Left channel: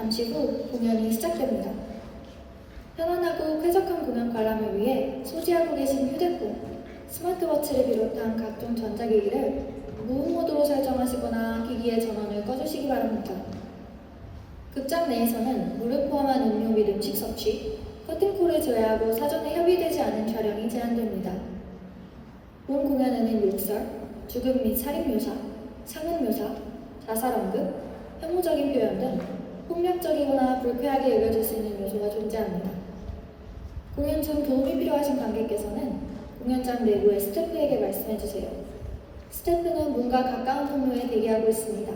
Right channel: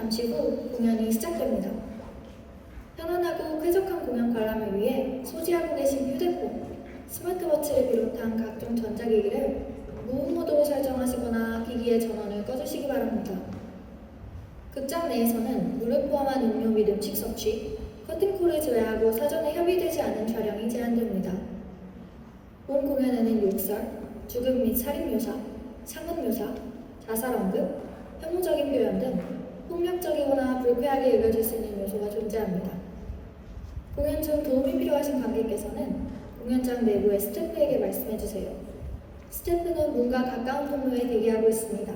잠시 후 공연이 시작됩니다. 편안하고 쾌적한 공연 관람을 위해 소지하고 계신 휴대폰, 스마트워치를 비롯한 각종 전자기기를 무음 모드로 설정하시거나 기기의 전원을 꺼주시기 바랍니다. 극장 내에서는 물을 포함한 음료 및 음식 섭취, 커튼콜을 제외하고 사전에 협의되지 않은 촬영이 제한됩니다. 본 공연에는 욕설, 죽음 및 살인 묘사, 상흔 묘사, 자살 언급, 혐오적인 표현 등 폭력적이거나 불쾌하게 읽어줄 수 있는 요소가 존재합니다. 공연 중 도움이 필요하신 관객께서는 공연장 내부의 스태프에게 말씀해주세요. 스태프는 문과 가까운 통로에 대기하고 있습니다.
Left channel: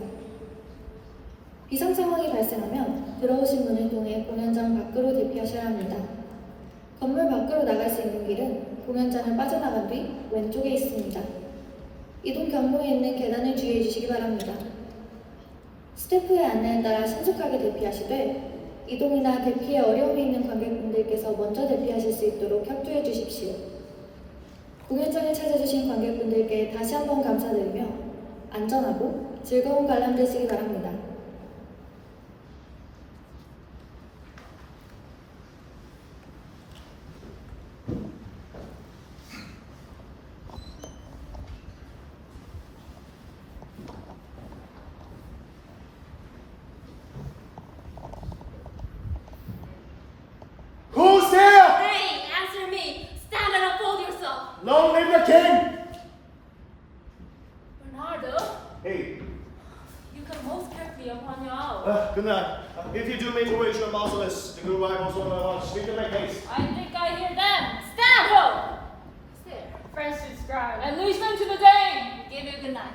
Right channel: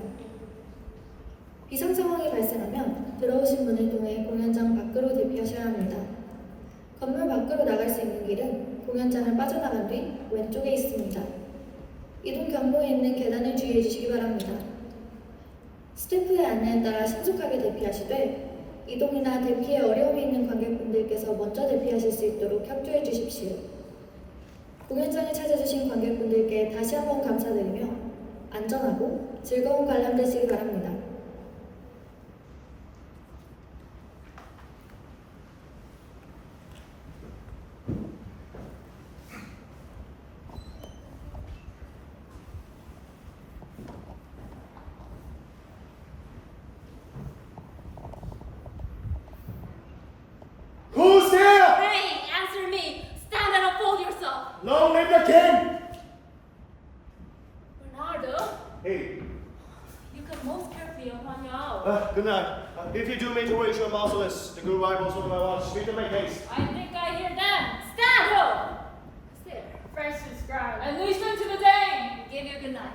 비상 상황이 발생하면 들어오신 문을 통해 공연장 밖으로 대피하셔야 합니다. 건물 밖으로 나갈 수 있는 길은 공연장을 빠져나간 뒤 왼쪽에 있습니다. 이동 경로에 있는 계단을 주의해 주시기 바랍니다. 스태프의 안내에 따라 신속하게 대피하시되 이동이나 대피에 어려움이 있는 관객분들께서 먼저 대피하실 수 있도록 협조해 주십시오. 공연장을 찾아주신 관객분들께 다시 한번 감사드리며 안전하고 즐거운 관람 되시기 바랍니다. Who's there? Hey, answer me! Stand and unfold yourself! Long live the king! Bernardo, Hey, you come most carefully upon your hour. good night. If you do mean to raise your marcellus, the good rivals on my watch, speak to my case. I think I hear them. Stand, ho! There, French scribe. And listen to the Dane! We give you good night.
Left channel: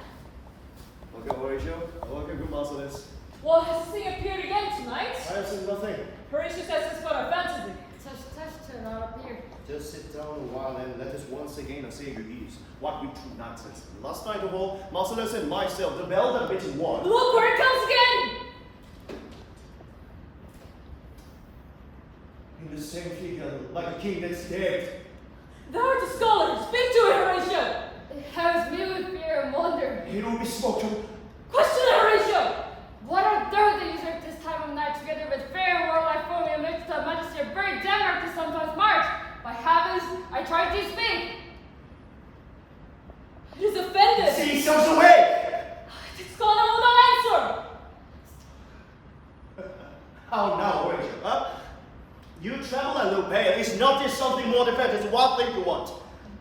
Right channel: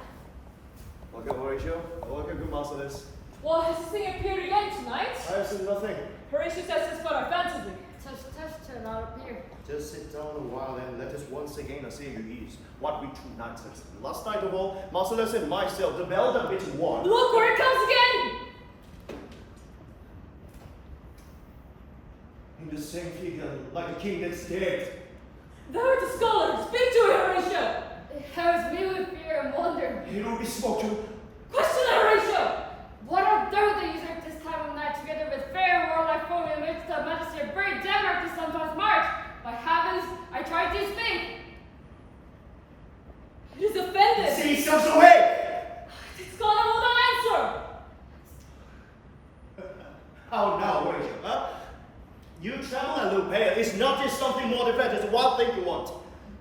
Okay, Horatio. Okay, good marcellus. Well, has this thing appeared again tonight? I have seen nothing. Horatio says it's but our fantasy. Such turn not appear. Just sit down a while and let us once again assay your ease. What we two nonsense. Last night of all, marcellus and myself, the bell that bit one. Look where it comes again! In the same figure, like the king that's dead. Thou the scholar, speak to it, Horatio! It has me with fear and wonder. It will be spoken. Question it, Horatio! What on earth they usurp this time of night together with fair and warlike folk in the midst of majesty of brave Denmark to sometimes march? By heavens, I try to speak! He is offended! See yourselves away! This scholar will not answer! How now, Horatio, huh? You travel and Lupea. Is not this something more defensive? What thing you want?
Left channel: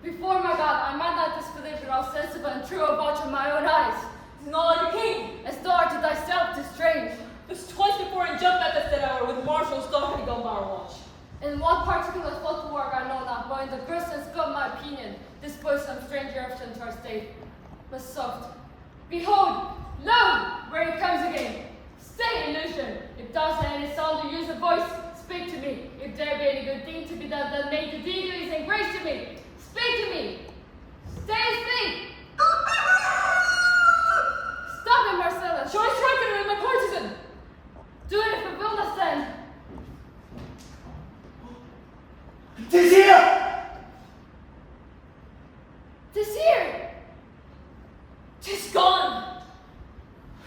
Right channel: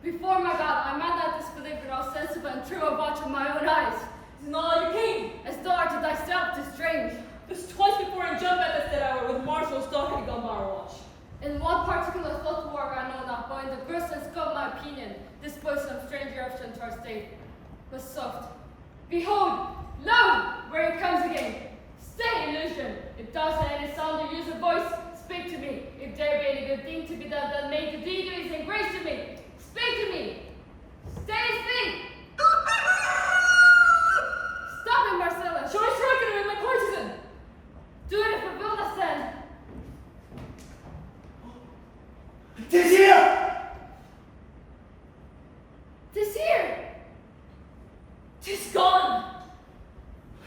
Before my God, I might not disbelieve that all sensible and true of watch of my own eyes. Not a king, as thou art to thyself to strange. This twice before he jumped at us that hour with Marshal stalking gun bar watch. In one particular fault of work I know not, but in the grist and scope my opinion, this boy some strange eruption to our state. But soft. Behold, lo, where he comes again. Stay, illusion. If thou say any sound or use of voice, speak to me. If there be any good thing to be done, then make the deed and grace to me. Speak to me. Stay and speak. Stop him, Marcellus! Show us record in the courtesan! Do it for Vilna then! Tis here! 'Tis here! 'Tis gone!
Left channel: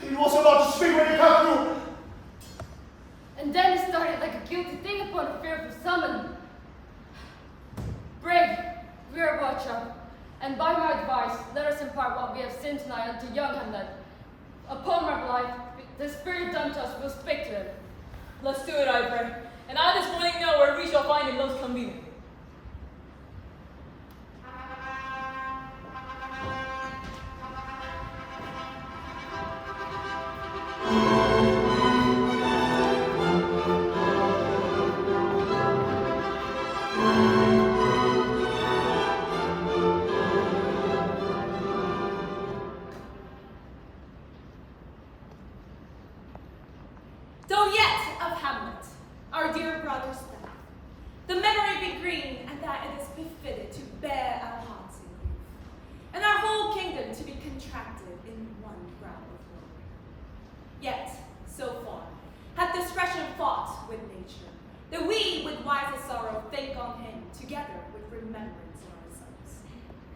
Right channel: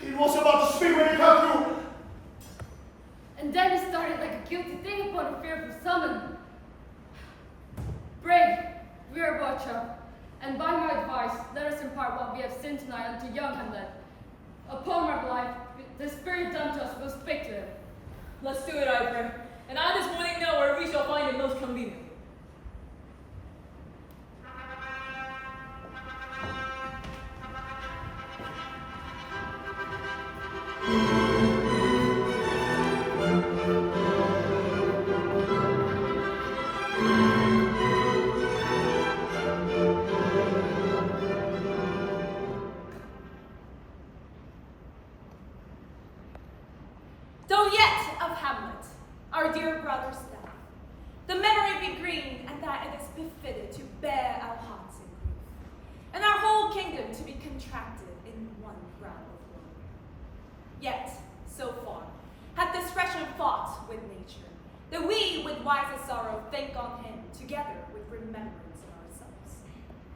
He was about to speak when it come through. And then it started like a guilty thing upon a fearful summon. Brave, we are watcher, and by my advice, let us impart what we have seen tonight unto young Hamlet. Upon my life, the spirit done to us will speak to it. Let's do it, I pray. And I this morning know where we shall find it most convenient. Though yet of Hamlet, our dear brother's death, the memory be green, and that it is befitted to bear our hearts in grief, and our whole kingdom to be contracted in one brow of glory. Yet, so far, hath discretion fought with nature, that we with wisest sorrow think on him, together with remembrance of ourselves.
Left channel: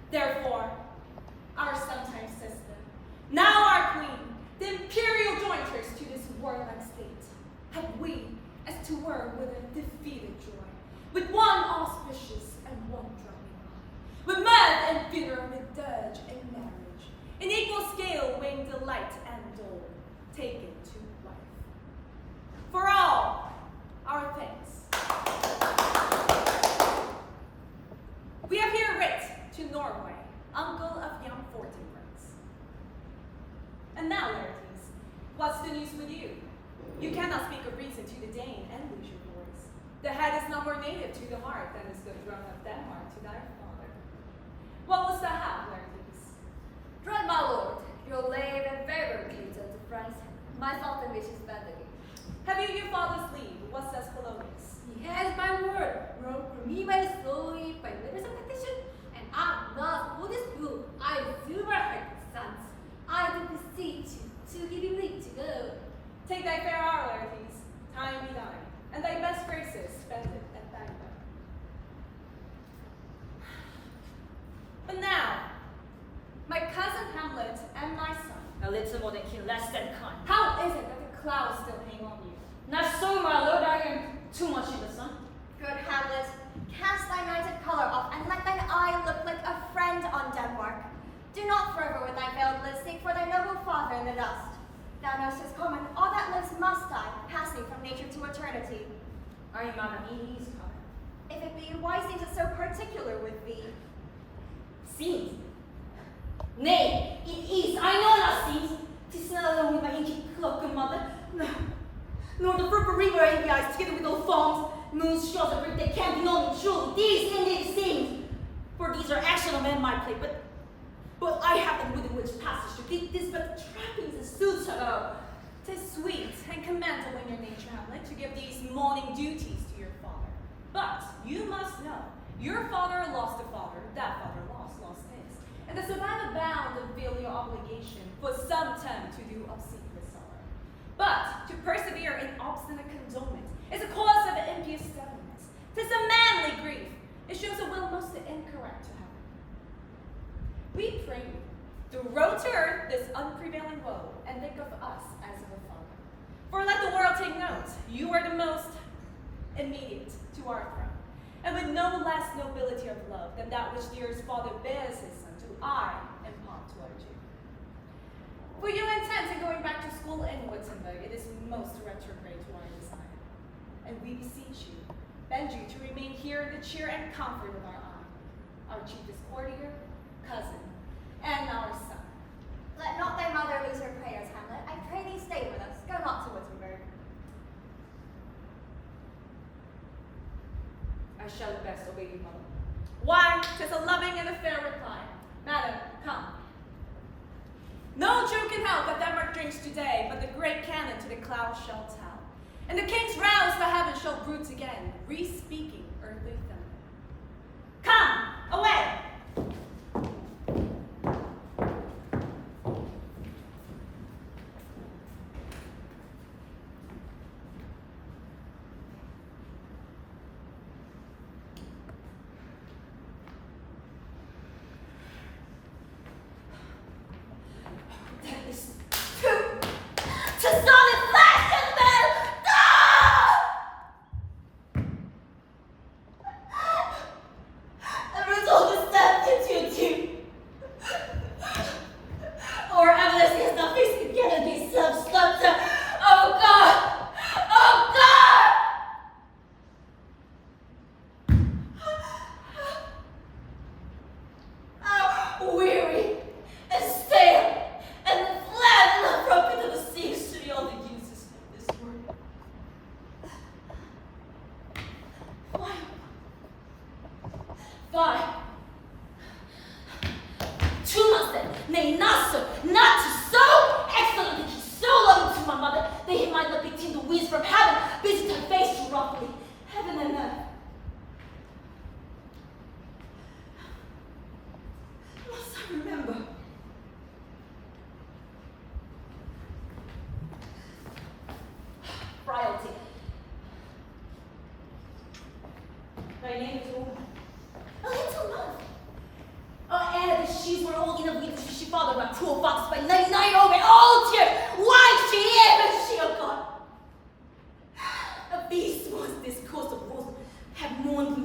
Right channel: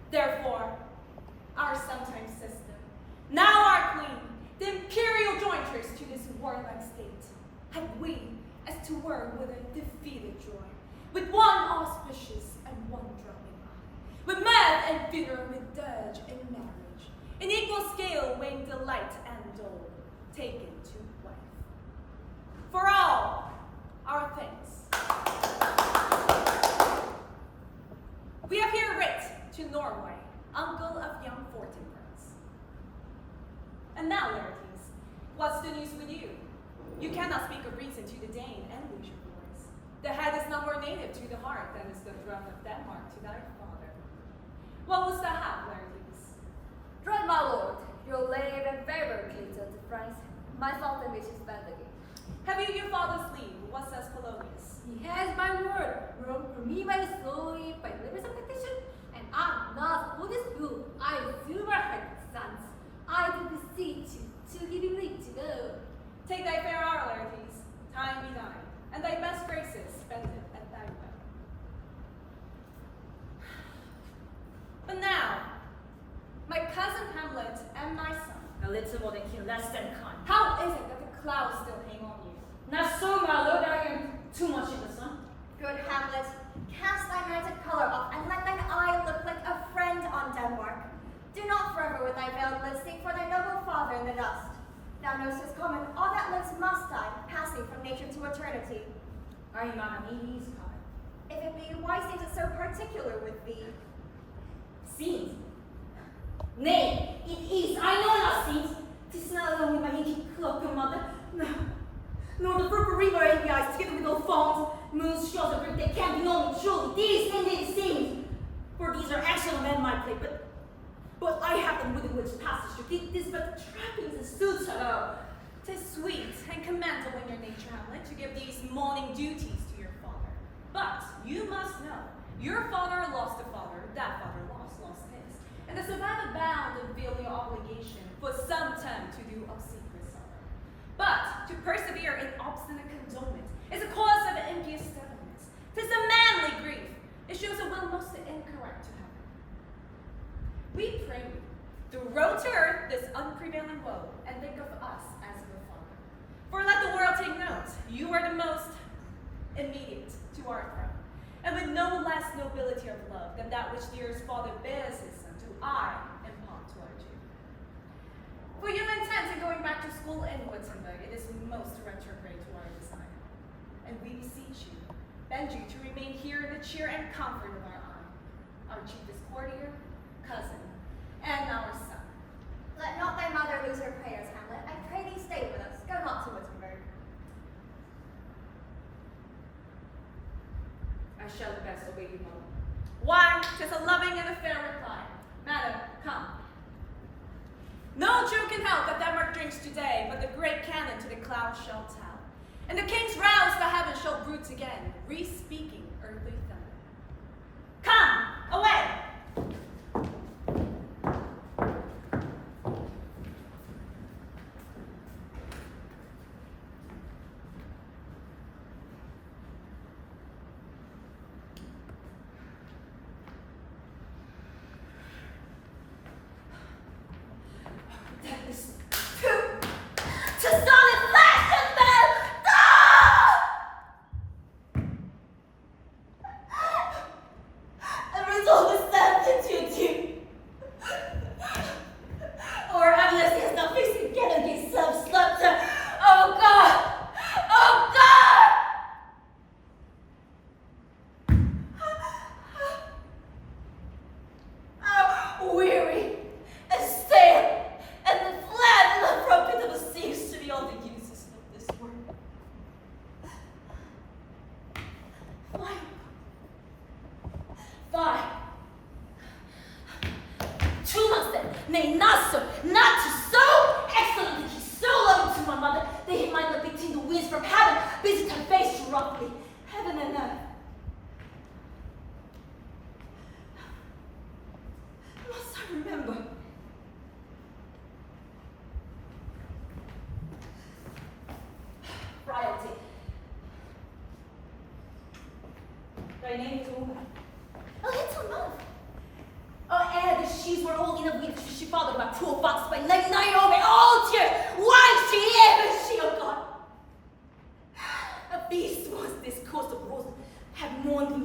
Therefore, our sometime sister, now our queen, the imperial jointress to this warlike state, have we as to work with a defeated joy, with one auspicious and one dropping eye, with mirth and bitter, with dirge and marriage, in equal scale weighing delight and dole, taken to wife. For all our thanks. We have here writ to Norway, uncle of young Fortinbras. And now, Laertes, what's the news with you? You cannot speak of reason to the Dane and lose your voice. The head is no more native to the heart than is the throne of Denmark to thy father. What was the have, Laertes? Dread my lord, your lave and favor, Kate of France. My fault and wishes bend again. Have you your father's leave? What says Polonius? He has my word, wrote for me by solely by letters of petition, and I'm not for this rule. I silver hearted sons. I do beseech you to give him leave to go. Take thy fair hour, Laertes, time be thine, and thy best graces spend it at thy will. But now, my cousin Hamlet and my son, A little more than kin, less than kind. how is it that the clouds still hang on you? Not so, my lord, I am too much in the sun. Good Hamlet, cast thy nighted colour off, and let thine eye look like a friend on Denmark. Do not forever with thy veiled lids seek for thy noble father in the dust. Thou knowst his common, all that lives must die, passing from nature to eternity. Ay, mamma, he is coming. If it be, why seems it so particular with thee? Seems. Nay, it is. I know not seems. 'Tis not only my ancient cloak and mother, no, nor the purple river ABIs together with old fawns, moons, straws, and brick, they can't be known truly. These indeed seems. For these are actual men my play, but I have them within which passage to keep this but trappings and suits hello. 'Tis sweet and commendable in your nature, Hamlet, to give these morning duties to your father. But you must know, your father lost a father, that father lost his. And the survivor bound of filial obligation for some time to do obsequious sorrow. But to persevere in obstinate condolement is a cause of impious stubbornness. 'Tis a manly grief. It shows a will most incorrect to heaven. We pray you, to row to earth this unprevailing woe, and think of us as of a father. For let the world take note, you are the most immediate to our throne, and with no less nobility of love than that which dearest father bears his son, do I impart toward you. For you intent in going back to school in Wittenberg, it is most retrograde to our desire. And we beseech you, bend you to remain here in the cheer and comfort of our eye, our chiefest courtier, cousin, and our son. Let not thy mother lose her prayers, Hamlet. I pray thee stay with us. Go not to Wittenberg. I shall best obey you, mother. Why, 'tis a loving and a fair reply. Madam, come. No Jew can help that Denmark drinks today, but the great cannon to the clouds shall tell. And the king's rouse the heavens shall bruit again, re-speaking earthly thunder. Come, away! That is to solid flesh and bone! The result is that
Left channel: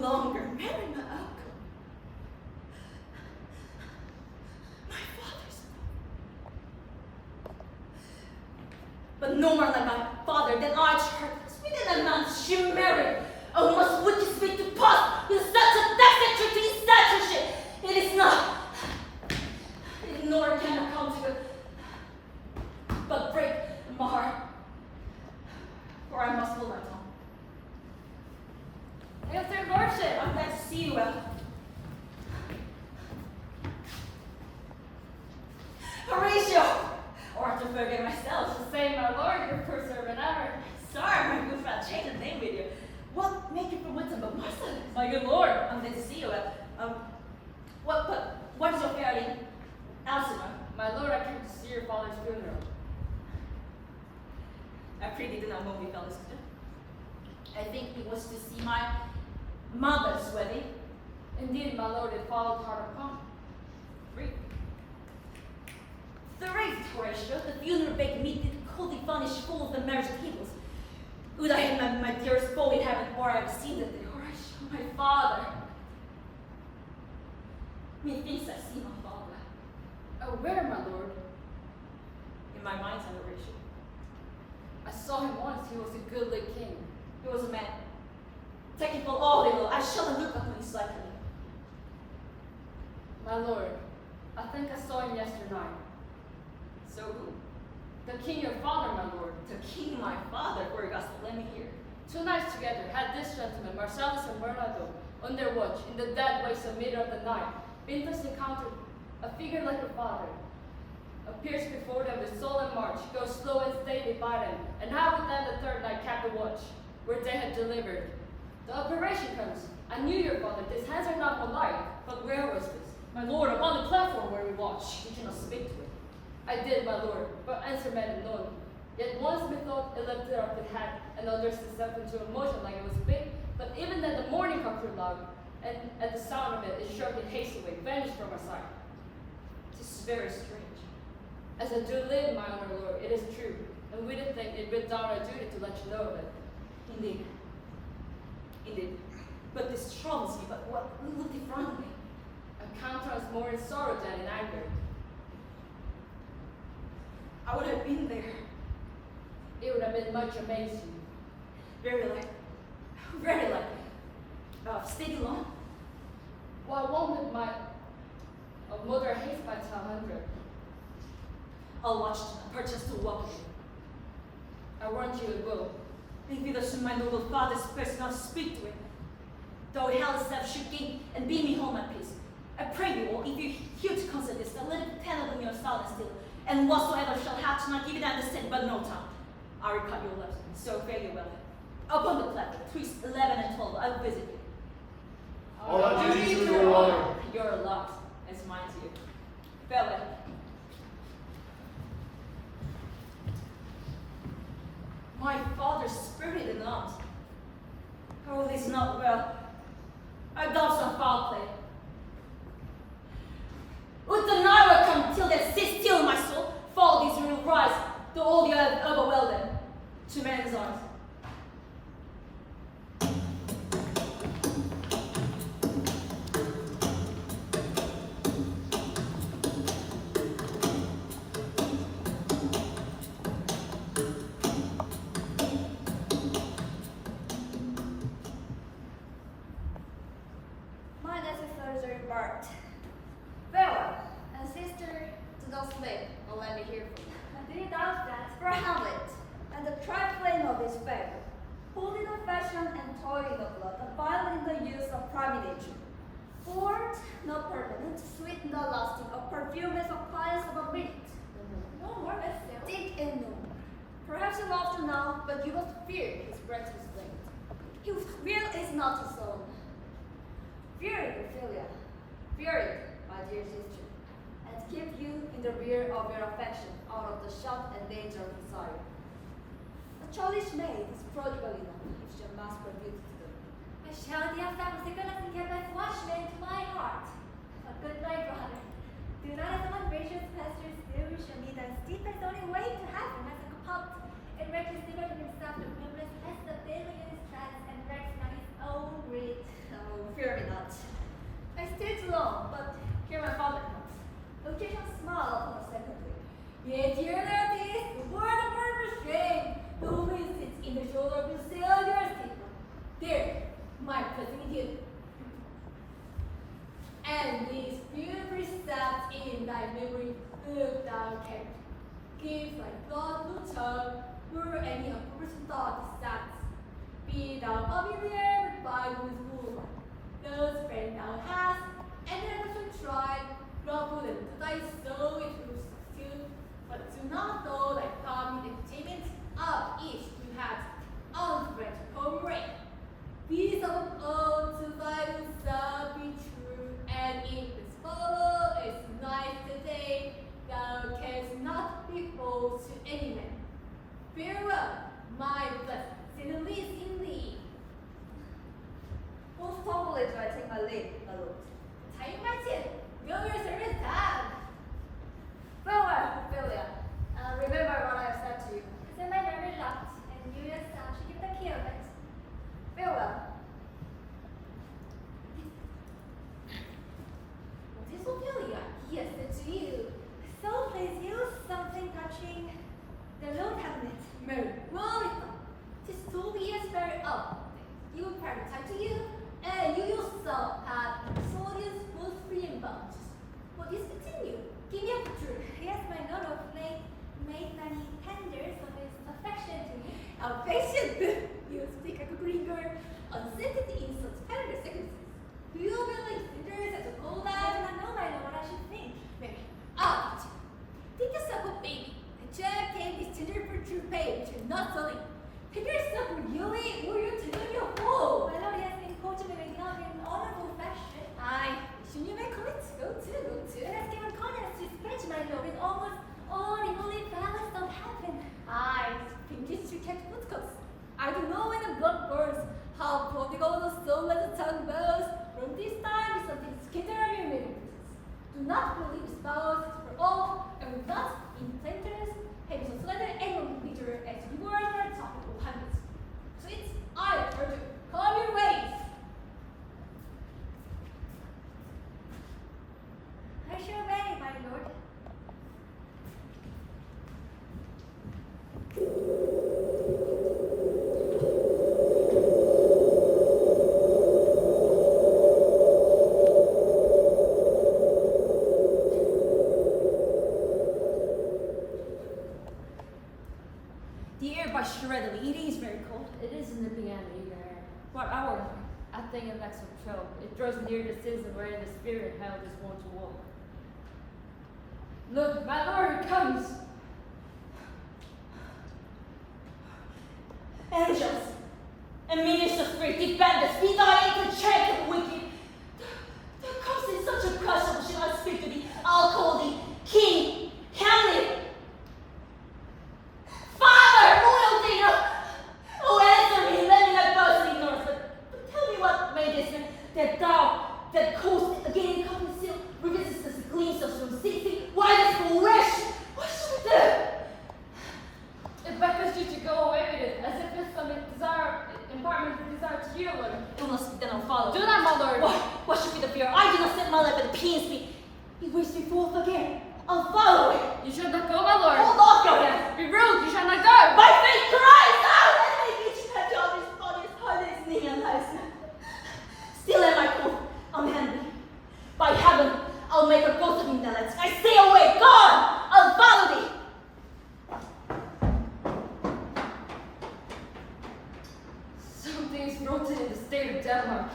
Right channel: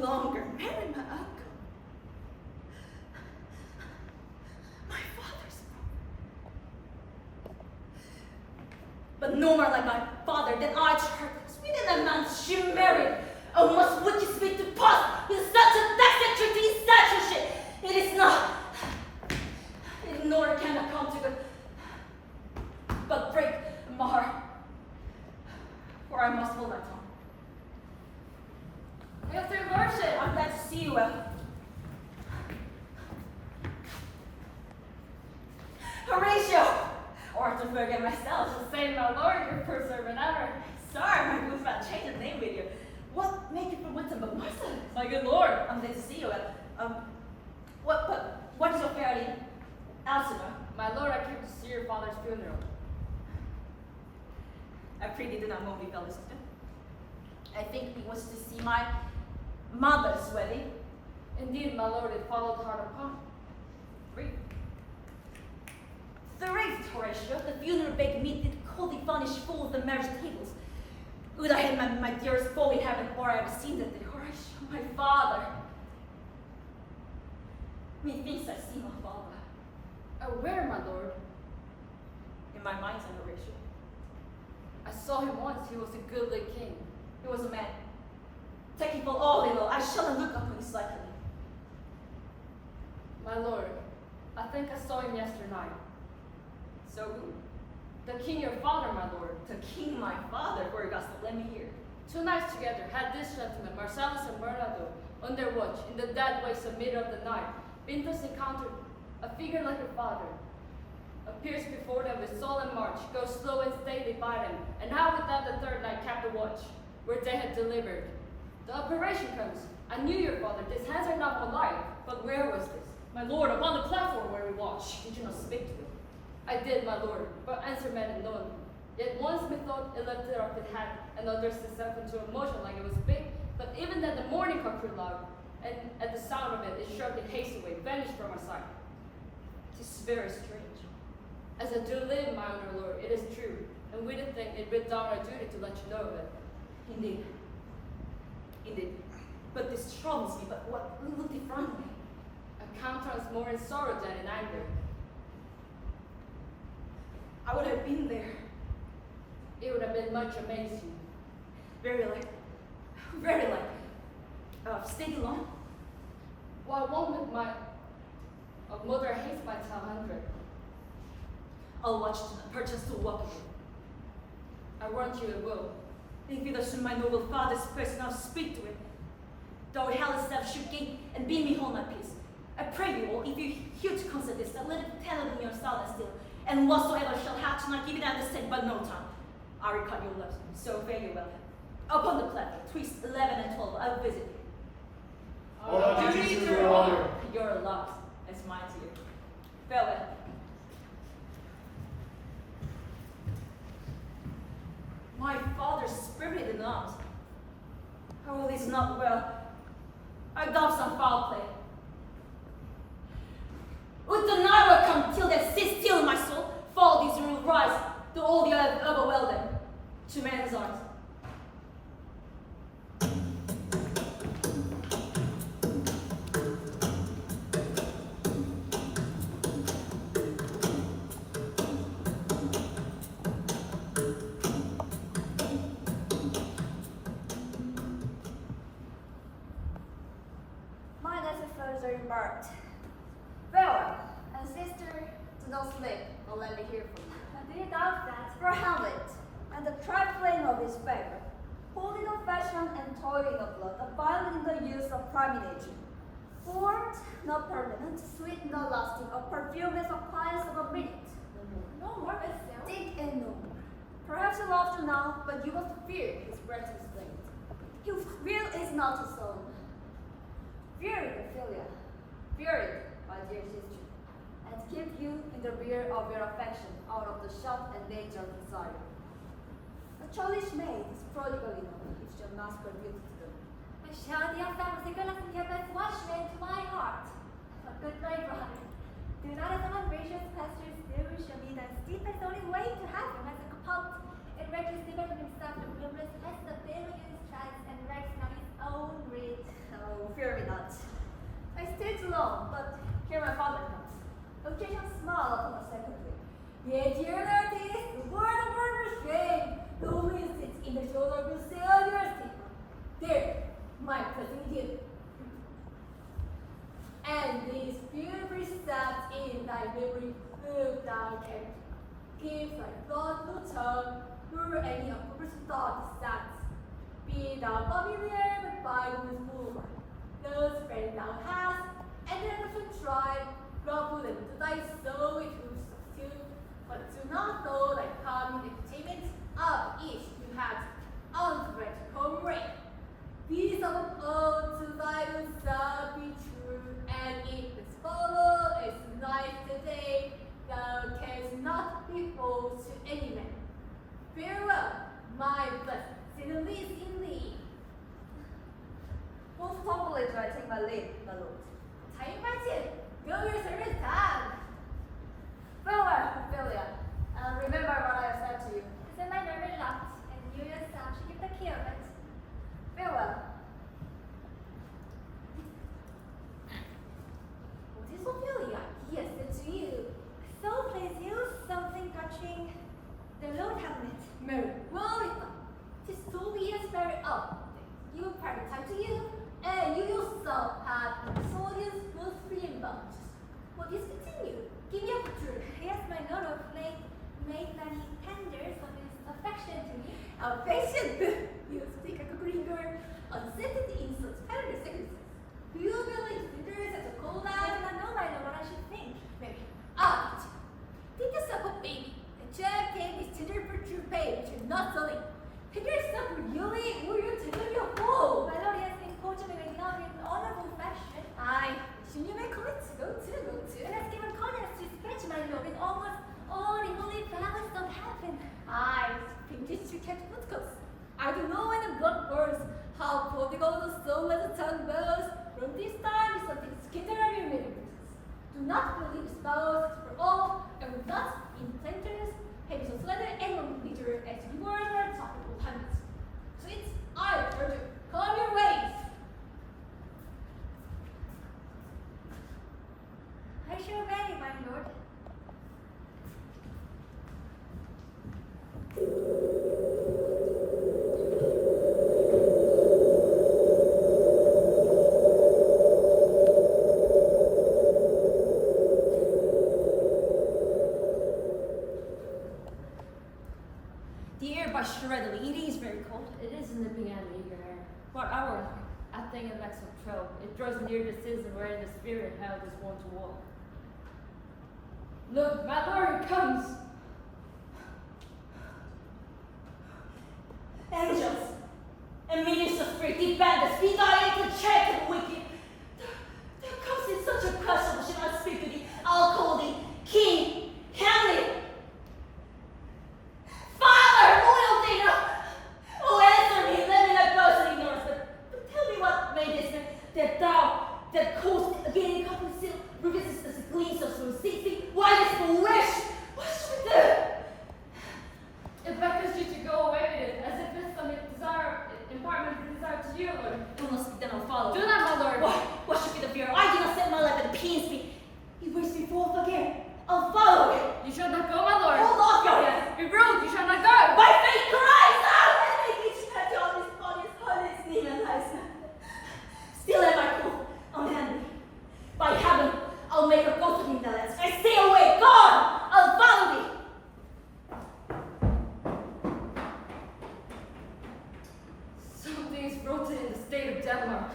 longer marry my uncle. My father's brother. But no more like my father than I tried. Within a month she married. Oh, must wicked sweet to pass with such a destitute to his censorship. It is not. It nor can account to it. But break my heart. For I must hold my tongue. Yes, your lordship. I'm glad to see you well. Horatio! Or to forget myself. To say, my lord, your poor servant ever. Sorry, my good friend, changed his name with you. What make you from Winton but Marcellus? My good lord. I'm glad to see you well. What is your fair name? Elsinore. My lord, I came to see your father's funeral. I pray you do not know me, fellow sister. I think it was to see my mother's wedding. Indeed, my lord, it followed hard upon. Read. The race, Horatio, the funeral baked meat did coldly furnish full of the marriage tables. Would I had my dearest foe in heaven, or I have seen that day, Horatio, my father. Methinks I see my father. Oh, where, my lord? In my mind's eye, Horatio. I saw him once. He was a goodly king. He was a man. Taking for all they know, I shall not look upon his likeness. My lord, I think I saw him yesternight. So who? The king, your father, my lord. The king, my father, for your gospel, let me hear. 2 nights together had this gentleman, Marcellus and Bernardo, on their watch in the dead waste of middle of the night. Pintus encountered a figure like a father, appears before them with solemn march, goes slow and stately by them, and how with them the 3rd night kept the watch, where they had delivered. The operation comes. I knew your father. These hands are not alike. But where was this? My lord, upon the platform where we watch. Did you not speak to it? I did, my lord, but answer men unknown. Yet once methought it lifted up its head and undressed itself into a motion like it was big, but even then the morning cock crew loud, and at the sound of it, it struck in haste away, vanished from our sight. This is very strange. As I do live, my honor lord, it is true, and we did think it writ down our duty to let you know of it. Indeed. Indeed. But this troubles me, but what looked in front of me? A countenance more in sorrow than in anger. I would have been there. It would have been much amazed you. Very like. Very like. Stayed alone? Well, I won't with my mother hates my 100. I'll watch perchance to walk with you. I warrant you it will. If it should my noble father's person, I'll speak to it. Though hell itself should gain and bear me home my peace. I pray you all, if you hear to consider this, that let it tell in your silence still, and whatsoever shall have to not give it understand, but no time. I will cut your lips, so fare you well. Upon the platform, betwixt 11 and 12, I will visit you. All our duties to your honor. Your loves, and mine to you. Farewell. My father's spirit in arms. Oh, this is not well. I done some foul play. Would the night will come till they sit still in my soul, fall these real rise, to all the earth overwhelm them, to man's arms. My necessaries are embarked. Farewell, and sister, do not sleep, or let me hear from you. Do you doubt that? For Hamlet, and the trifling of his favor, holding of fashion and toiling of blood, abiding in the use of primination. Forward, not permanent, sweet, not lasting, of perfume is appliance of a minute. No more myself. Think and no more. Perhaps you love to now, but you must fear his breath is linked. His will is not his own. Fear it, Ophelia. Fear it, my dear sister, and keep you in the rear of your affection, out of the shot and danger of desire. A childish maid is prodigal enough if she must her beauty to them. I shall the affect the goodness and give watchman to my heart. A good night, brother. Do not as some gracious pastures do, shall be the steepest only way to heaven as a compulsion. It reaches different from himself the privilege as the bill in his chest and wrecks not his own greed. Oh, crumble and to thy soul it will subdue, but do not know thy palm in entertainment of each who has unthread comrade. Peace of all to thy self be true, and if this follow is nice today, thou canst not be false to any man. Farewell, my blessed Sinalese in thee. Most humbly do I take my leave, my lord. Time marches, go your service time. Farewell, Ophelia, and remember what I have said to you. As in my nerve locked, and you yourself should give the key of it. Farewell. What is Ophelia? He has said to you. So please you something touching the Lord Hamlet. Mary, well it not. 'Tis 2 years very old. You will private time to you, and you yourself had soldiers both free and bound. What is continue? Give me a picture. Yes, my Lord of late made many tenders of his affection to me. Affection! You speak like a green girl, unscented in such tender circumstances. Do you believe cinders as a cold I eye? do not know, my Lord, what I should think. Mary, teach you. Take yourself a baby, and check him is tender for true pain, which is not selling. Take yourself really, or you're tender your whole. My Lord, he has been courting me with love in honorable fashion. Aye, soon you may commit. Go to. And has given kindness to speech, my Lord, in almost all the holy flowers of heaven. Aye, pinkish to catch footcuts. I do know when the blood bursts, how prodigal the soul as the tongue bows. From this time is something skitter of your miracles. Do not believe spouse for all, and with that, in sentence, have so slender and bitter as you were at topical hundreds. So it's I urge you, calm your ways. I shall obey, my Lord. The air by shredded. It is very cold. It is nipping at me here. What hour? I think it lacks some trouble. It draws near the season wherein the spirit held is wont to walk. Look, my lord comes! Angels and ministers of spirit, defend us, be thy aid to check the wicked. Thou comes in such a crushable, shall I speak to thee? I'll call thee King Hamlet. Father, royal digger, oh answer me, let me not boast in ignorance, but tell me what made this man, that thou, that caused again cup and seal, revisits the gleams of some sea, why this for wish? What should we do? It beckons you to go away with it, as if it's some desire, impartment desire to you, Lord. Illness then I'll follow. Do not, my lord. What should be the fear? I do not set my life at the peace. He waits me forth again. I'll follow him. You shall not go, my lord. Hold off your hands. Be rude, you shall not go. My faith cries out. Let me reach catch all this body's hardest knee and lies. Still am I cool. I'm handy. By heaven, I'll make a ghost of him that lets. I stay away. God, I'll follow thee. Something is rooted in the state of Denmark.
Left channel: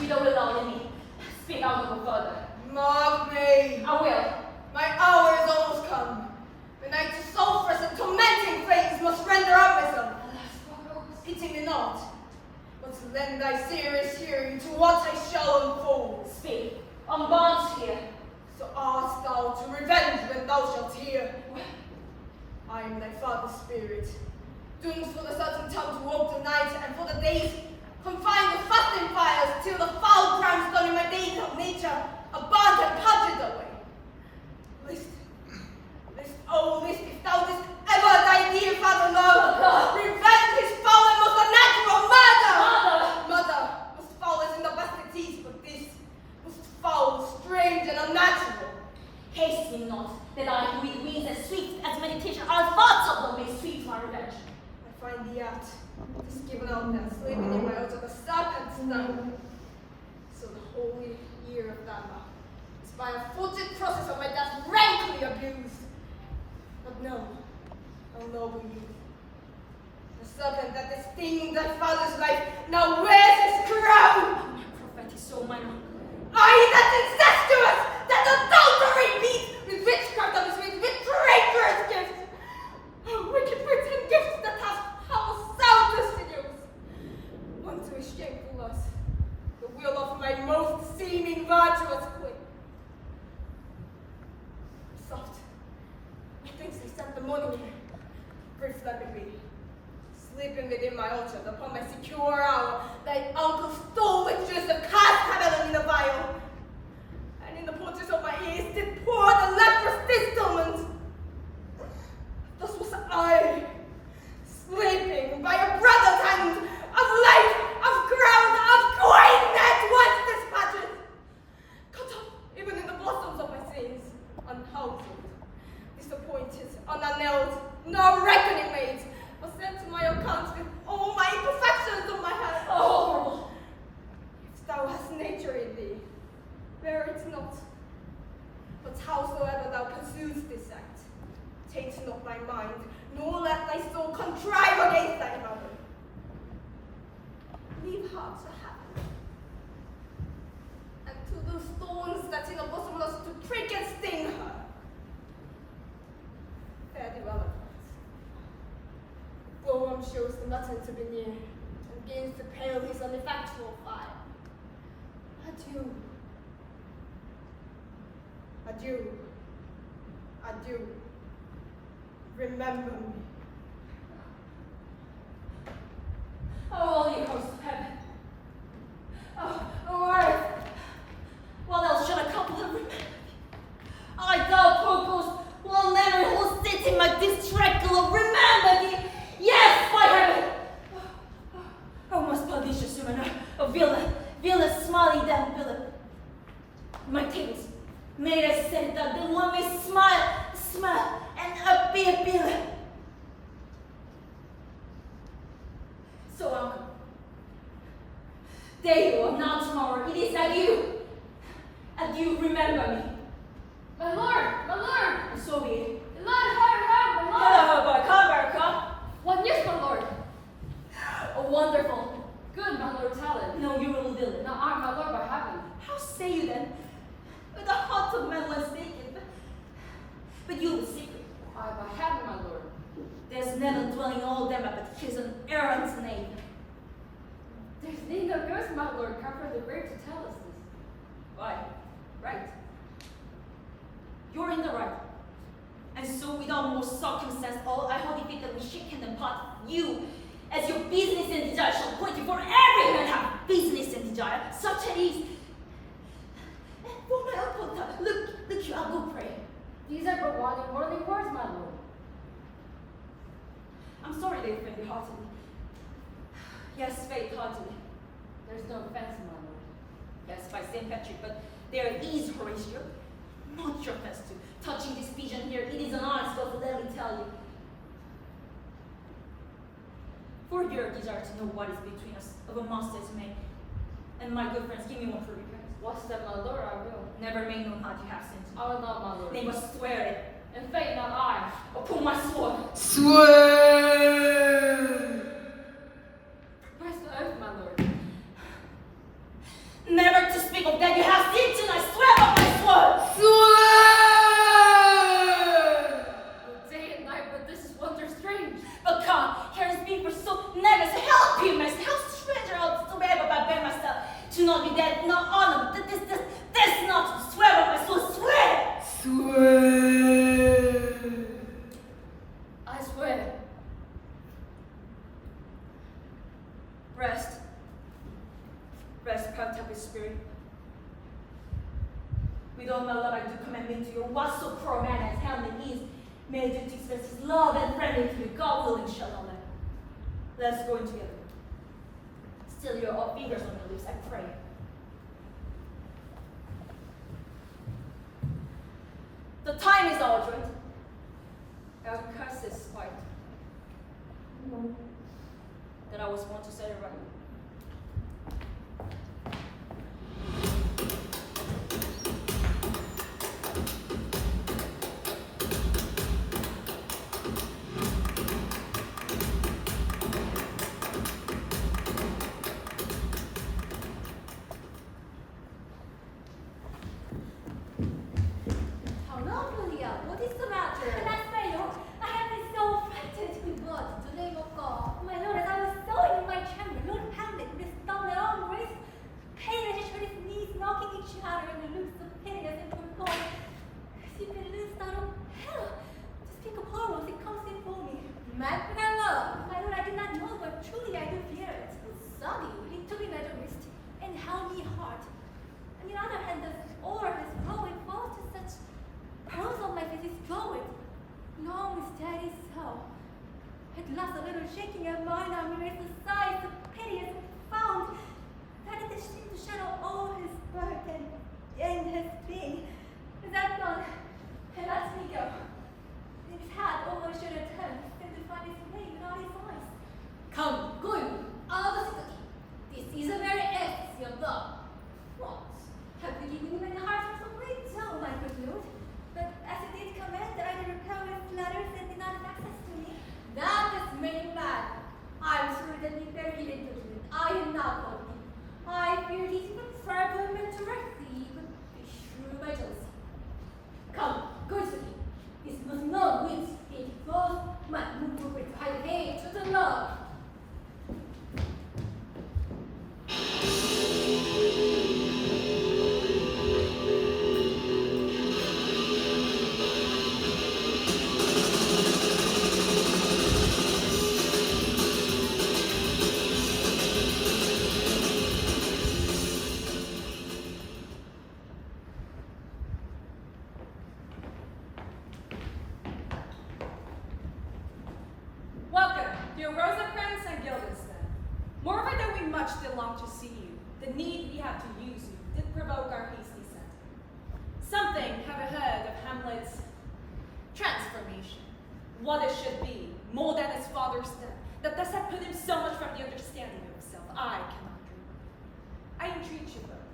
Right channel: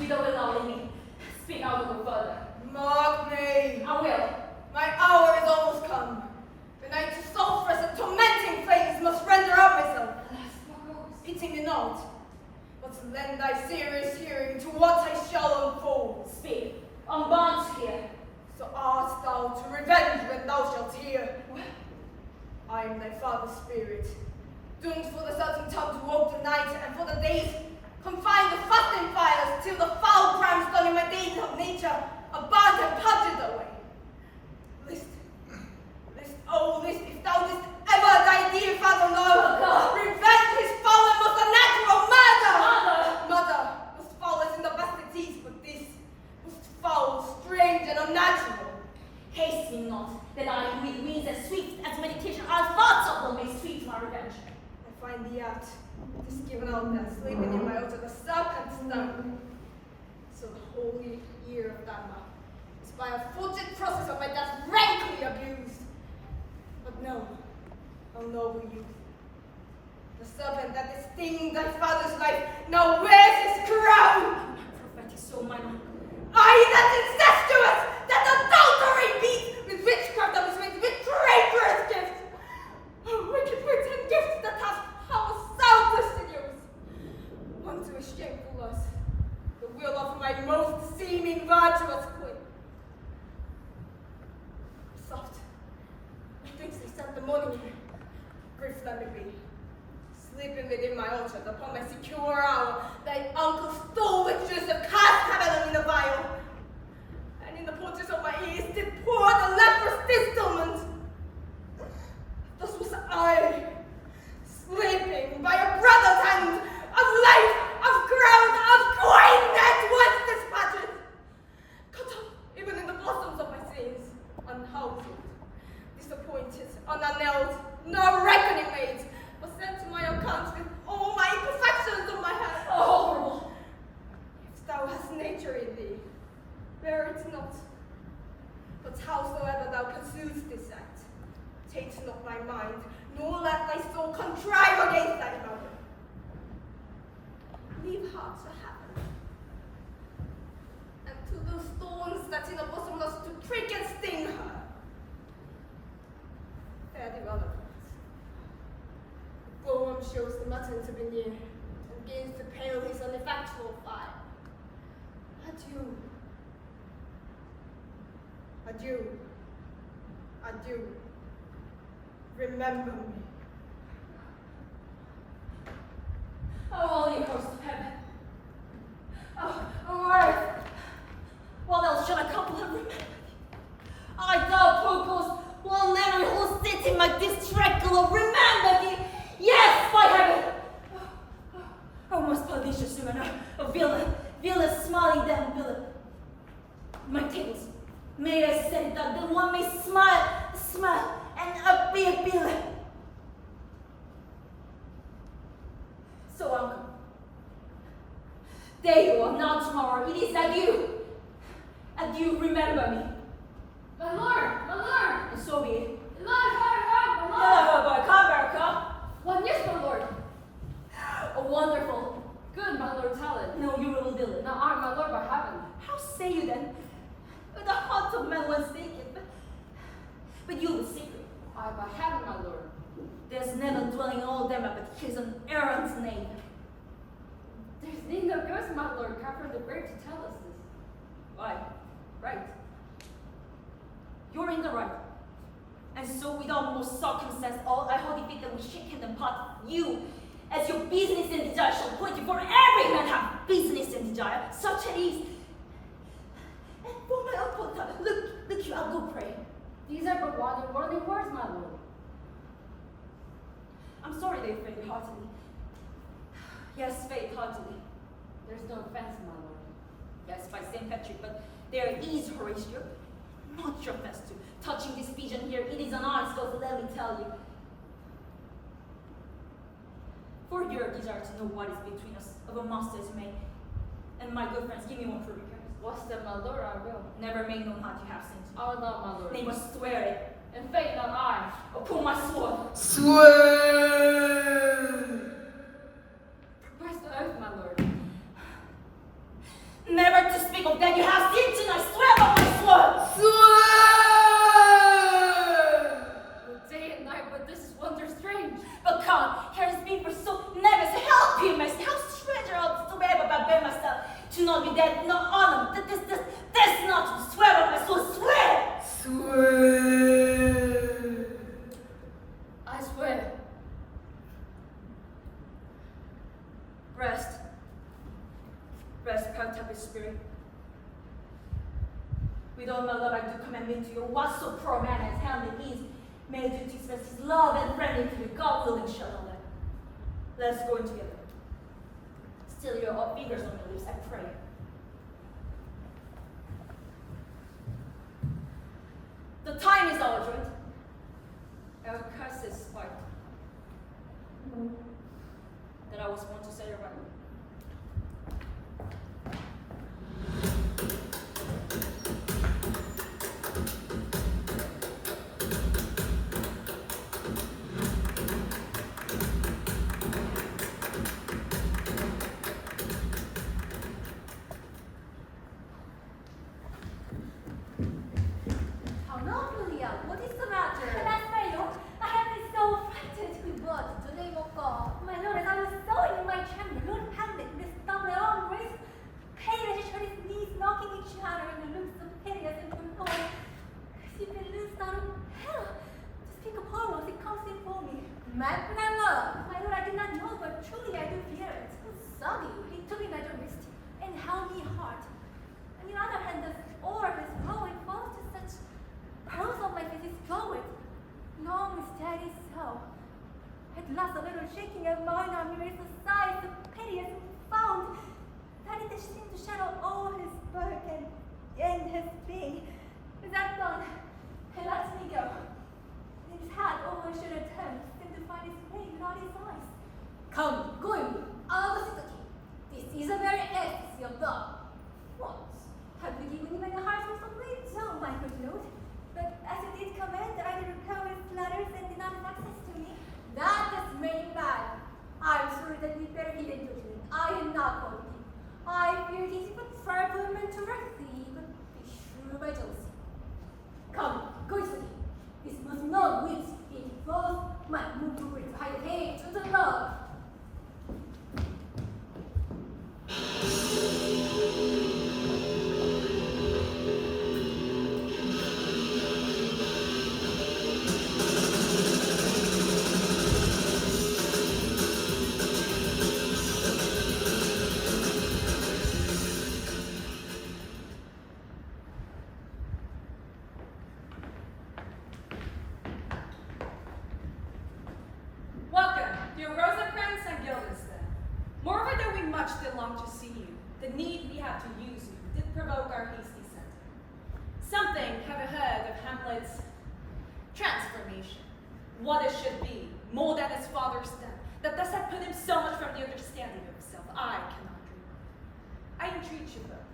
You don't allow me. Speak out no further. Mark me. I will. My hour is almost come. The night of sulphurous and tormenting flames must render up myself. Pity me not, but lend thy serious hearing to what I shall unfold. Speak. Unbound here. So art thou to revenge when thou shalt hear. I am thy father's spirit, doomed for the certain time to walk the night, and for the days confined to fasting fires, till the foul crimes done in my days of nature are burnt and purged away. List, oh list, if thou didst ever thy dear father know, revenge his foul and most unnatural murder! Mother, most foul as in the best it is, but this, most foul, strange, and unnatural. Haste me not, that I who it means as sweet as meditation, our thoughts of them may sweet my revenge. I find thee out. is given out there, sleeping in my altar, the serpent stung. So the holy year of Dharma is by a fortunate process of my death rankly abused. But no, O noble youth, the serpent that is stinging thy father's life now wears his crown. Prophet is so minor. I, that incestuous, that adultery beast, with witchcraft of his wings, with traitorous gifts, wicked words and gifts that have power sound to seduce. Unto his shameful lust, the will of my most seeming virtuous queen. Soft, methinks they sent the morning air, grief let me be. Sleeping within my orchard upon my secure hour, thy uncle stole with juice of cast heaven in the vial, and in the porches of my ears did pour the leprous distillment. Thus was I, sleeping by a brother's hand, of life, of crown, of queen that once dispatched, cut off even in the blossoms of my sins, unhoused, disappointed, unanelled, nor reckoning made, but sent to my account with all my imperfections of my head. Oh, horrible. If thou hast nature in thee, bear it not. But howsoever thou pursuest this act, take not thy mind, nor let thy soul contrive against thy mother. Leave her to heaven, and to those thorns that in the bosom lust to prick and sting her. Fare thee well, Bohem shows the mutton to be near, and gains to pale his ineffectual fire. Adieu. Adieu. Adieu. Remember me. Oh, holy host of heaven. Oh, earth. What else should a couple have remembered? I, thou poor ghost, will never who sits in my distracted remember thee. Yes, by heaven! Oh, most pernicious human, a villain, smiling damn villain. My tables, may I say that the one may smile, and be a villain. So, uncle, there you are, now tomorrow, it is adieu. Adieu, remember me. My lord, my lord. And so be it. My lord, my lord. Hello, boy, come back, come. One, yes, my lord. A wonderful. Good, my lord, talent. No, you will do it. Now I, my lord, by heaven. How say you then? With the heart of man once taken, but you the secret. I, by heaven, my lord. There's never dwelling in all them but his an errant's name. There's need no ghost, my lord, come from the grave to tell us this. Why? Right. You're in the right. And so without more circumstance, all I hold it that we shake hand and part you, as your business and desire shall point you, for every man have business and desire, such as is. And for my own part, look you, I'll go pray. These are but one and worldly words, my lord. I'm sorry they offend you heartily. Yes, faith heartily. There's no offense, my lord. Yes, by St. Patrick, but there is Horatio. Not your offense to. Touching this pigeon here, it is an honest cause, let me tell you. For your desire to know what is between us of a master's mate. And my good friends, give me one for repairs. What's that, my lord? I will. Never make known how you have sinned. I will not, my lord. They must swear it. In faith, not I. Upon my sword. Swear! Where's the oath, my lord? Never to speak of that you have sinned tonight. Swear by my sword. Swear! Oh, day and night, but this is wonder strange. But come, here is me for so never to help you, myself. How stranger I'll swear by by myself. To not be dead, no honor. This not to swear by my sword. Swear! Swear! I swear. Rest, proud happy spirit. With all my love I do commend me to you. What so poor a man as Hamlet is, may I do to express his love and friendly to you. God willing shall not let. Let's go in together. Still your fingers on your lips, I pray. The time is our joint. Our curse is spite. That our was going to say already. Julia, what is the matter? That's my lord. I have been so frightened. With what? The name of God. My lord, as I was sewing in my chamber, Lord Hamlet would have done their own race. Pale as she heard his knees knocking each other and the looks so piteous and forlorn. As if it loosed out of hell. To speak of horrors, it comes in for me. Mad my love. My lord, I did not know, but truly I do fear it. Sonny, he took me by the wrist and held me hard. On the other hand, the oar has flowing falls to such pearls on my face is drawing. Long, steady so. At last, a little shaking of mine arm raised a sigh so piteous and profound that it seemed to shadow all his burden and his pain. With that done, he lets me go. His hat over my shoulder turned, seemed to find his way without his eyes. Come, going, out of the city. This is a very ecstasy of love. What? Have you given him any heart or something? No, my good lord. But as it did command, I did repel his letters and did not have access to me. That is made bad. I'm sure that we bear hidden judgment. I am not guilty. I fear these but fervent and directly, but be sure by jealousy. Come, go to me. This must not wait. It flows, my move with high hate to the love. Welcome, dear Rosencrantz and Guildenstern. Moreover, though we much did long to see you, the need we have to use you did provoke our hasty sentiment. Something have I heard of Hamlet's transformation, what it should be, more than his father's death, that thus had put him so much from the understanding of himself, I cannot dream of. I entreat you both,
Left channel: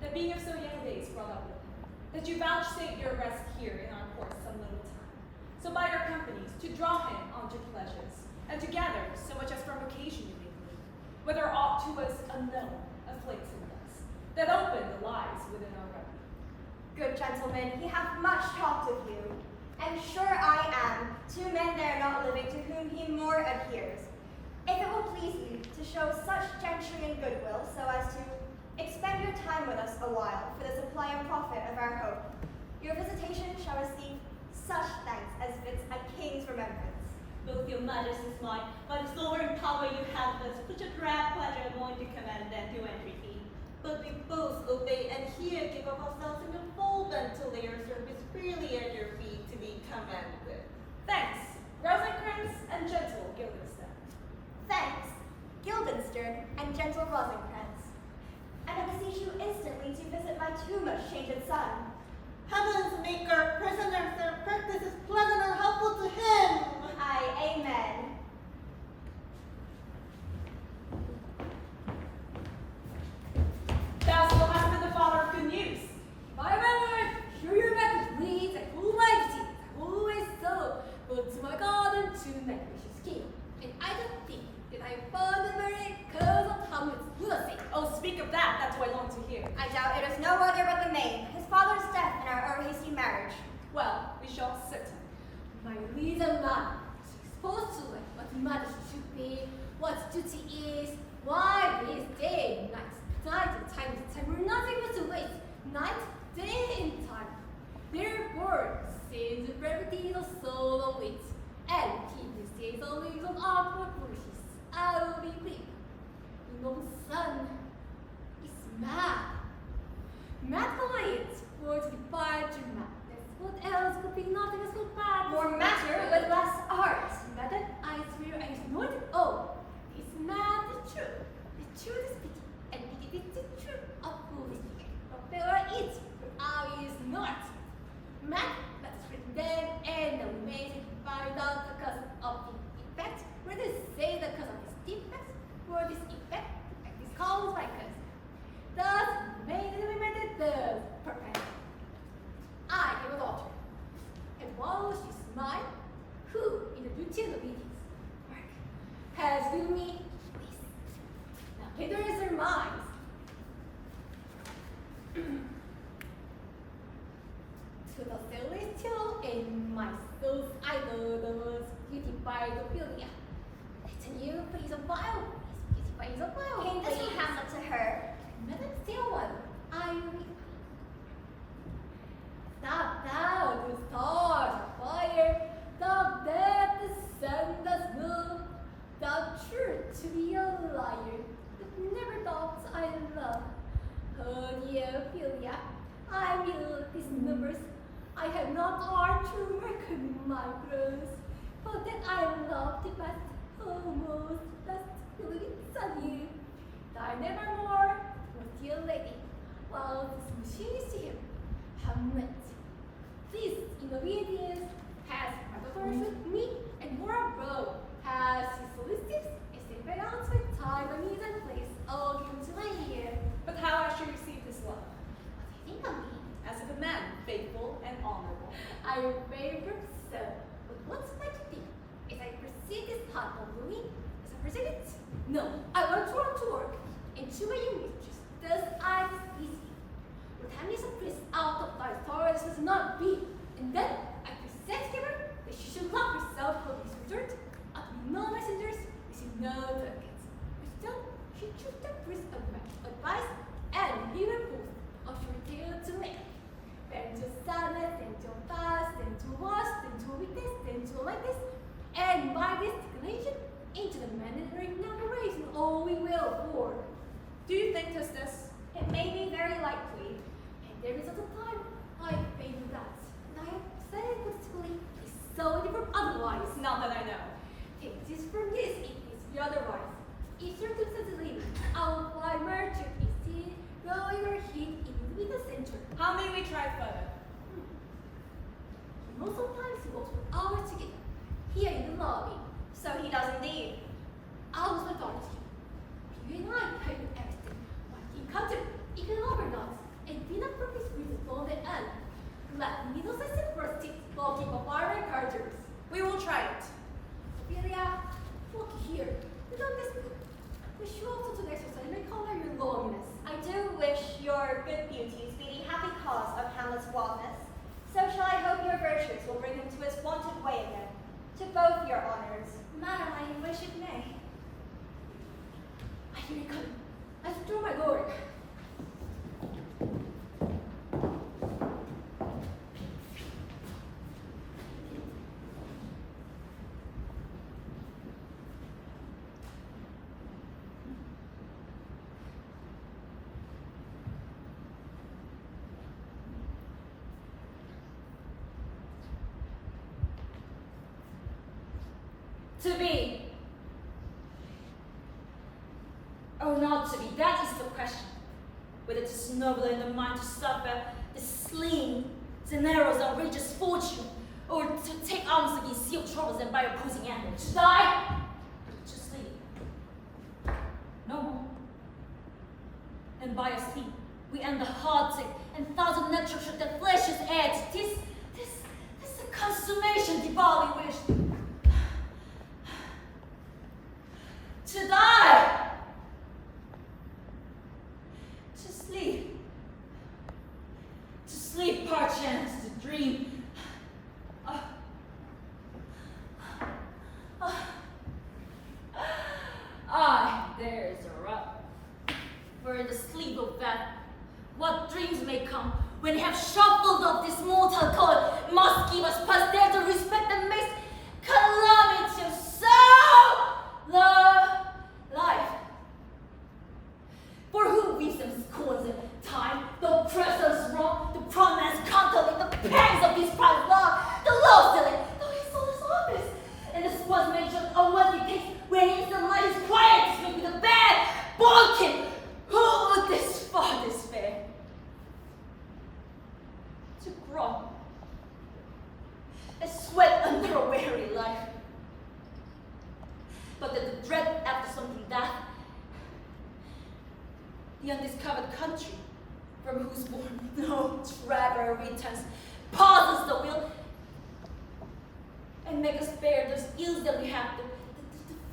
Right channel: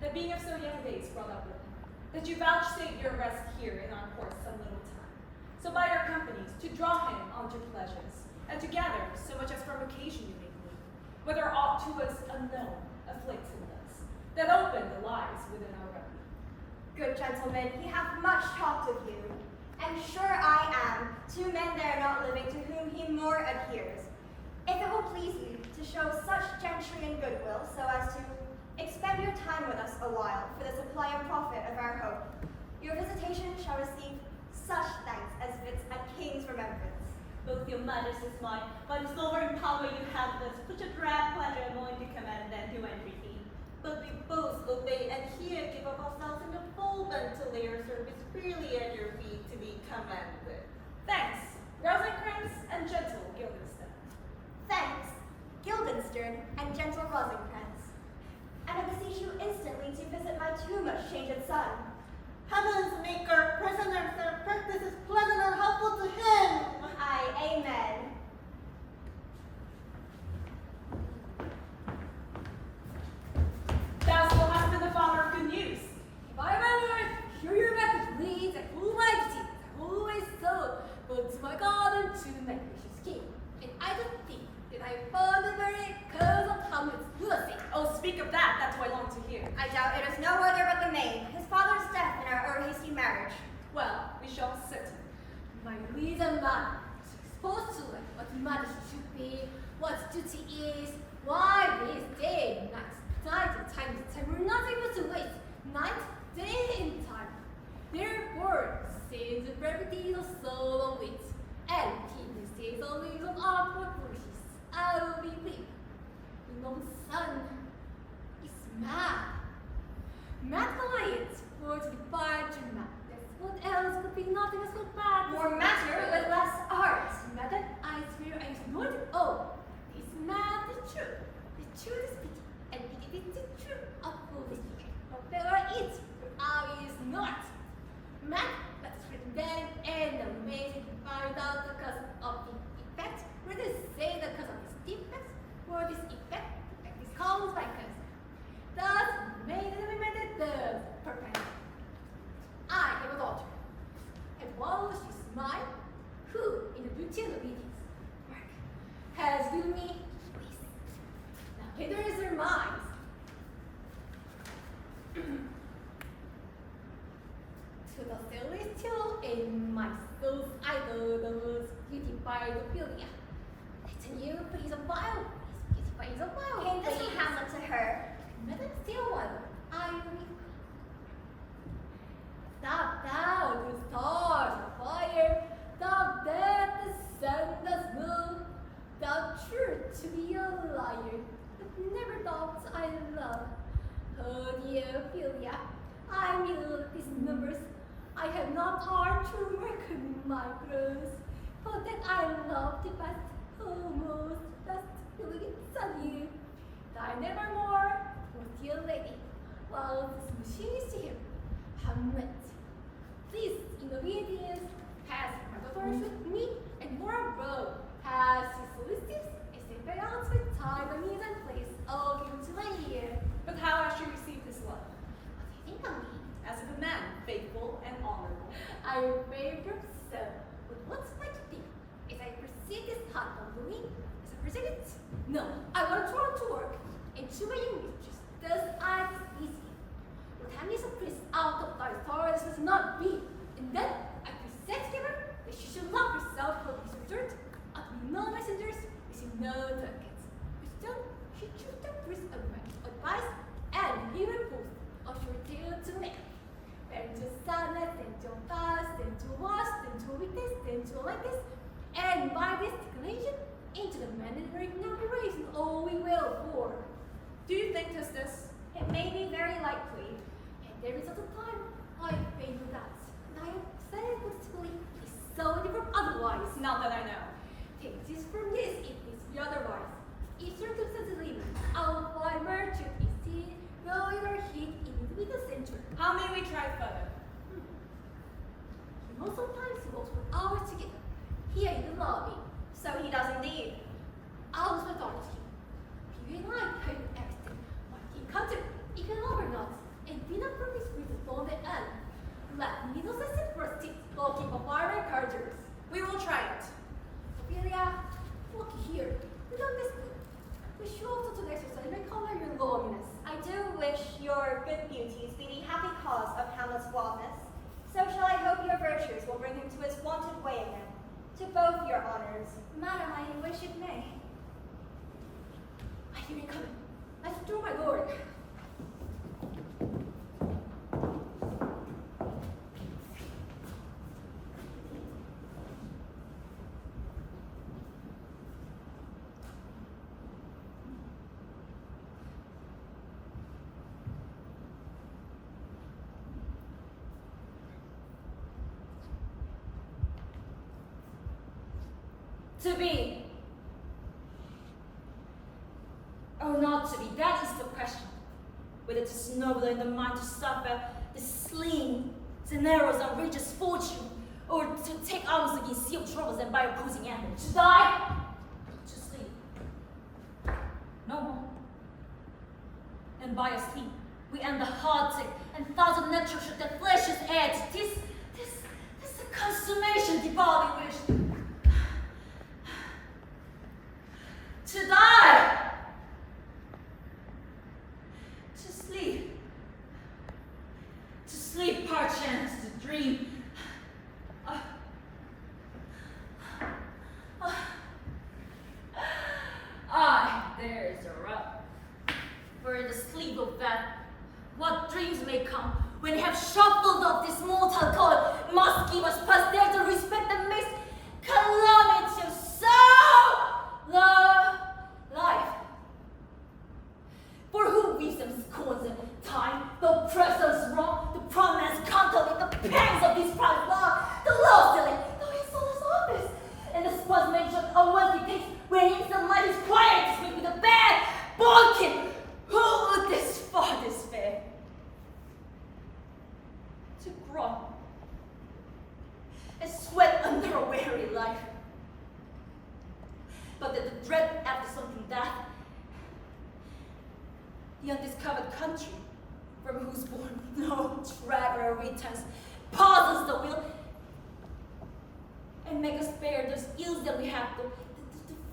that being of so young days brought up with him, that you vouchsafe your rest here in our court some little time, so by your companies to draw him onto pleasures, and to gather so much as from occasion you may believe, whether aught to us unknown afflicts him thus, that open the lies within our record. Good gentlemen, he hath much talked of you, and sure I am, two men there not living to whom he more adheres. If it will please you to show such gentry and goodwill, so as to expend your time with us a while for the supply and profit of our hope, your visitation shall receive such thanks as fits a king's remembrance. Both your majesty's might, by the sovereign power you have thus, which a dread pleasure going to command and to entreaty. But we both obey and here give up ourselves in the full bent to lay our service freely at your feet to be commanded. Thanks, Rosencrantz and gentle Guildenstern. Thanks, Guildenstern and gentle Rosencrantz. And I beseech you instantly to visit my too much changed son. Heaven's maker, prisoners, their practice is pleasant or helpful to him. Aye, amen. Thou still hast been the father of good news. By my lord, hear your message, please, and who my duty, always so, but to my God and to my gracious king. And I don't think that I found the very cause of Hamlet's lunacy. Oh, speak of that, that's what I long to hear. I doubt it is no other but the maid, his father's death and our hasty marriage. Well, we shall sit. My reason man is exposed to it, what matters should be, what duty is, why this day, night and time, we're nothing but to wait, night, day and time. Therefore, since the brevity of soul await, and keep these days always of awkward wishes, I will be brief. The noble son is mad. Mad quiet, for to departure madness. What else could be nothing as good bad? More matter, but less art. Mad that I swear I ignored it all. This mad the truth is pity, and pity is the truth of foolish fear. But there it, for I is not. Mad, that is written then, and amazing to find out the cause of the effect. Whether say the cause of his defects, mine, who, in the beauty and obedience, work, has given me this. Now leaders are mine. To the celestial in my soul's idol, the most beautified Ophelia. Let you please a while, please beautify the while. Came this from Hamlet to her. Madam Stillman, I will. Stop thou the stars of fire, thou that the sun does move, thou truth to be a liar, but never thought I love. Oh dear Ophelia, I will these numbers. I have not art to reckon my gross, for that I love the best, almost best feeling on you. Thy nevermore, was dear lady, while this machine is here, Hamlet. This in obedience has metaphors with me, and more abroad has his solicitors, as they balance with time and means and place, all given to my ear. But how has she received this love? What do you think of me? As a good man, faithful and honorable. I favor so, but what's my duty? As I perceive this heart of doing, as I perceive it, no, I want to run to work, and to my young mistress, thus I displease you. Your time is a priest out of thy stars does not be, and then I present her that she should lock herself for this resort, at me no messengers, receive no tokens. But still, she chose the priest advice, and he refused of your tale to make. Then to sadness, then to fast, then to wash, then to weakness, then to lightness, and by this declination, into the mandatory narration all we will for. Do you think 'tis this? It may be very likely. And there is at the time, I favor that, and I have said it positively, is so different otherwise. Not that I know. Take this from this, if this be otherwise. If circumstances leave, I will fly merchant instead, going where heat in the center. How may we try further? You know, sometimes he walks for hours together, here in the lobby. So he does indeed. I was my daughter's here. You and I have been everything. What he encountered, even overnight, and be not from his with the phone and end. Let me know sense first tip, go keep a fire and chargers. We will try it. Ophelia, look here. We done this good. We should also to exercise may color your loneliness. I do wish your good beauties be the happy cause of Hamlet's wildness. So shall I hope your virtues will bring him to his wonted way again. To both your honors. Madam, I wish it may. I hear it coming. I withdraw my lord. To be or not to be, that is the question. Whether it is nobler in the mind to suffer the sling, the narrows, outrageous fortune, or to take arms against sealed troubles and by opposing end. To die, to sleep. No more. And by a sleep, we end the heartache and thousand natural should the flesh's edge. This the consummation the body wished. To die, to sleep perchance, to dream. There is a rub. For in the sleep of that, what dreams may come when you have shuffled off this mortal coil must give us posterity the respect that makes calamity of so love life. For who weaves them scorns in time, the oppressor's wrong, the prominence contemplate the pangs of this proud law, the law selling, though he sold his office, and the spots mentioned on what he takes, where instant life is quiet, to make with a bad balking. Who would this far despair? To groan, and sweat under a weary life. But that the dread after something that the undiscovered country from whose bourne no traveler returns, pauses the wheel, make us bear those ills that we have to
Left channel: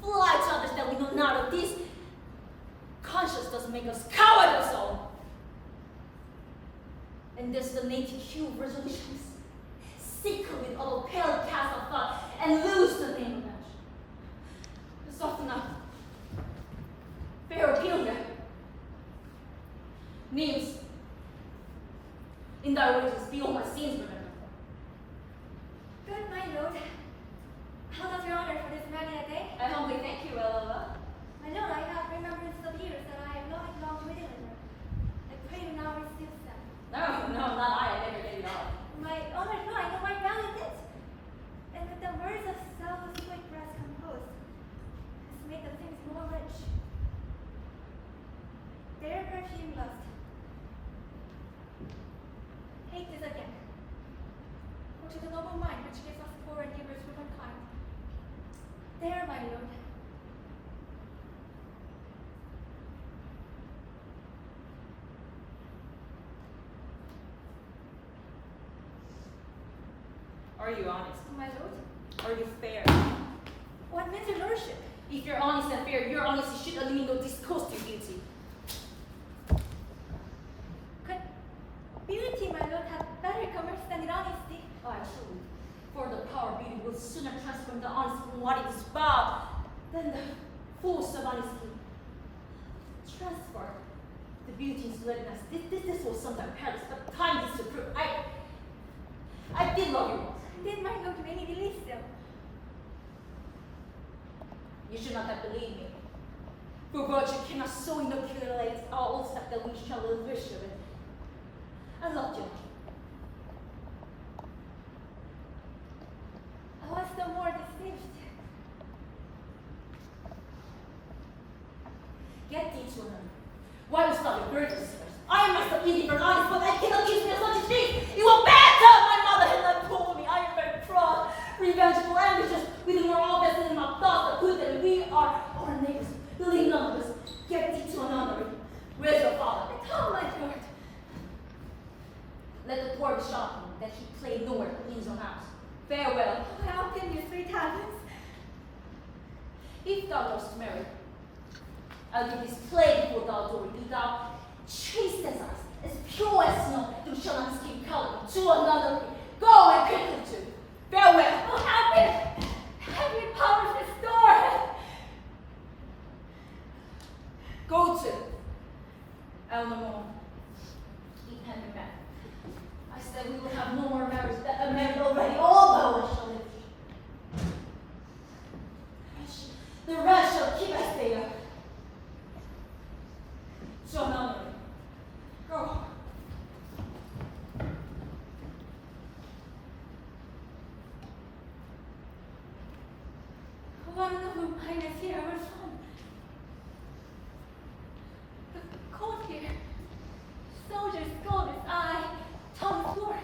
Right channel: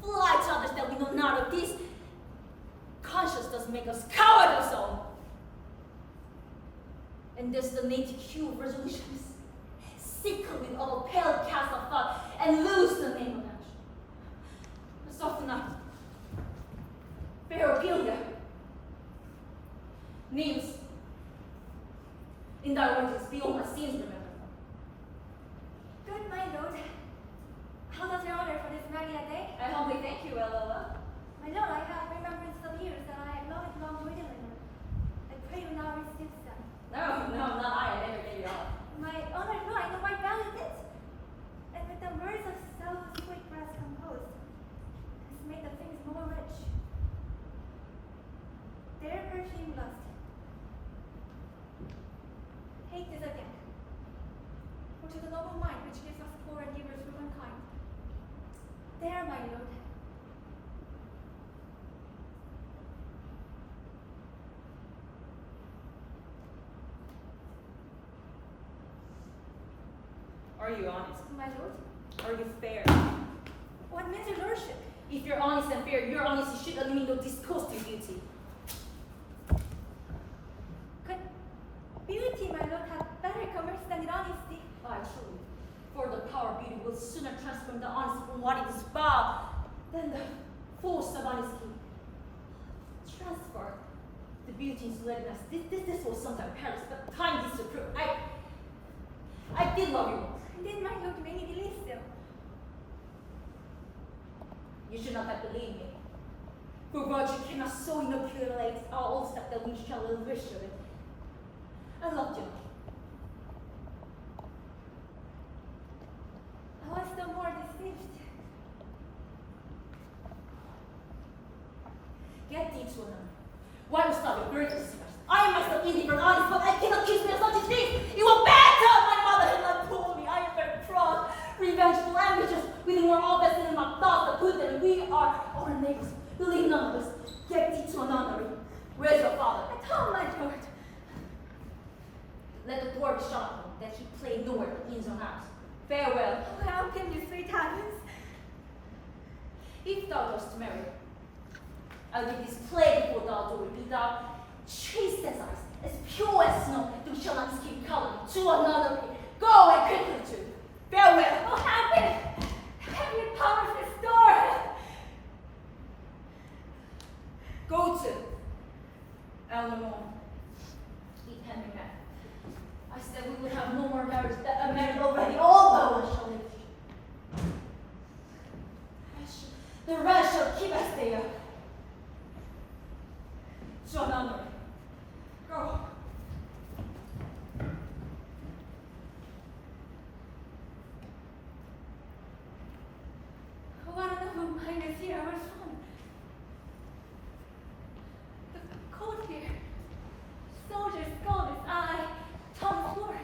fly to others that we know not of. This conscience does make us cowardice all. And there's the native hue of resolutions, sickle with all pale cast of thought, and lose the name of action. Soften up. Fair Ophelia. Names. In thy wages, be all my sins remembered. Good, my lord. How does your honor for this many a day? I humbly thank you, Ella. My lord, I have remembrance of years that I have long to deliver. I pray you now receive them. No, not I. I never gave you all. My honored lord, I know my value it. And with the words of so sweet breast composed, has made the things more rich. Their perfume lust. Hate is again. For to the noble mind which gives us poor and givers with unkind. There, my lord. Are you honest? My lord? Are you fair? What means your lordship? If you're honest and fair, your honesty should eliminate discourse to beauty. Could beauty, my lord, have better commerce than honesty? Oh, truly. For the power of beauty will sooner transform the honesty from what it is bound than the force of honesty. Transfer the beauty into readiness. This was sometime Paris, but time disapprove. I did love you. Did my lord make me believe so? You should not have believed me. For virtue cannot so inoculate our old step that we shall wish of it. I loved you. I was the more deceived. Get thee to another. Why was not your burdens? I am myself indifferent, honest, but I cannot kiss me as such as this. You will better my mother had not told me. I am very proud, revengeful, ambitious, with more obvious in my thoughts that put that we are our neighbors. Believe none of us. Get thee to another. Where's your father? At home, my lord. Let the door be shut that he play nowhere but in his own house. Farewell. Oh, how can you 3 talents? If thou dost marry, I'll give this plague before thou do. Be thou chaste as ice, as pure as snow, thou shalt not escape calumny to another. Go and quickly to. Farewell. Oh, happy! Every power restored! Go to. I'll no more. Eat hand in mouth. I said we would have no more marriage. That a marriage already. All power shall live. The rest shall keep us there. So now, go. One of whom I was here, our son. The courtier, soldier's gold is eye, tongue sword.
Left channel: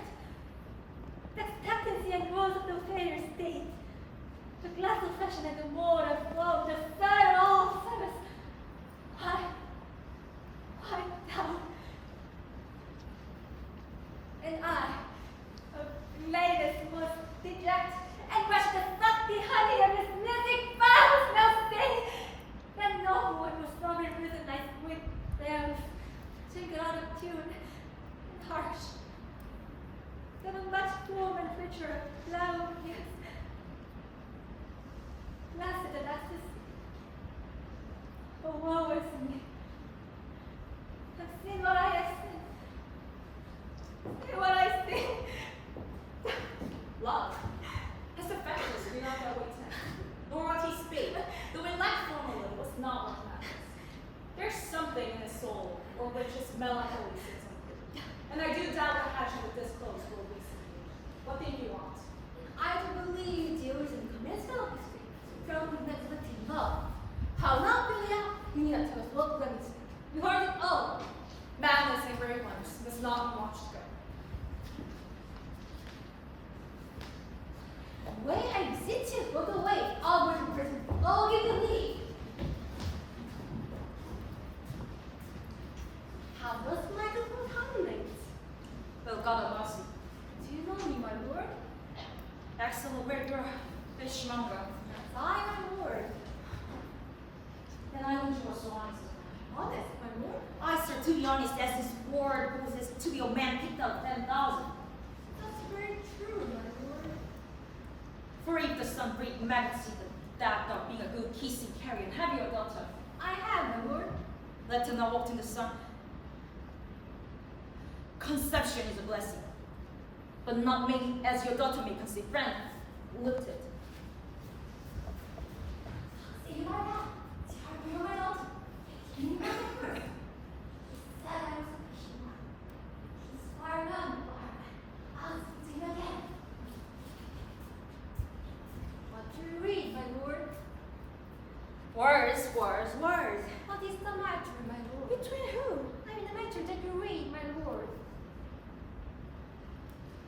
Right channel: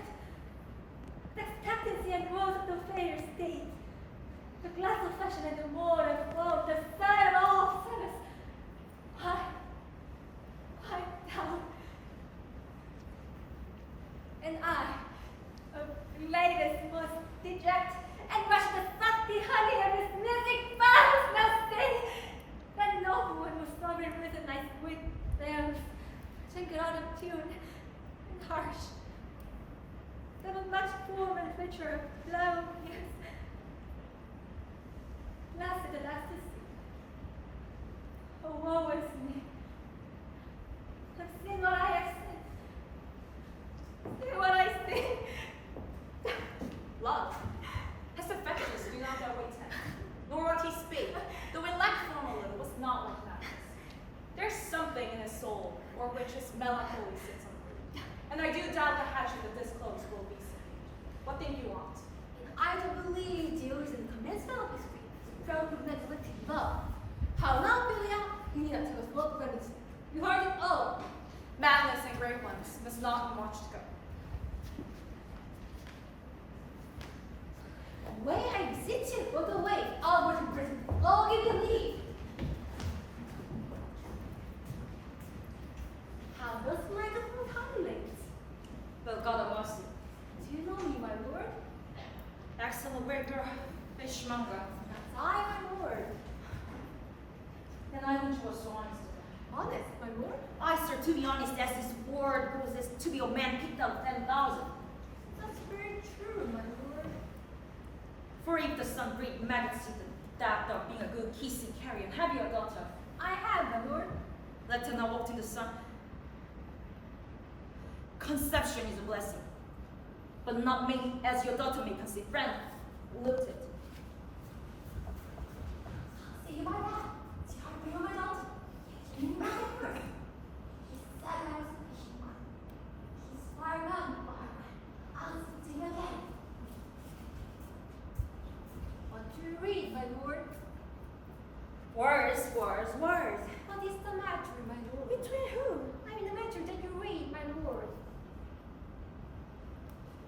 The expectancy and rose of the fair state. The glass of fashion and the word of woe, the fire of all service. Why down? And I, a latest most deject, and rush the salty honey of his music vows now say that no one was sovereign with a nice wit there, jingled out of tune and harsh. There was much form and feature of blow, yes. Lasted an ecstasy. Oh, woe is me. I've seen what I have seen. See what I see. Love. His affections do not always tend, nor what he spake, though in lack form a little, was not what matters. There's something in his soul, or which his melancholy sits on root. And I do doubt the hatchet of this close will be seen. What thing do you want? I do believe Zeus and commencement of history from the negative love. How now, Ophelia? You need to tell us what remedies. You heard it all. Madness and great ones must not be watched go. Away I beseech you, look away. I'll go to prison. I'll give you leave. How does my good handling? Well, God of mercy. Do you know me, my lord? Excellent, where you're Fishmonger. That's I, my lord. Then I wish you were so honest. Honest, my lord? I, sir, to be honest, as this word goes, is to be a man picked out 10,000. That's very true, my lord. For if the sun breathed majesty, the doubt of being a good kissing carrion, have you a daughter? I have, my lord. Let her not walk in the sun. Conception is a blessing, but not made as your daughter may conceive. Friend, look at it. See my rat. See how I bring my daughter. He's my first. He said I was a fishing one. He's far gone, but I'll speak to him again. What do you read, my lord? Words, words, words. What is the matter, my lord? Between who? I mean the matter that you read, my lord.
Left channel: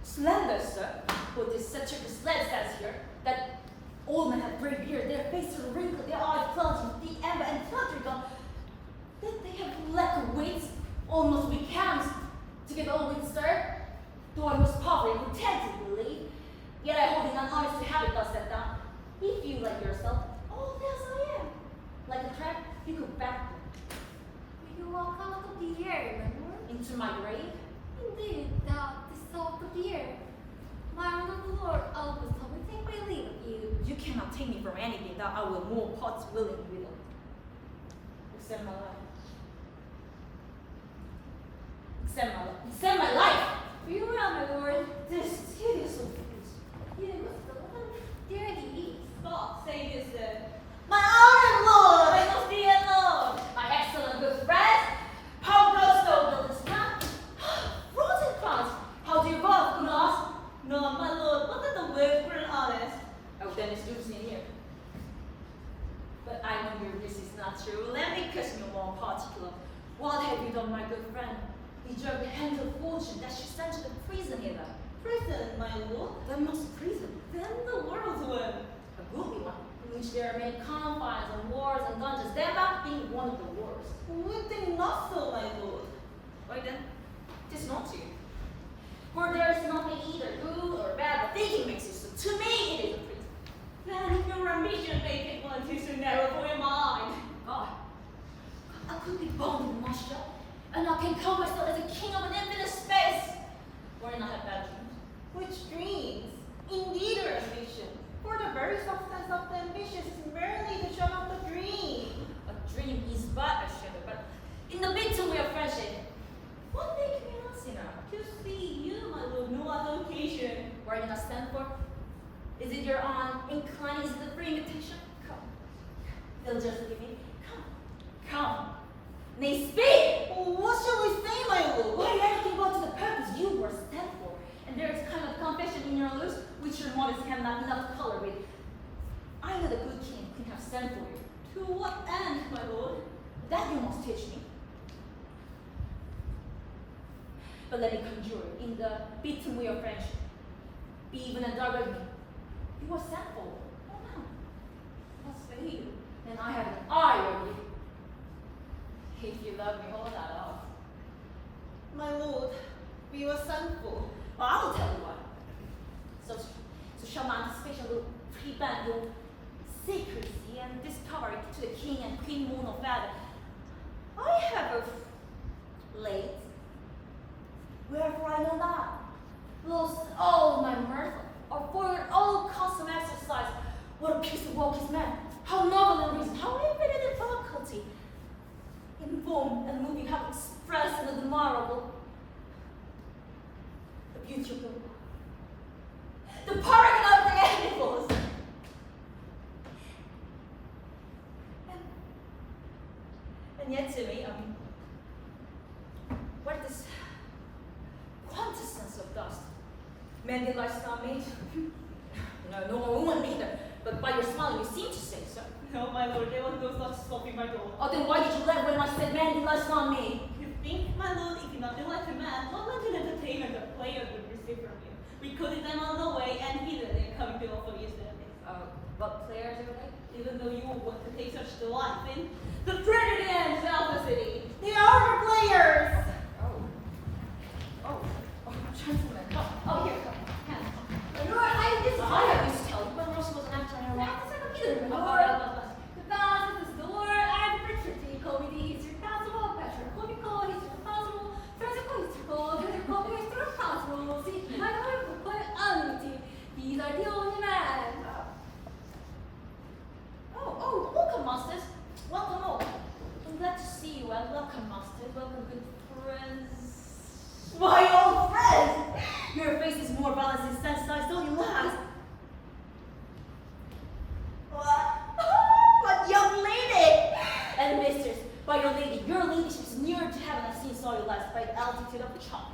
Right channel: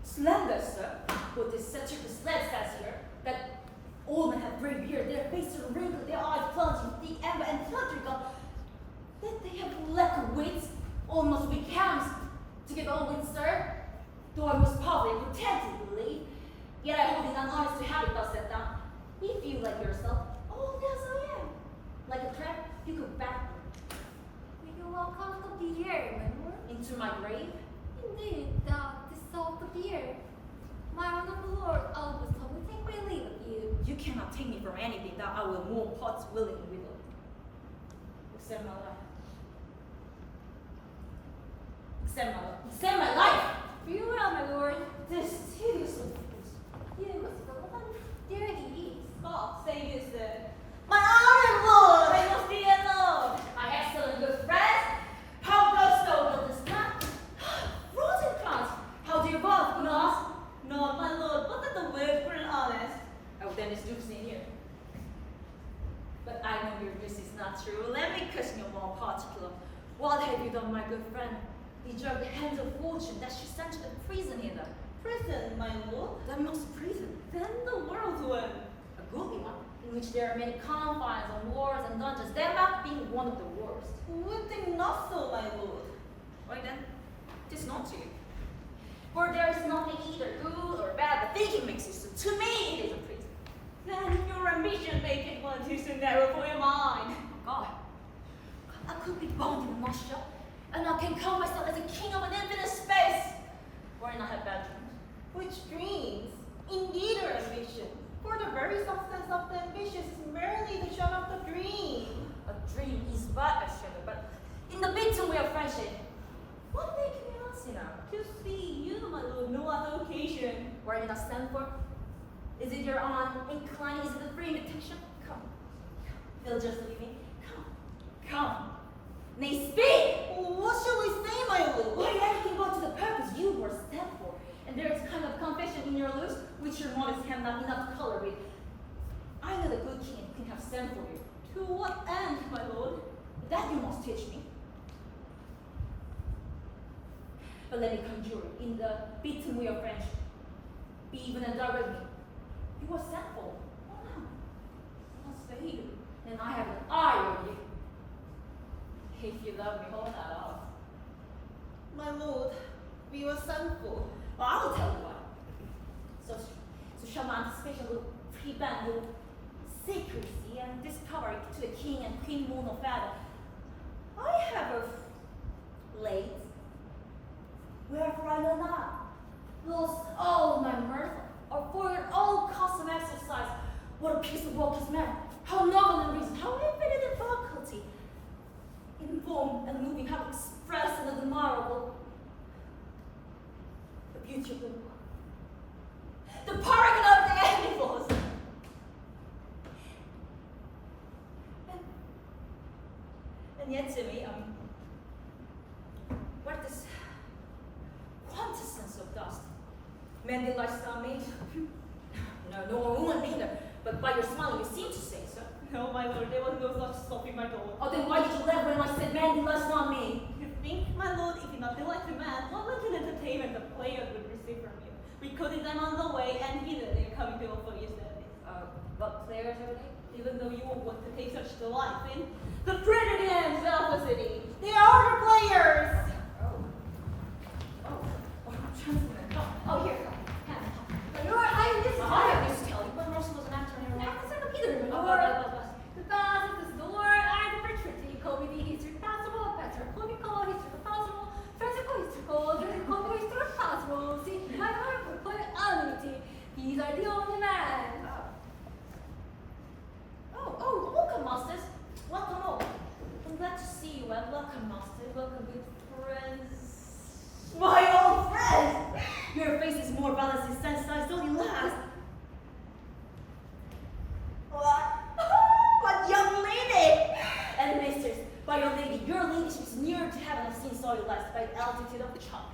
Slender, sir. What this satirical sled says here, that old men have gray beard, their faces are wrinkled, their eyes plunging deep amber and theatrical, that they have lack of wits, almost weak hands, to get on with, sir. Though I must probably pretend to believe, yet I hold it honest to have it thus set down. If you like yourself, old as I am, like a trap, you go backward Will you walk out of the air, my lord? into my grave. Indeed, thou the salt of the earth. My honorable lord, always let me take my leave of you. You cannot take me from anything that I will more parts willingly with, except my life. Except my life. Except my life! Farewell, my lord. This hideous old face. You was the one. There he is. God save you, sir. My honored lord, I must be alone. My excellent good friend, how goes the this time? Rosencrantz, how do you both, Unas? No, my lord, what are the words for an honest? Oh, then it's Lucy here. But I know this is not true. Let me question you more particular. What have you done, my good friend? Deserve the hands of fortune that she sent you to prison hither. Prison, my lord. That must prison. Then the world's one. A goodly one, in which there are many confines and wars and dungeons, Denmark being one of the worst. Would think not so, my lord. Why then, tis not to you. For there is nothing either good or bad, but thinking makes it so. To me, it is a prison. Then your ambition make it one too so narrow for your mind. God, I could be bound in a mush shop, and I can call myself as a king of an infinite space, wherein I have bad dreams. Which dreams, indeed are ambition. For the very substance of the ambition is merely the shadow of the dream. A dream is but a shadow, but in the bitter way of friendship, what make me not see now? To see you, my lord, no other occasion. Where did I stand for? Is it your own inclining? Is it a free invitation? Come. They'll just leave me. Come. Come. Nay, speak! What shall we say, my lord? Why anything but to the purpose you were sent for? And there is kind of confession in your lips which your modest hand not enough color with. I know the good king can have sent for you. To what end, my lord? That you must teach me. But let me conjure you, in the beaten way of friendship, be even and direct me. You were sent for. Oh no. I'll say you. And I have an eye on you. If you love me, hold that off. My lord, we were sent for. Well, I will tell you what. So shall my anticipation will prevent your secrecy and discover it to the king and queen moon of father. I have a late, wherefore I know not, lost all my mirth, or forgot all custom exercise. What a piece of work is man! How noble in reason, how infinite in faculty, in form and moving, how express and admirable the beauty of the world, the paragon of the animals. And yet to me, what this quintessence of dust? Man did lifestyle made? No, nor a woman neither. But by your smile, you seem to say so. No, my lord, there was no such stopping my door. Oh, then why did you laugh when I said man did lifestyle made? You think, my lord, if you not delight a man, what kind of entertainment the players would receive from you? Recruiting them on the way, and hither they're coming to offer you service. What players are they? Even though you will want to take such delight in the Trinity and Velocity, they are your players! Oh, gentlemen, come. Oh, here, come. Come. My lord, I am I disappointed. used to tell you when Rosa was an These are the only men. Oh, welcome, masters. Welcome all. I'm glad to see you, and welcome, masters. Welcome, good friends. My old friends! Your face is more balanced and sensitized, don't you laugh? What? What young lady! And misters, by your ladyship is nearer to heaven. I've seen saw you last by the altitude of the chopper.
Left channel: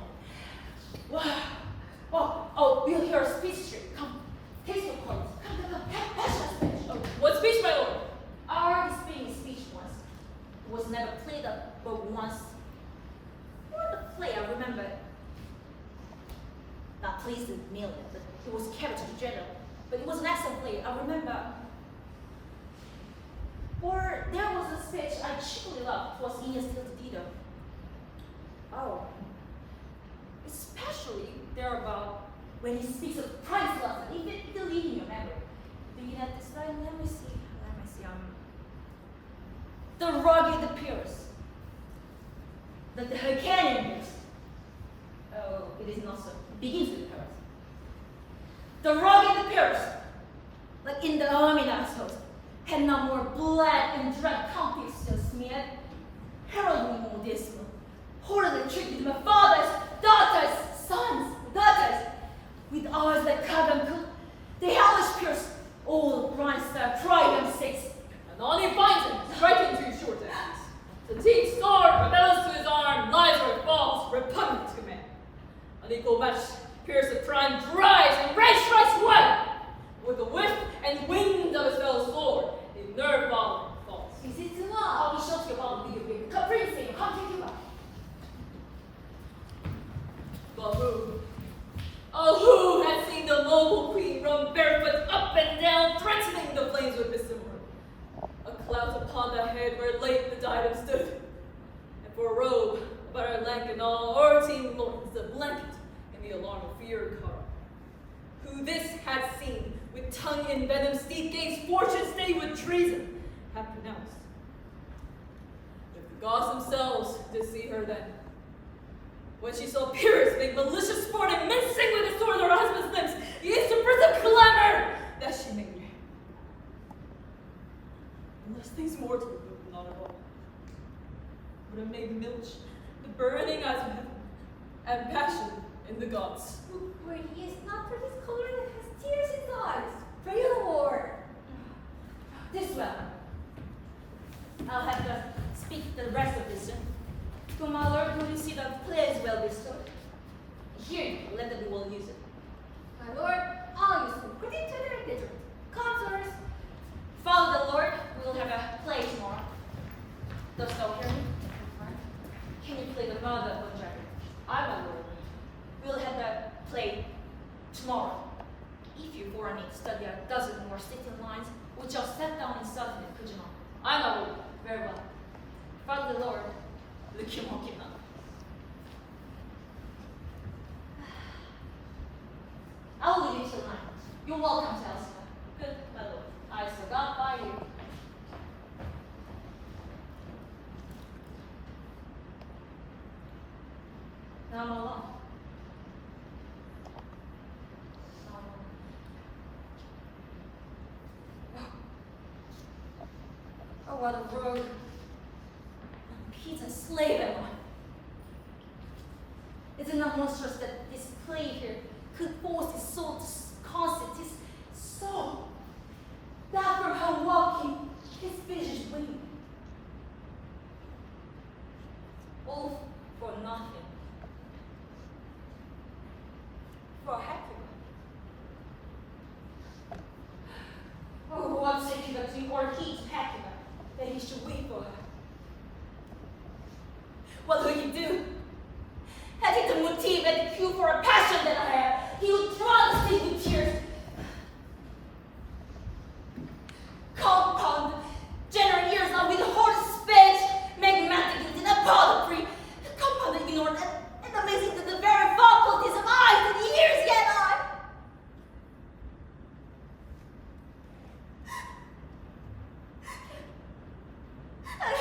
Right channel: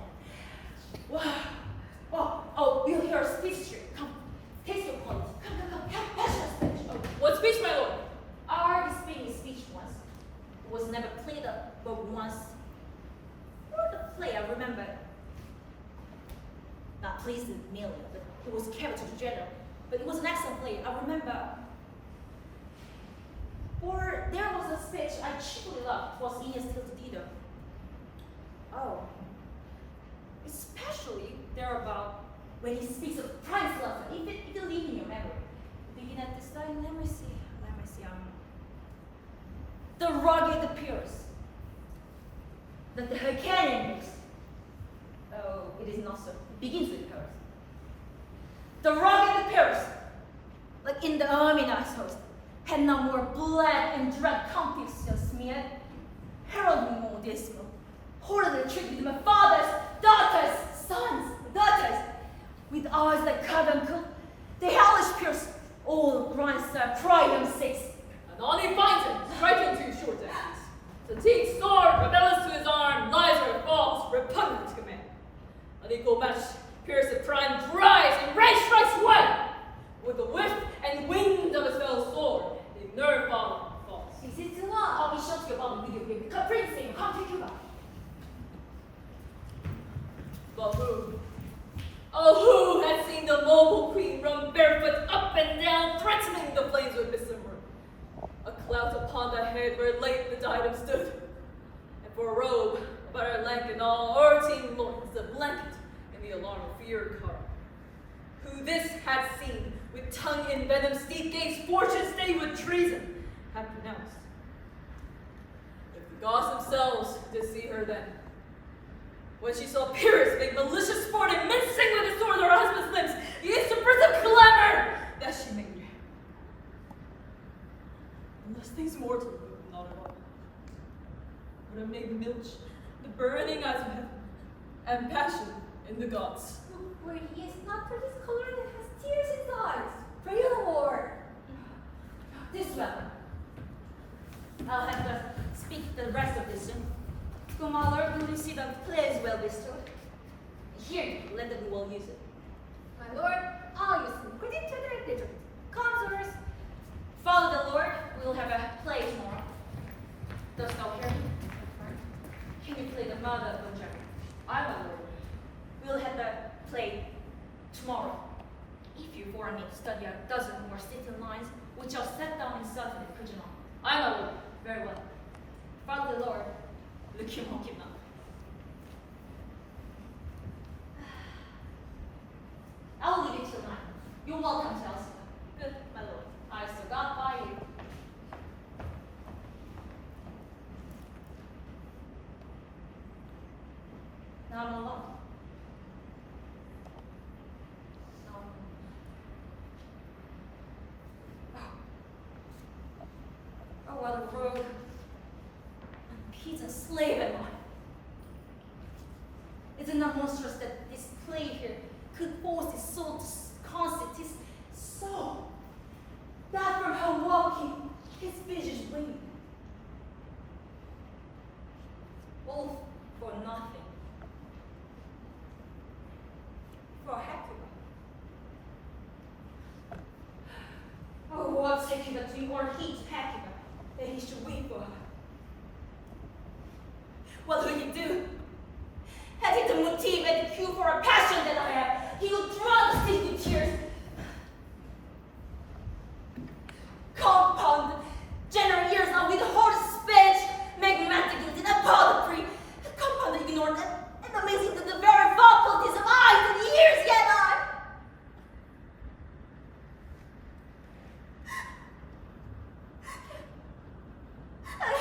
Wow. Oh, we'll hear a speech here. Come, taste your points. Come. Passion speech. Oh, what speech, my lord? I already speaking a speech once. It was never played up, but once. For the play, I remember. Not pleased with Amelia, but it was carried to the general. But it was an excellent play. I remember. Or there was a speech I chiefly loved. It was Aeneas Till to Dido. Oh. Especially there about when he speaks of Price Lawson. If you leave in your memory. Begin at this line, let me see. The rugged appears. That the Hyrcanian appears. Oh, it is not so. It begins with her. The rugged appears. Like in the army host, had no more blood and dread conflicts just smeared. Heralding more dismal. Horribly treated my father's daughters, sons, daughters, with eyes that cut and cool. The hellish pierce, all grindstone, pride and six. And on he finds him, striking to his short axes. The teeth sword, rebellious to his arm, lies or falls, repugnant to command. Unequal match, pierce the prime, drives, and rage strikes one. With the whip and wind of his fell sword, the nerve ball falls. This is too long. I'll be sure to your bubble video game. Come, Prince, come take you back. But who? Oh, who had seen the mobile queen run barefoot up and down, threatening the flames with his sword? A clout upon the head where late the diadem stood, and for a robe about her leg and all o'erteem loins, the blanket and the alarm of fear car. Who this had seen, with tongue in venom steep, gains fortune stay with treason, had pronounced. If the gods themselves did see her then, when she saw Pyrrhus make malicious sport and mincing with his sword her husband's limbs, the instant birth of clamor that she made. Unless things mortal, not at all, would have made the milch, the burning eyes of heaven, and passion in the gods. Where he is not for this color that has tears in his eyes. Pray the Lord. This way. I'll have to speak the rest of this. Go, my lord, will you see the play is well bestowed? Here, let them well use it. My Lord, I'll use them according to their digital. Come, sirs. Follow the Lord, we will have a play tomorrow. Dost thou hear me? Can you play the mother of the dragon? I, my lord. We'll have the play tomorrow. If you for me study a dozen more sitting lines, we shall set down in Southern could you not? I, my lord. Very well. Follow the Lord. Look him on him now. I will leave you tonight. You're welcome, Chelsea. Good, my lord. I still got by you. Now I'm alone. Now I'm alone. Oh, what a rogue. Peter, slave am I. Is it not monstrous that this play here could force his soul to constant his soul? That from her walking, his visions wing. All for nothing. For a happy one. Oh, what sake he between or he's happy that he should weep for her. What will he do? Had he the motive and the cue for a passion that I have, he would draw the sea with tears. Compound, general ears on with horse speech, magmatic in a poetry, compound ignorant and amazing to the very faculties of eyes and ears yet I. And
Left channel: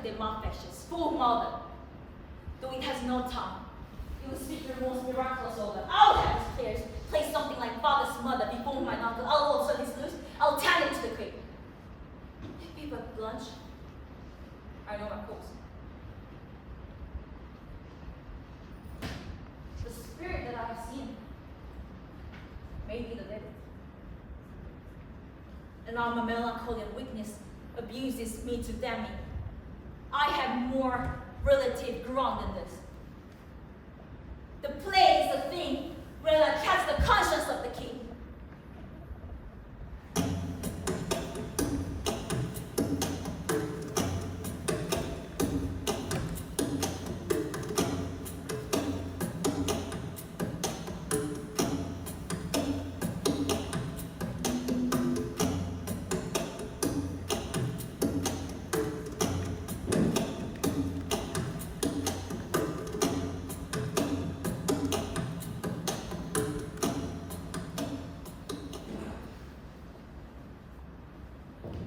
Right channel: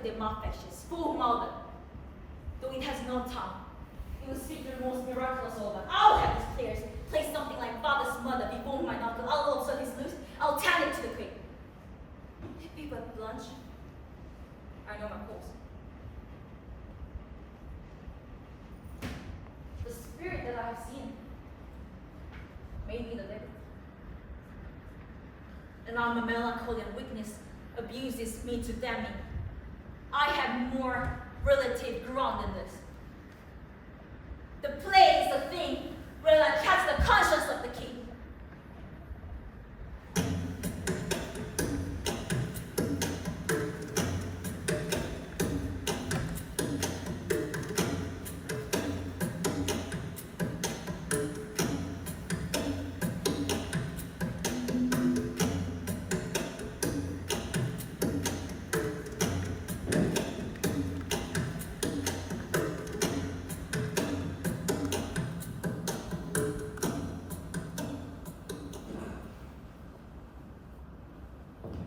of the malfections, full mother. Though it has no tongue, it will speak the most miraculous order. I'll have his players play something like father's mother before my uncle. I'll also his loose. I'll tell it to the queen. If we but blunt, I know my course. The spirit that I have seen may be the devil. And now my melancholy and weakness abuses me to damn me. I have more relative ground than this. The play is a thing where I catch the conscience of the king.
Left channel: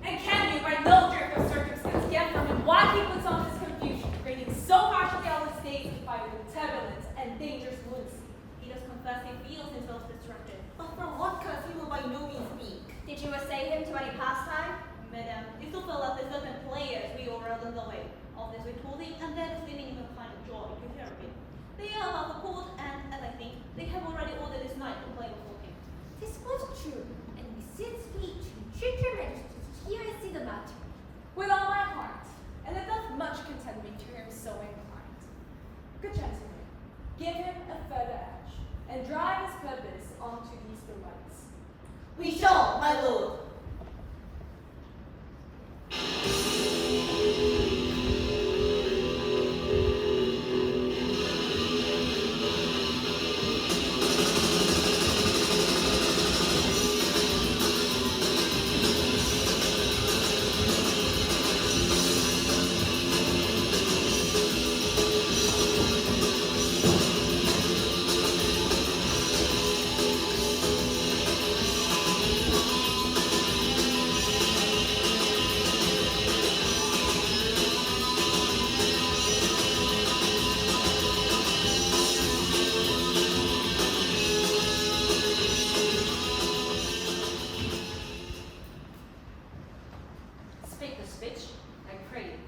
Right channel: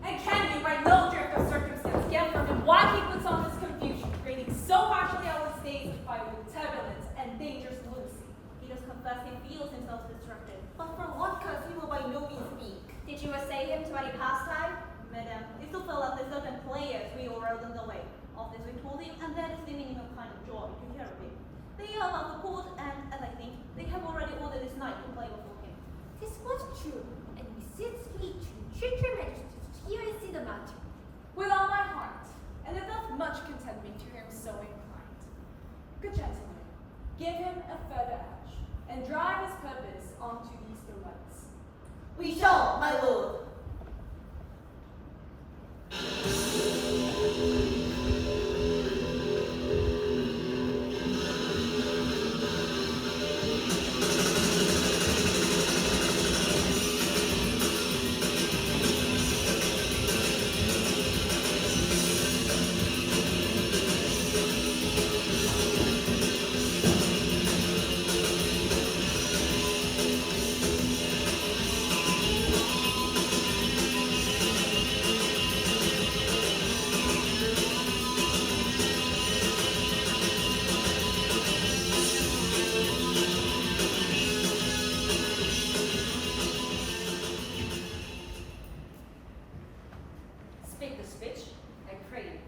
And can you, by no drift of circumstance, get from him why he puts on this confusion, reigning so harshly on the stage by with turbulence and dangerous lunacy? He does confess he feels himself distracted, but for what cause he will by no means speak. Did you essay him to any pastime? Madam, it still fell out the certain players we overrode in the way. Of this we told him, and that is the meaning of kind of joy to hear of it. They are about the court, and as I think, they have already ordered this knight to play before him. 'Tis most true, and we sit me to treat your majesty to hear and see the matter. With all my heart, and it doth much content me to hear him so inclined. Good gentlemen, give him a further edge, and drive his purpose onto these delights. We shall, my lord. Speak the speech, I pray you,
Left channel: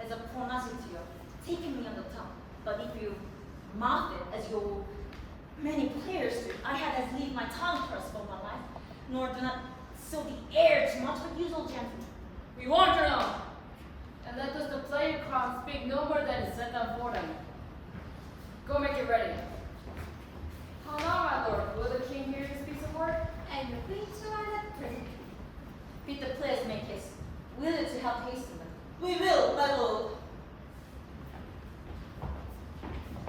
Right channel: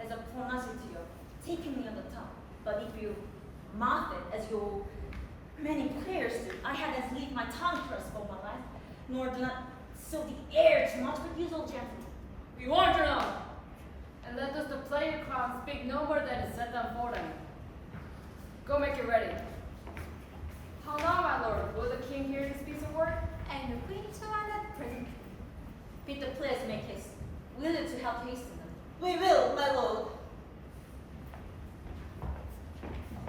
as a pronunciator, taking me on the tongue. But if you mouth it as your many players do, I had as leave my tongue first for my life, nor do not sow the air too much, but use all gentle. We want your own. And let us the player crowd speak no more than is set down for them. Go make it ready. How now, my lord? Will the king hear you speak a word? And the queen shall honor presently. Bid the players make haste, willing to help hasten them. We will, my lord.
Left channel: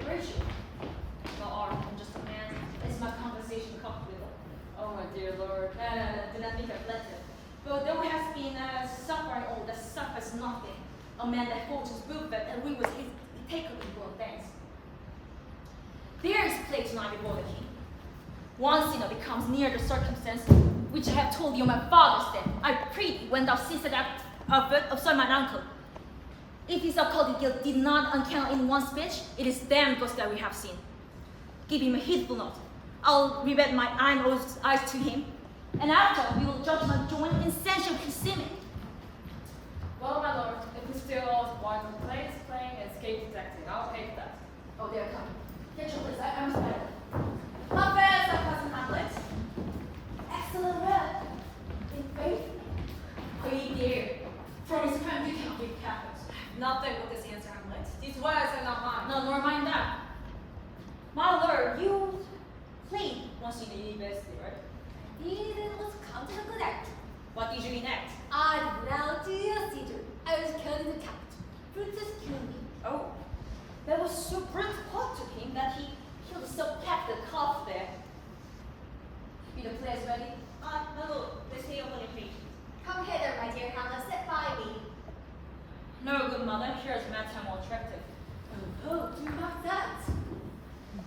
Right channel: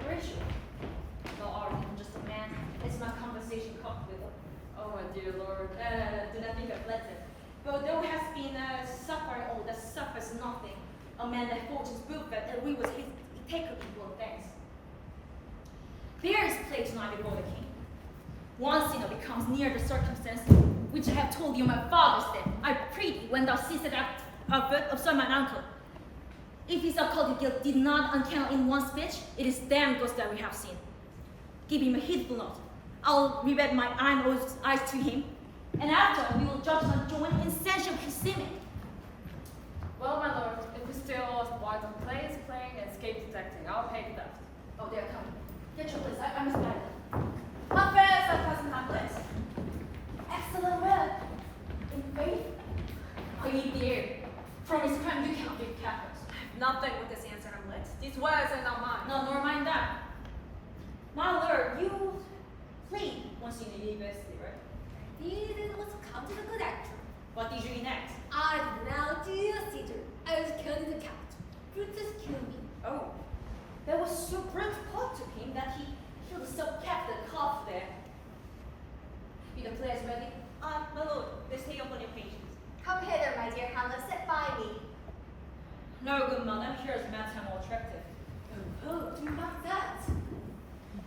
Rachel, thou art just a man, as my conversation comes with her. Oh, my dear lord. No, do not think I've flattered. But thou hast been suffering all that suffers nothing. A man that holds his book that and we was his take of people of thanks. There is play tonight before the king. One sinner becomes near the circumstance which I have told you my father's death. I pray thee, when thou seest that observe mine uncle. If his occult guilt did not uncount in one speech, it is damned ghost that we have seen. Give him a heedful note. I'll revet my eyes to him, and after we will judge not join in censure concealment. Well, my lord, if we still lost why the play is playing and escape detecting, I'll pay for that. Oh, they're coming. Get your place. I must battle. How fares our cousin Hamlet? Excellent well. In faith, Are you there? From his crime we cannot be Catholics. Nothing with this answer, Hamlet. These words are not mine. No, nor mind that. My lord, you played once in the university, right? these it was come to the good act. What did you enact? I did now to a Caesar. I was killed in the tact. Brutus killed me. Oh, that was so great part to him that he killed so packed the calf there. Be the players ready? My lord, this day upon your patience. Come hither, my dear Hamlet, sit by me. No, good mother, here is matter more attractive. Oh, do not that.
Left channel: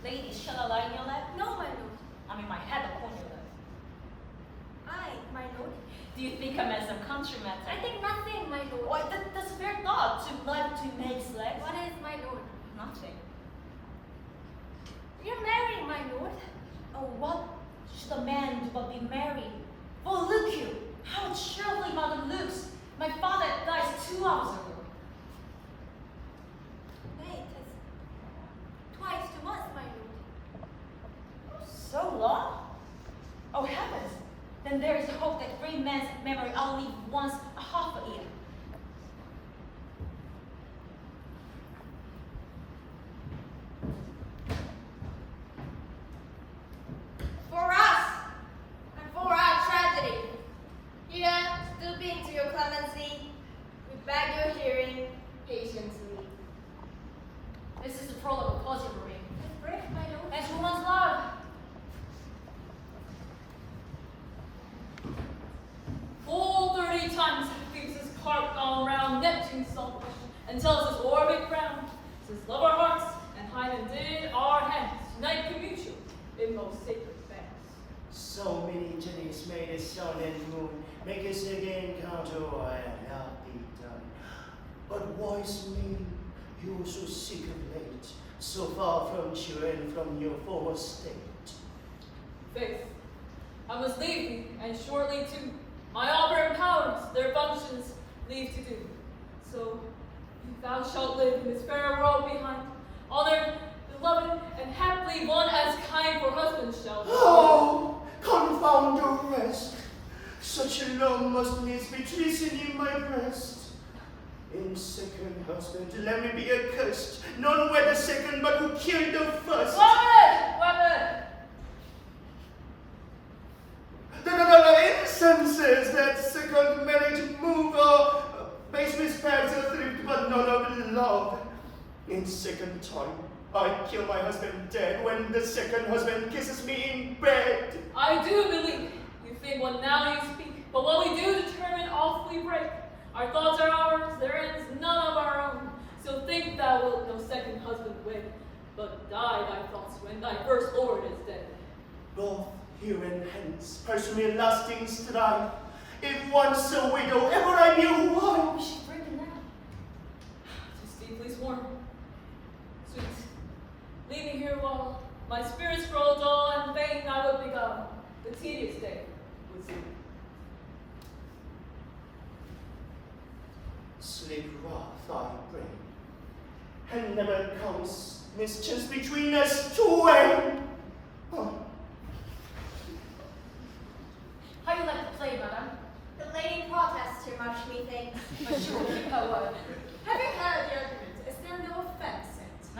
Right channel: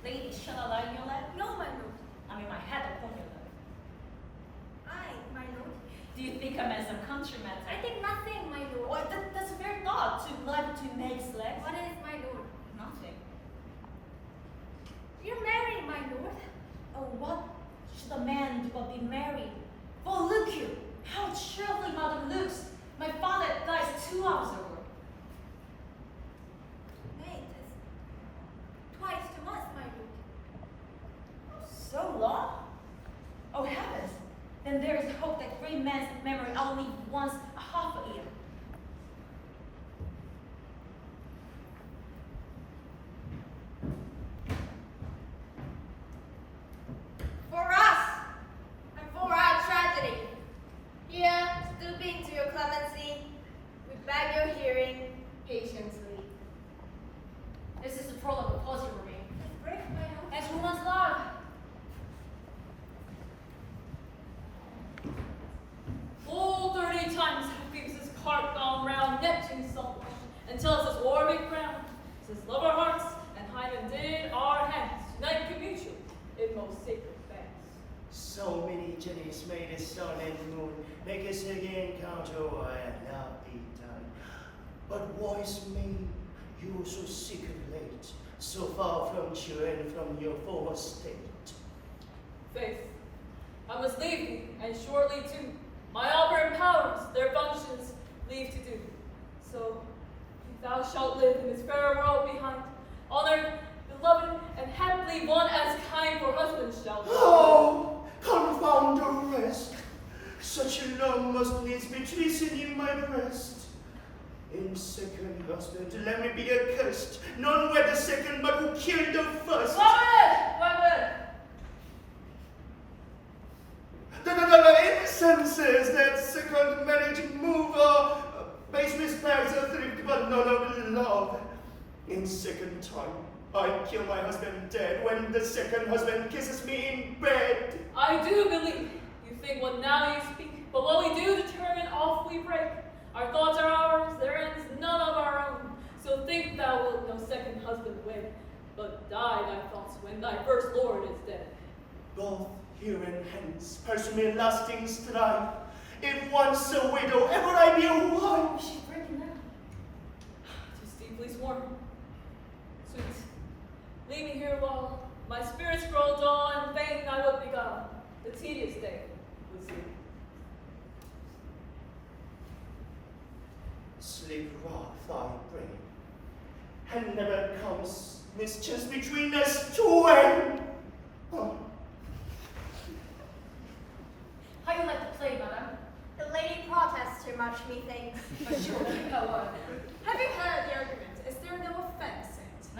Lady, shall I lie in your lap? No, my lord. I mean, my head upon your lap. I, my lord. Do you think I'm as a country matter? I think nothing, my lord. What? That's a fair thought. love to life to make slaves? What is my lord? Nothing. You're married, my lord. Oh, what should a man do but be married? Oh, look you, how cheerfully mother looks. My father died 2 hours ago. Nay, 'tis twice 2 months, my lord. So long? Oh heavens! Then there is hope that great man's memory only once a half a year. For us, and for our tragedy, here, stooping to your clemency, we beg your hearing patiently. This is the prologue of Cosy Marine. It's brave, my lord. And who wants love? Full 30 times leaves his cart gone round Neptune's selfish, until his orbic crown, since love our hearts, and Hymen did our hands unite commutual in most sacred bands. So many journeys made as sun and moon, make us again count, oh, I have not be done. But wise maid, you are so sick of late, so far from cheer and from your former state. Faith, I must leave thee, and shortly too. My operant powers their functions leave to do. So, if thou shalt live in this fair world behind, honored, beloved, and happily one as kind for husbands shall be. Oh, confound the rest! Such a love must needs be treason in my breast. In second husband, let me be accursed. None were the second, but who killed the first. Women! The incenses that second marriage move are base mispads of thrift, but none of love. In second time, I kill my husband dead when the second husband kisses me in bed. I do believe you think what now you speak, but what we do determine oft we break. Our thoughts are ours, their ends none of our own. So think thou wilt no second husband wed, but die thy thoughts when thy first lord is dead. Both here and hence, pursue me lasting strife. If once a widow, ever I be a wife. She's breaking down. 'Tis deeply sworn. Sweet, leave me here while my spirits grow dull, and fain I would beguile the tedious day with thee. Sleep wrath thy brain, and never comes mischance between us twain. Oh. How you like to play, madam? The lady protests too much, methinks. Surely, Having heard the argument, is there no offense in it?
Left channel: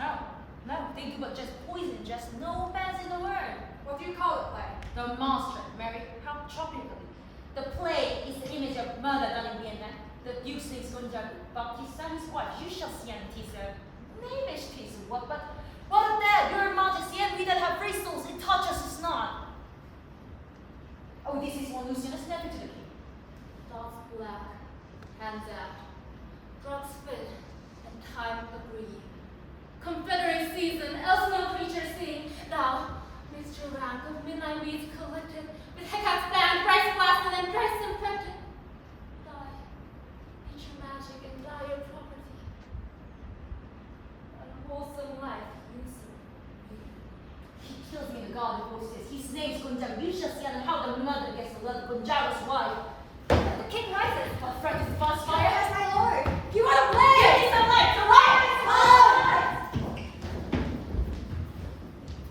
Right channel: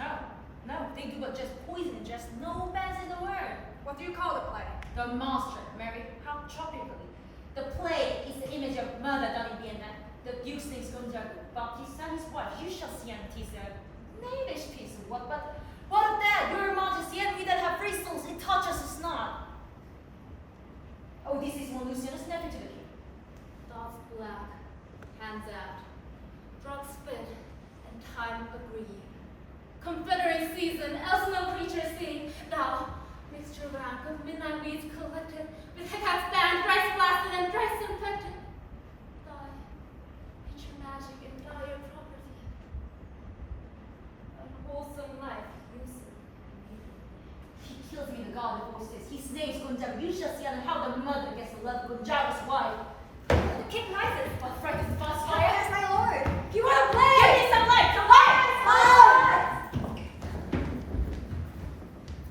No, they do but just poison, just no offense in the word. What do you call a play? The monster, Mary, how tropically. The play is the image of murder done in Vienna. The Duke slaves Gonzago, Baptista and his wife, you shall see and teaser. Knavish piece of what, but what of that, your majesty, every that have free souls, it touches us not. Oh, this is one Lucianus nephew to the king. Dogs black, hands out, drugs spit, and time agree. Confederate season, else no creature sing. Thou, mixture rank of midnight weeds collected, with Hecate's band, thrice blasted and thrice infected. Thy nature magic and dire property, unwholesome life usurp. He kills me, the god of voices. His name's Gonzago. You shall see how the mother gets the blood of Gonzago's wife. The king rises. What fright is fast Fire fire? is my lord. You want to play? Give me some light, the light!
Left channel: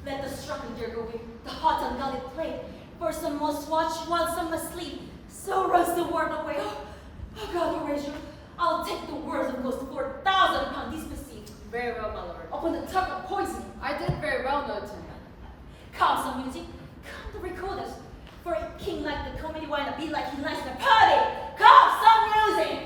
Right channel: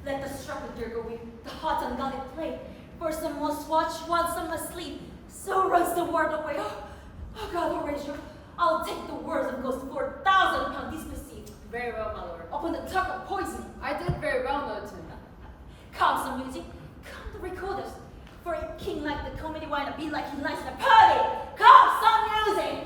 Let the struck dear go in, the hot unguarded play. For some must watch while some must sleep. So runs the word away. Oh God, Horatio, I'll take the words of ghost for 1,000 pounds disperceived. Very well, my lord. Upon the tongue of poison. I did very well, no attendant. Come, some music, come the recorders. For a king like the comedy wine, be like he likes in a party. Come, some music.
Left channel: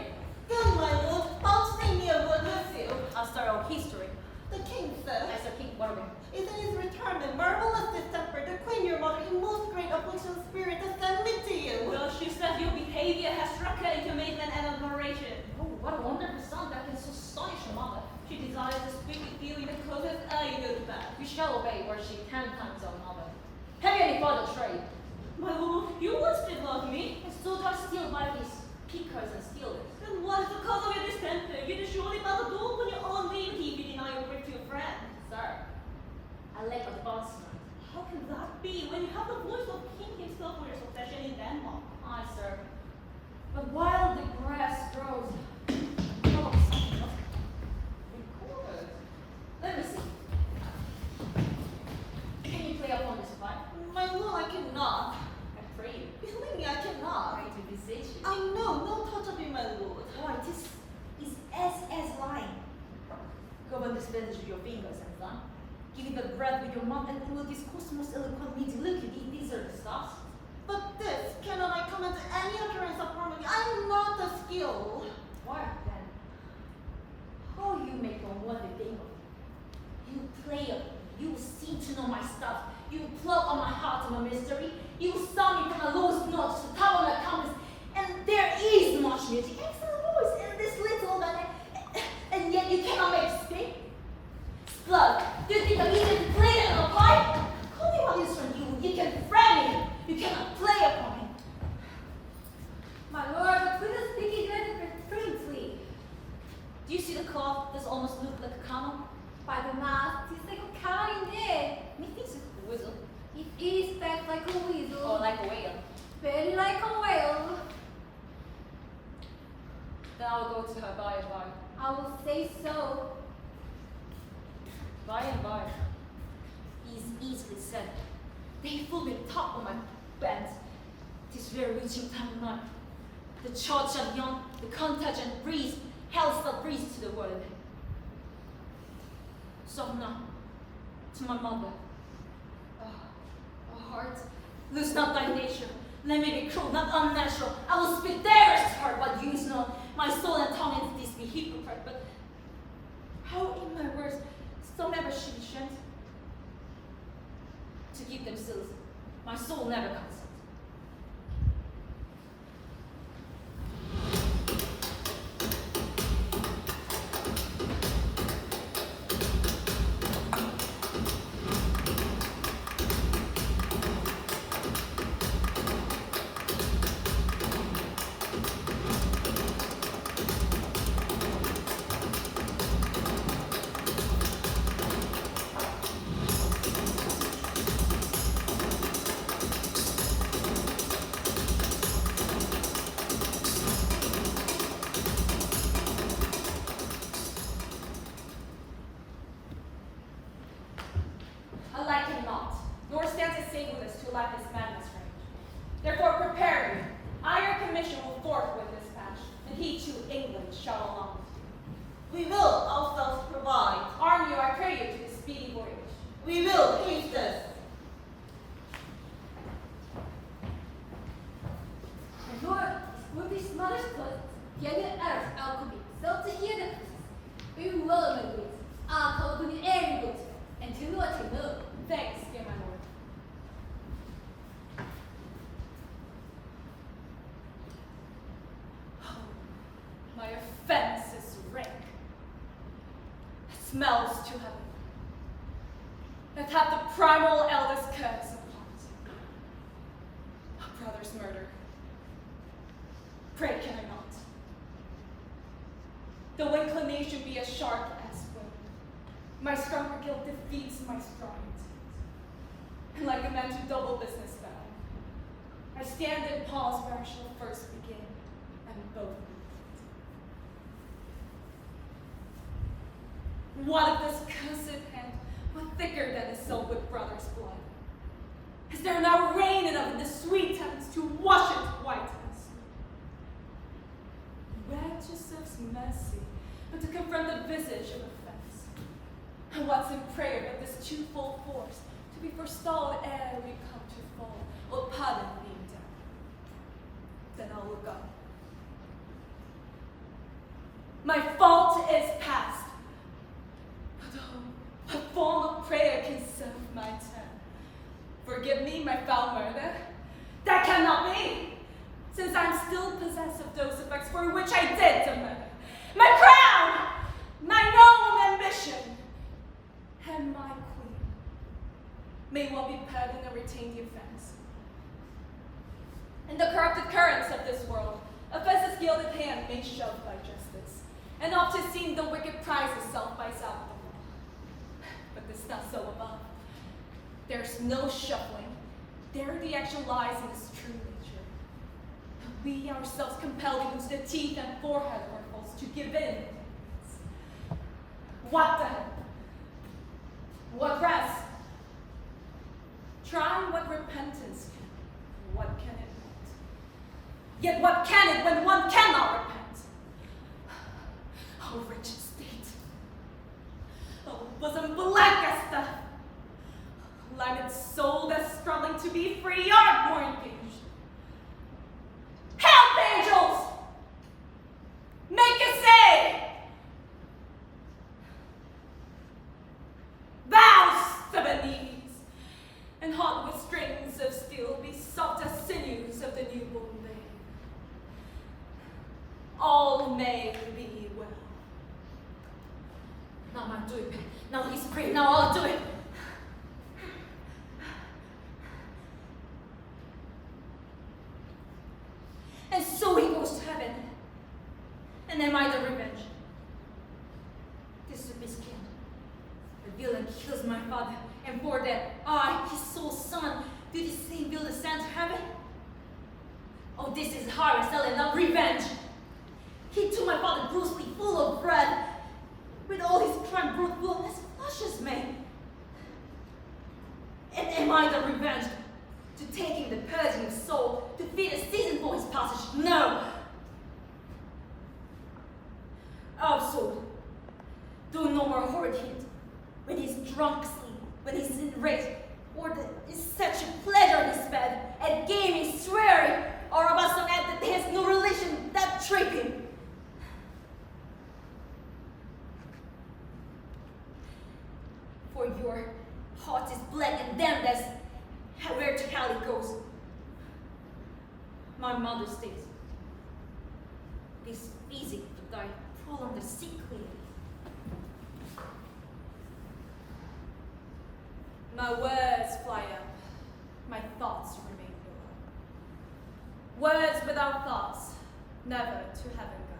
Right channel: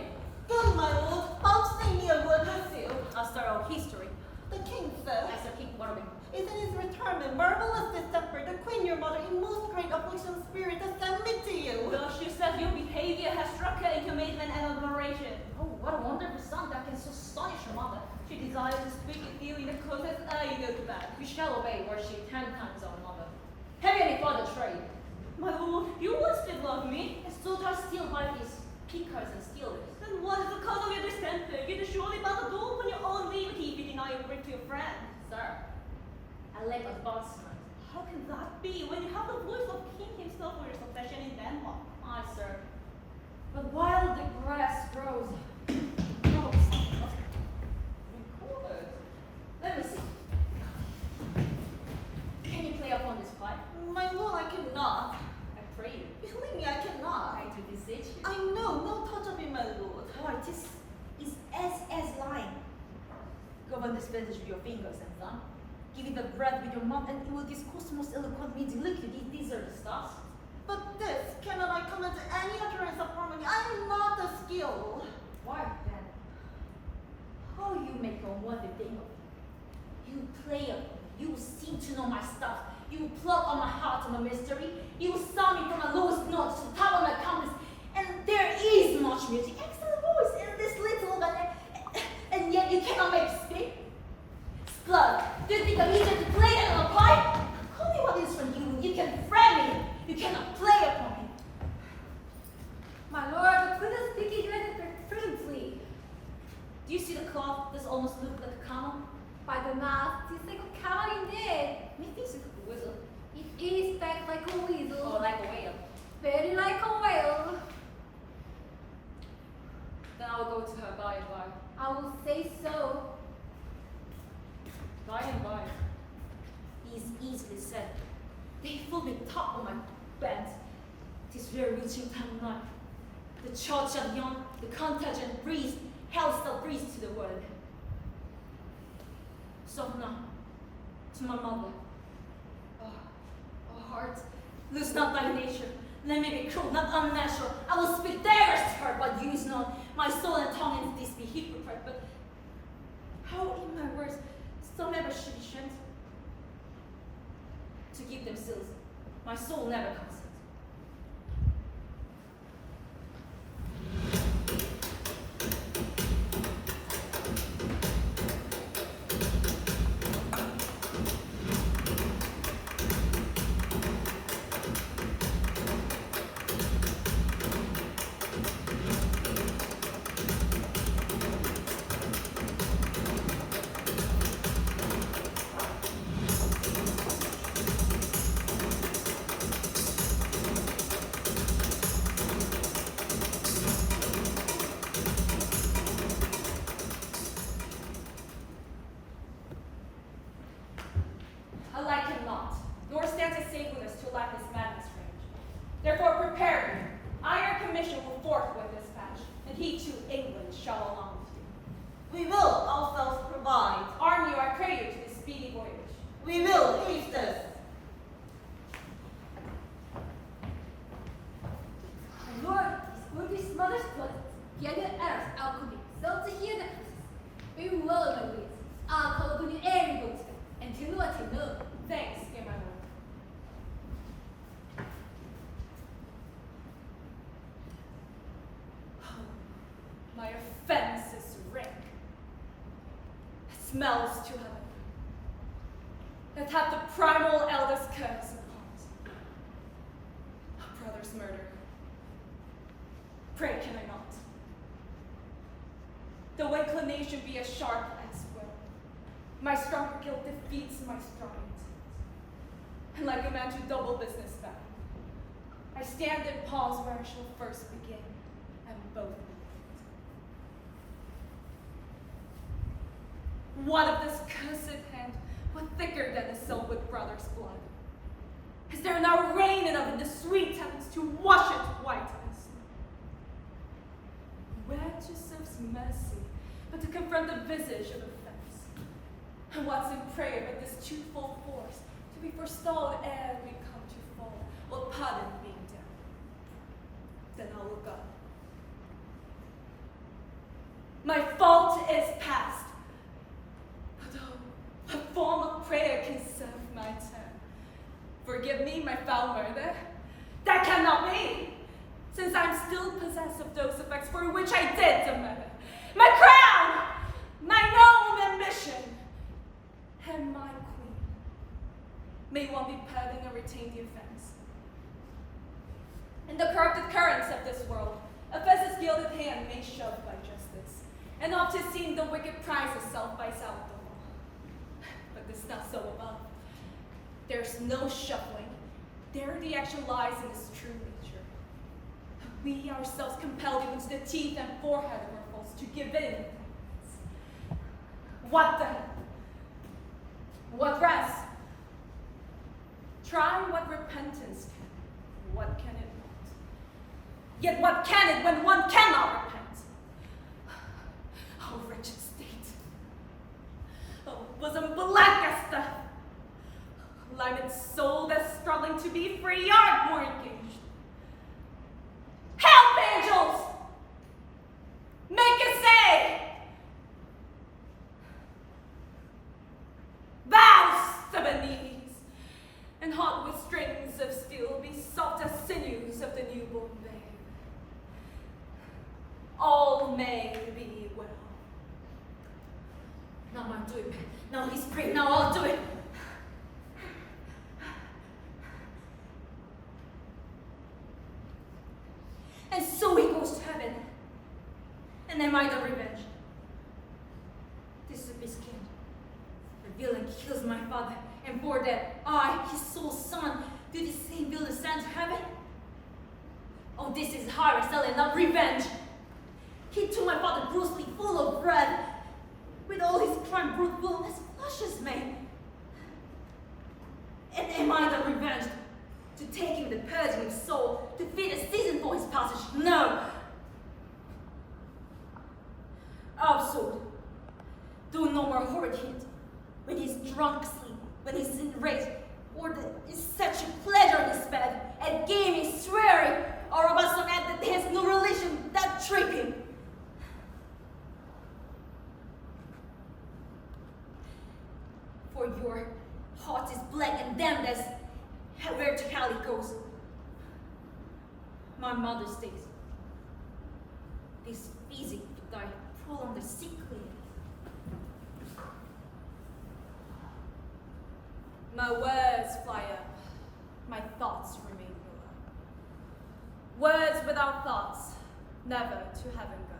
Good, my lord. Outsing me a word with you. I'll start our history. The king says, I said, King, what of it? is in his retirement, marvelous distemper, the queen your mother in most great affliction spirit has sent me to you. Well, she said your behavior has struck her into amazement and admiration. Oh, what a wonderful son that can so astonish your mother. She desires to speak with you in the closest eye go to bed. We shall obey, were she 10 times our mother. Have you any further trade? My lord, you once did love me. And so does steal by these pickers and stealers. Then what is the cause of your distemper? You do surely friend. Sir, I lack advancement. How can that be when you have the voice of king himself for your succession in Denmark? Aye, sir. But while the grass grows, Record. Let me see. Can you play upon this pipe? My lord, I cannot. I pray you. Believe me, I cannot. I do beseech you. I know, no touch of it, my lord. Oh, it is as lying. Govern this message with your fingers and thumb. Give it the breath with your mouth, and it will discourse most eloquently. Look, these are the stuffs. But this, cannot I comment any utterance of harmony? I am not the skill. Why then? How you make a wonder thing of it? You play of me. You seem to know my stuff. You plug on my heart of a mystery. You sound me from my lowest notes to the top of my compass. And there is much music, excellent voice in this little organ, and yet you cannot make it speak. Splug, do you think I'm easier to play than on a pipe? Call me what is from you. You can friend me. You cannot play upon me. My lord, the queen is speaking fluently. Do you see the cloth? Does almost look like a camel? By the mouth, it's like a cow indeed. Methinks it's a whistle. It is back like a weasel. Or like a whale. Very like a whale. then I will go to her by and by. I will say so. By and by. Is easily said. They fool me top of my bent. Tis very reaching time of night. The church and young, the contagion breeze, hell's the breeze to the world. So now, to my mother. Oh, heart, lose not thy nature. Let me be cruel, not unnatural. I will speak daggers to her, but use not my soul and tongue in this be hypocrite. But how in my words, so never should be strength? To keep them still, my soul never consent. I like him not, nor stands his sacredness to like this madness range. Therefore prepare me. I your commission will forthwith dispatch, and he to England shall along with you. We will ourselves provide. Arm you, I pray you, to this speedy voyage. We will haste this. My lord, this will be mother's blood. Tiene earth, alchemy, self to hear the process. We will my ways. I'll call upon you every boat, and tell you what you know. Thanks, dear my lord. Oh, my offense is rank. It smells to heaven. That hath the primal eldest curse upon it. A brother's murder. Pray can I not? Though inclination be as sharp as will, my stronger guilt defeats my strong intent. And like a man to double business bound, I stand and pause where I shall first begin, and both be. What of this cursed hand, what thicker than itself with brother's blood? Is there now rain enough in the sweet heavens to wash it white as snow? Grant yourselves mercy, but to confront the visage of offense. And what's in prayer but this twofold force, to be forestalled ere we come to fall, or pardon being down? Then I'll look up. My fault is past. But oh, what form of prayer can serve my turn? Forgive me my foul murder? That cannot be, since I'm still possessed of those effects for which I did the murder. My crown, my known ambition, and my queen. May one be pardoned and retain the offense. In the corrupted currents of this world, offense's gilded hand may shove by justice, and oft is seen the wicked prize itself by self the law. this not so above. There's no shuffling. There the action lies in its true nature. We ourselves compelled even to the teeth and forehead of our foes to give in. What then? What rest? Try what repentance can. What can it not? Yet what can it when one cannot repent? Oh, wretched state. Oh, bosom black as death. Limed soul that's struggling to be free, art more engaged. Help, angels! Make a say! Thou, stubborn knees, and hot with strings of steel, be soft as sinews of the newborn babe. All may be well. Now I'll do it. Now he's free. Now I'll do it. And so he goes to heaven. And am I the revenge? This is a scandal. The villain kills my father, and for that I, his sole son, do the same villain send to heaven? Oh, this is horror, selling not revenge. He took my father brutally, full of bread, with all his crime brutal as flush as May. And am I the revenge? To take him the purging of soul, to feed a season for his passage? No! Oh, soul, do no more horrid hint. When he's drunk sleep, when he's enraged, or that is such a pleasure in his bed, at gaming, swearing, or about some act that has no relation that trick him. For your heart is black and damned as where to hell it goes. My mother stays. This physic to die prolong the sickly. My words fly up, my thoughts remain below. Words without thoughts, never to heaven go.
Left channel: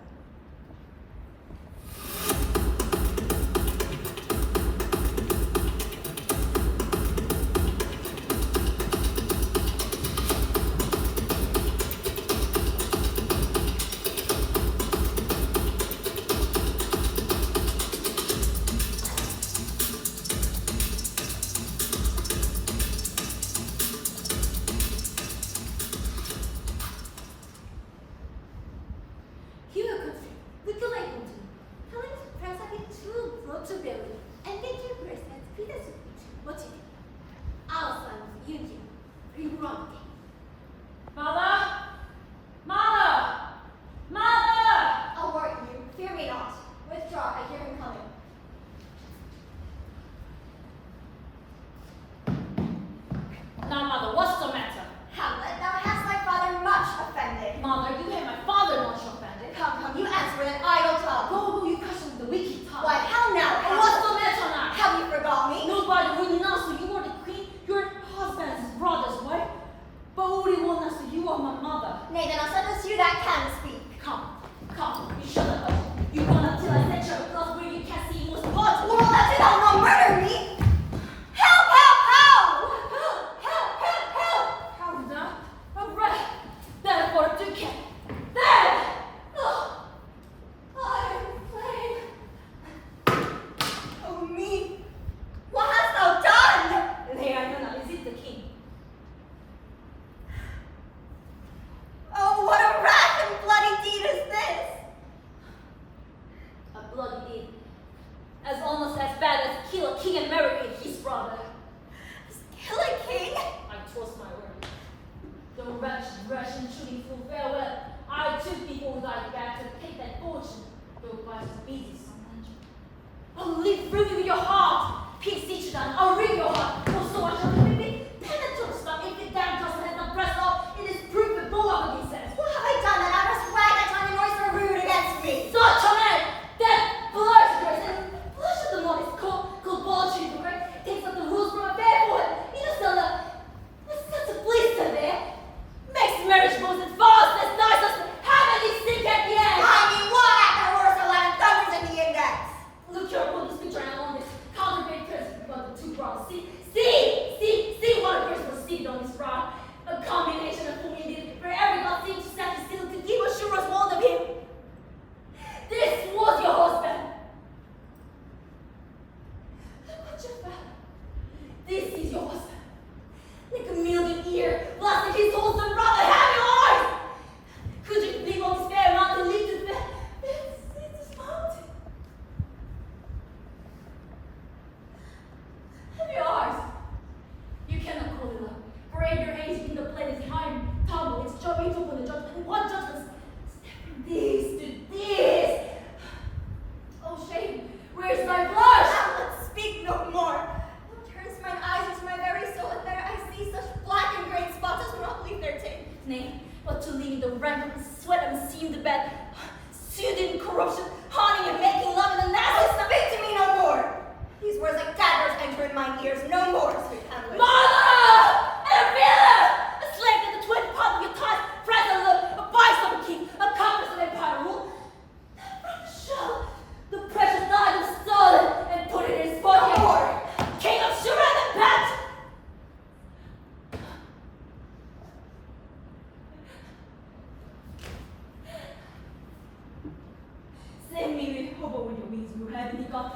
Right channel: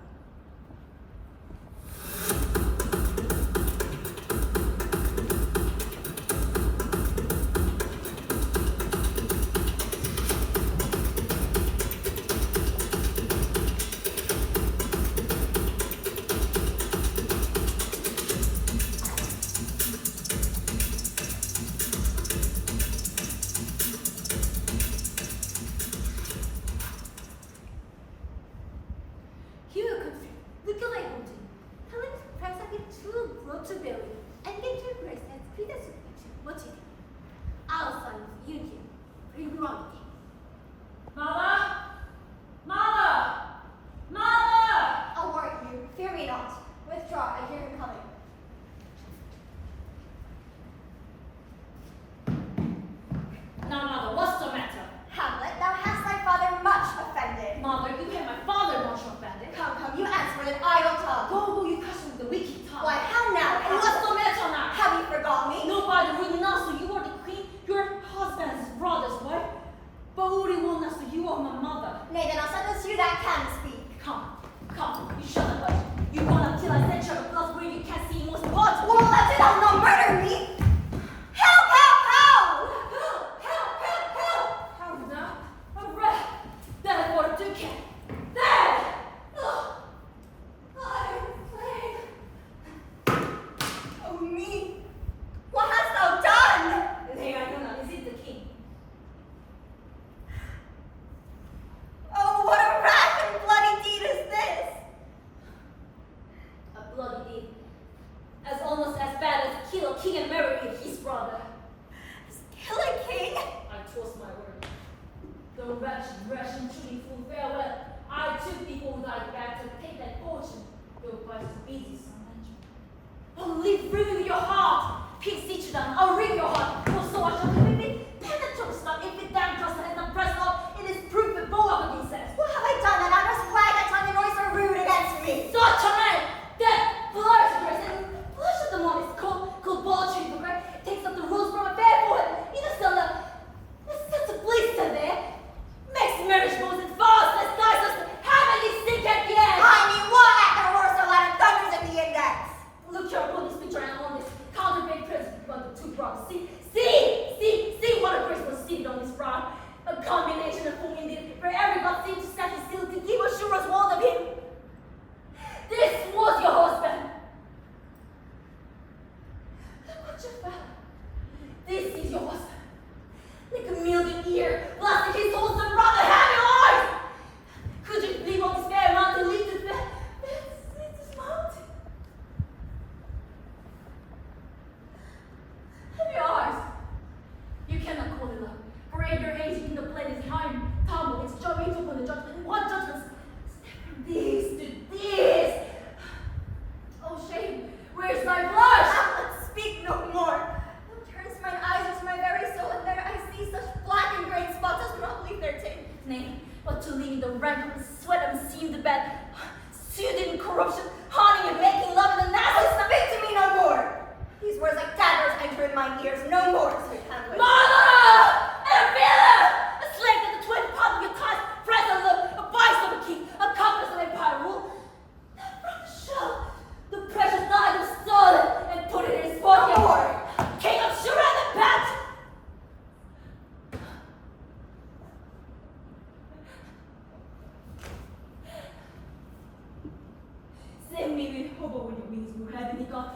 me over when your means were having me gone.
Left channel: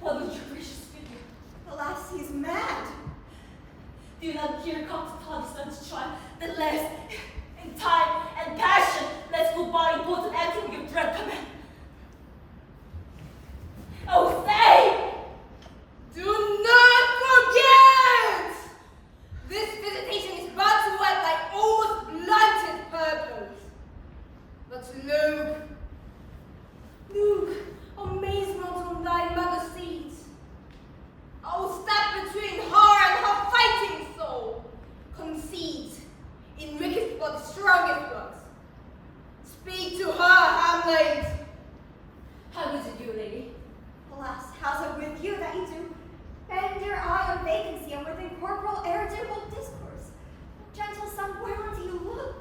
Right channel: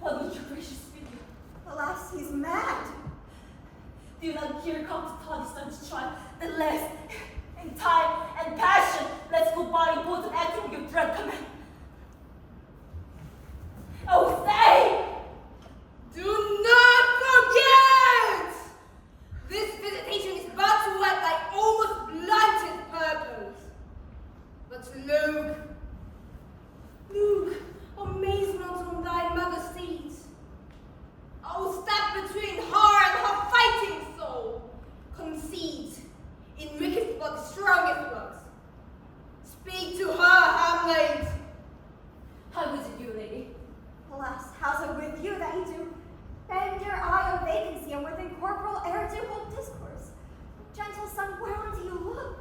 What would your gracious speak? Alas, he's mad. Do you not hear come to Protestants try the less in time and passion? Let's go by and put an end to your dread command. Oh, say! Do not forget! This visitation is but to what thy almost blunted purpose. But look, amazement on thy mother's seat. Oh, step between her and her fighting soul. Conceit, enriches for the strongest works. Speak to her, Hamlet. How is it, you lady? Alas, how's it with you that you do? Bend your eye on vacancy and with incorporeal air to hold discourse. Gentle son, whereunto you look?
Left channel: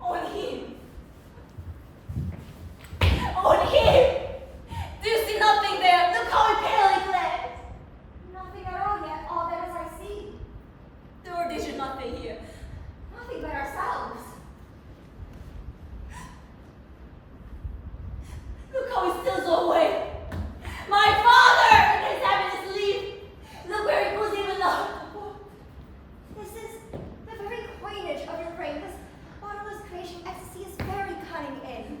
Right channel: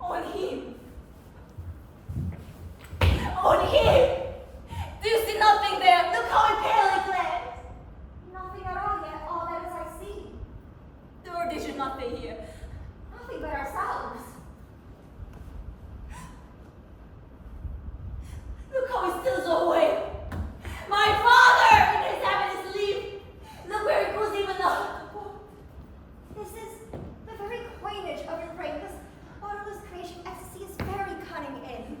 On him. On him! Do you see nothing there? Look how he palely glares. Nothing at all yet, all that is I see. There is nothing here. Nothing but ourselves. Look how he steals away. My father! And he's having his leave. Look where he goes even now. This is the very coinage of your brain. This bottomless creation ecstasy is very cunning in.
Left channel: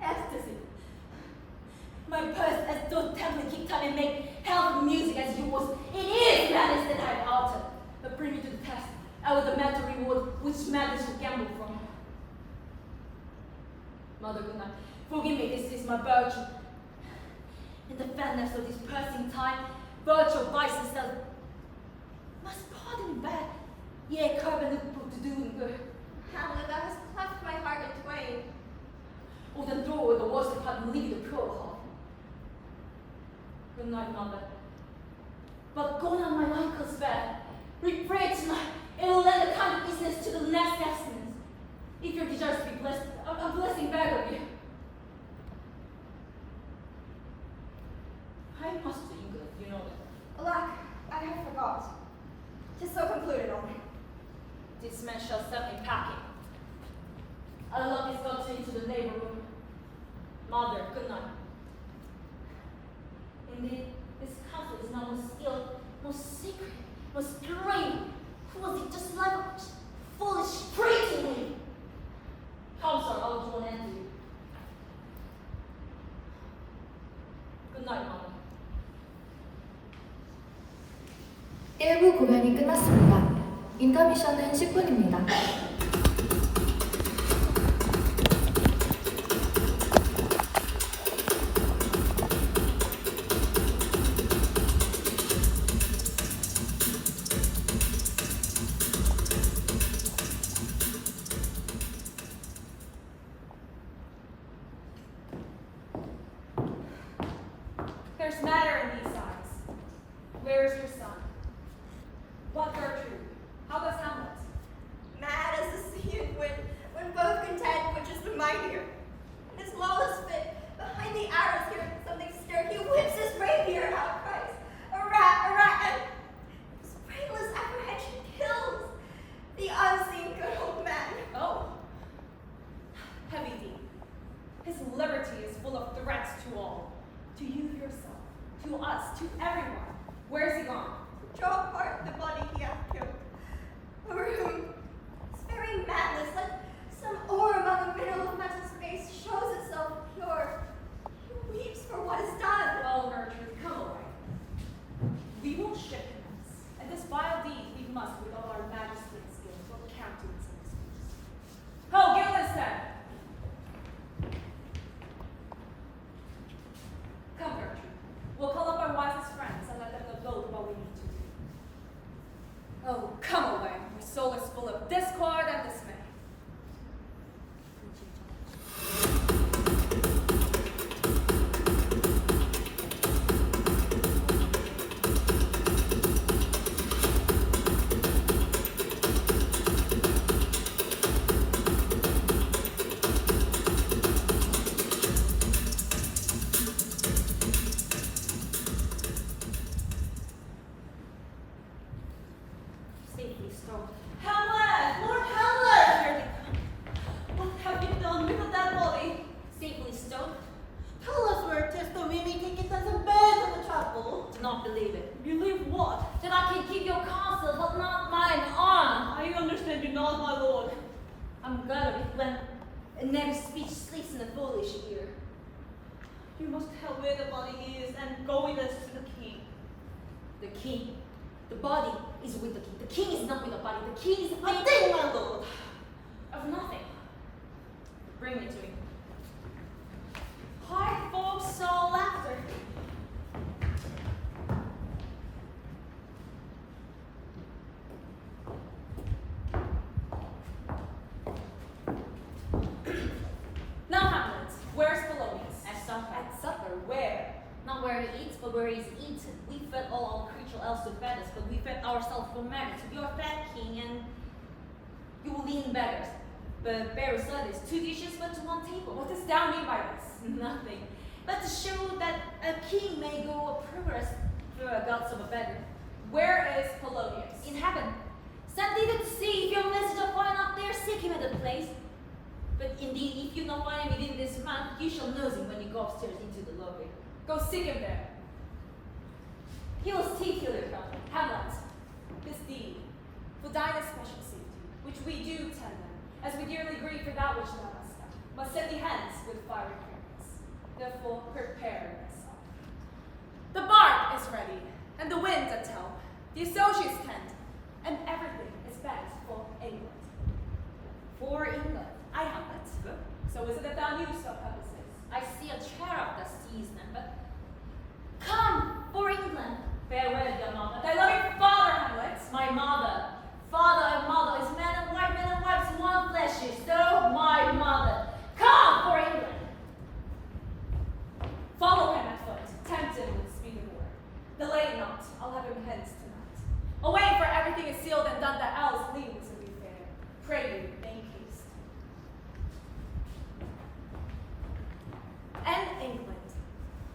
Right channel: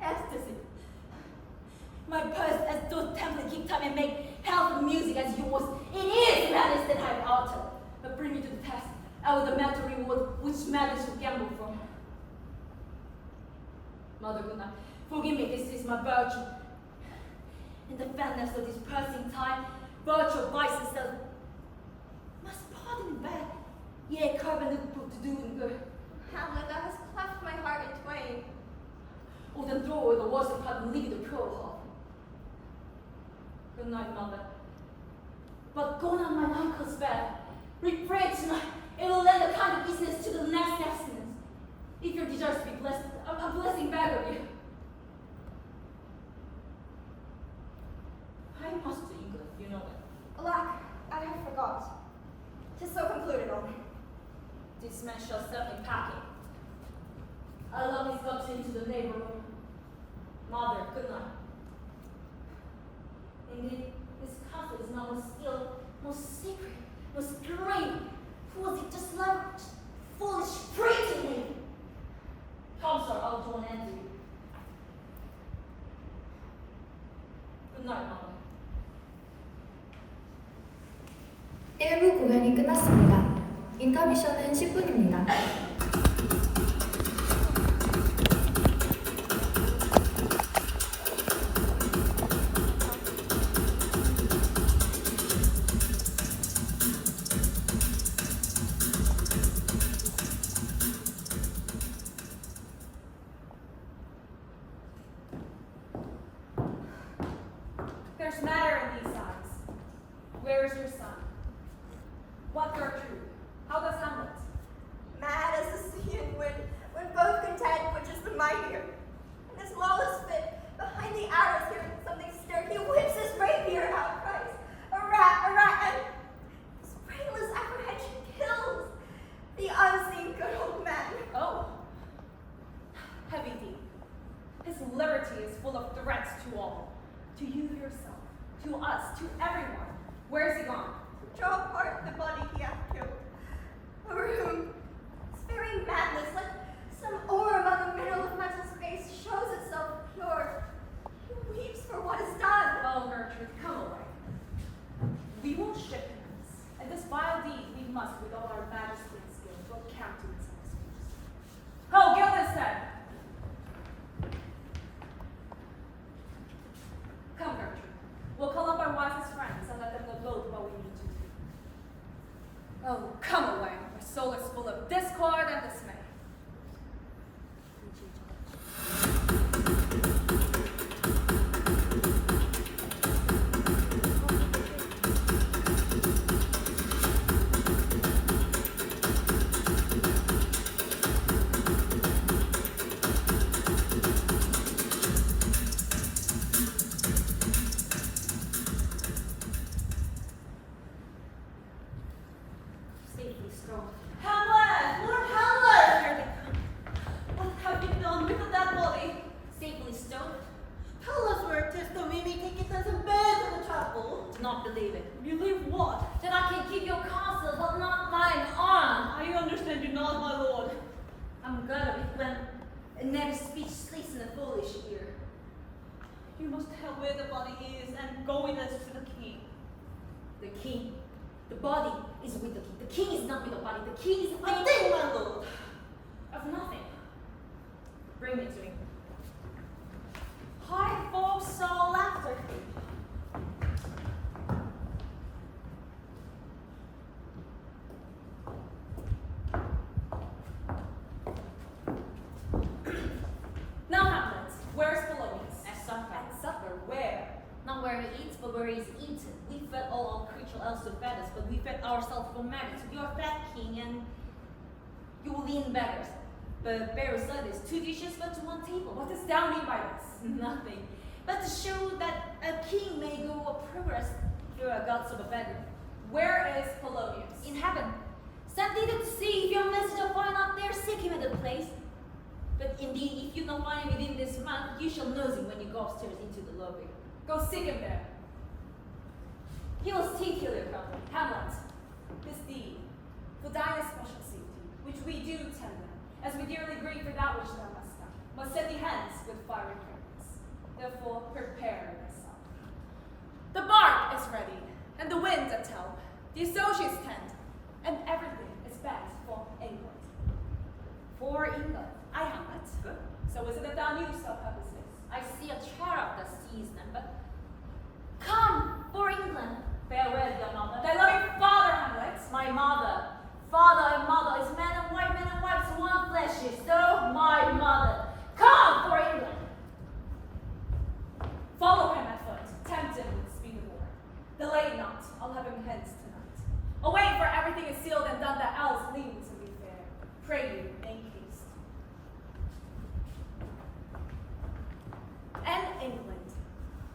Ecstasy. My purse as those template keep time and make hell of music as yours. It is madness that I have altered. But bring me to the test. I will demand to reward which madness you gamble from. Mother, good night. Forgive me, this is my virtue. In the fatness of this pressing time, virtue vice itself must pardon me bad. Yea, curb and look proof to do and good. Hamlet, thou hast cleft my heart in twain. Oh, then throw away the worst part and leave the pure heart. Good night, mother. But go not my uncle's bed. Repray tonight. It will lend a kind of business to the next abstinence. If your desires to be blessed, I'm blessing back of you. I must to England, you know that. Alack, I have forgot. 'Tis so concluded on. This man shall set me packing. I long is got into the neighborhood. Mother, good night. Indeed, this castle is now most still, most secret, most great. Was it just like foolish pretty? Come, sir, I will join in you. Good night, mother. 1부 공연이 끝났습니다. 인터미션은 10분입니다. There's matter in these eyes. Where is your son? What Gertrude? How does Hamlet? Mad as the sea and wind, when both contend which is the mightier. In his lawless fit, behind the arrows hearing something stir, he whips his rapier out, cries, a rat, and his brainless apprehension kills the unseen good old man. Oh. Heavy deep. His liberty is full of threats to all. To you yourself, to us, to everyone. Where is he gone? Draw apart the body he hath killed, over whom his very madness, like some ore among a mineral of metal space, shows itself pure. He weeps for what is done. Oh, Gertrude, come away. We won't ship hands, and this vile deed we must, with all our majesty and skill, will count to its excuse. Oh, Gildenstern! Come, Gertrude. We'll call up our wisest friends and let them know what we need to do. Oh, come away. My soul is full of discord and dismay. Safely stone. Hamlet! Lord Hamlet! and never speechless in a foolish ear. You must tell where the body is and go with us to the king. The king, the body is with the king. The king is not with the body. The king is A thing, my lord. of nothing. Bring me to him. High folks all after him. Now, Hamlet, where's Polonius? At supper. At supper, where? Not where he eats, but where he's eaten. We fed all our creature else to fed us, but we fed ourselves for merit. You are fat king, and you lean beggars. But bear aside this, 2 dishes but to 1 table. What does thou mean by this? Nothing. But to show that a king may go a progress through a gods of a beggar. Where is Polonius? In heaven. Send thither to see if your messenger find out there, seek him at the place. But indeed, if you not find him within this month, you shall know him when you go upstairs into the lobby. Go seek him there. He will seek you there, Captain. Hamlet, this deed, for thine especial safety, which we do tend them, as we dearly grieve for that which thou hast done, must set thee hence with fiery careless. Therefore, prepare thyself. The bark is ready, and the wind at help, the associates tend, and everything is bent for England. For England. I, Hamlet. Good. So is it that thou knewest of her business? I see a cherub that sees them, but come for England. Farewell, dear mother. Thy loving father, Hamlet. My mother. Father and mother is man and wives, one flesh is. So my mother. Come for England. Follow him at foot, tempt him with speed of war. Delay not, I'll have him hence tonight. Away, for everything is sealed and done that else leaves to be fair. Pray you, make haste. And England,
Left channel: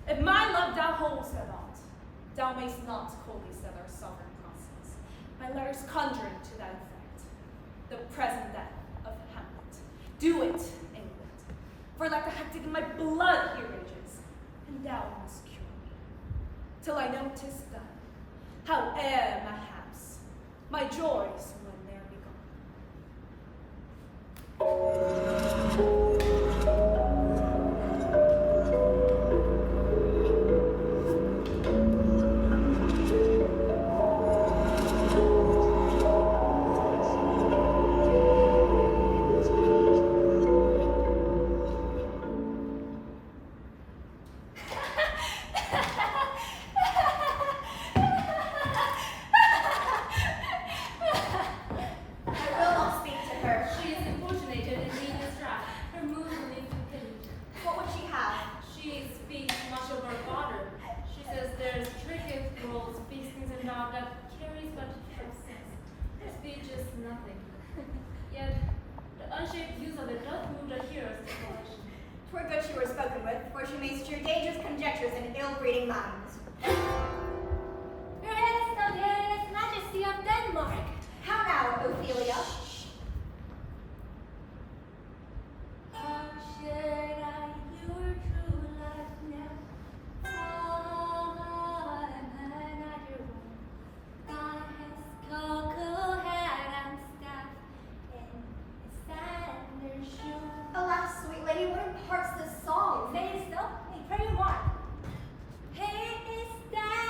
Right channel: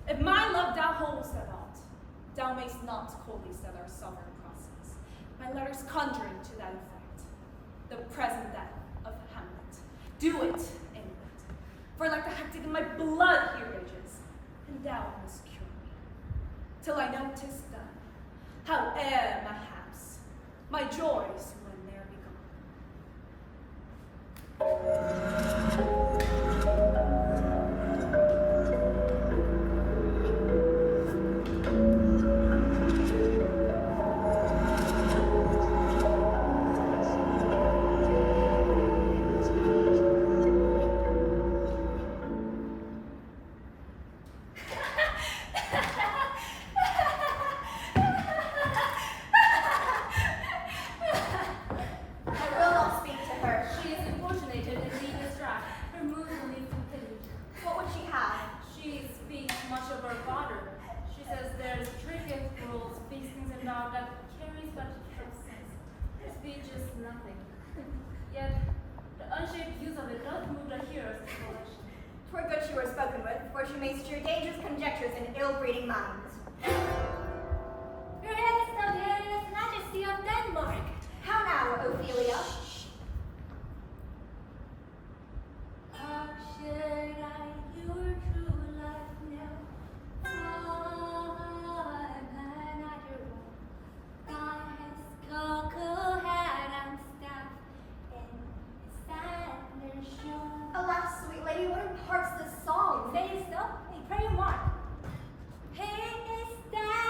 if my love thou holdest at aught, thou mayst not call these that our sovereign crosses. My letters conjuring to that effect, the present death of Hamlet. Do it, England, for like the hectic in my blood he rages, and thou must cure me, till I know 'tis done, howe'er mayhaps my joys when they're begone. I will not speak to her. She is importunated and needless wrath. Her mood will leave to pity. What would she have? She speaks much of her father. She says there's tricketh rules, feastings and all that carries but sense. Her speech is nothing. Yet the unshaped use of it does move the hearers to volition. 'Twere good she were spoken with, for she may stir dangerous conjectures in ill-breeding minds. Your Highness, the glorious majesty of Denmark. How now, Ophelia? How should I your true love know? I'm another one. God has cocoa hat and staff, and a sandal shoe. Alas, sweet lady, what imparts this song? Say so, pray mark. He is dead.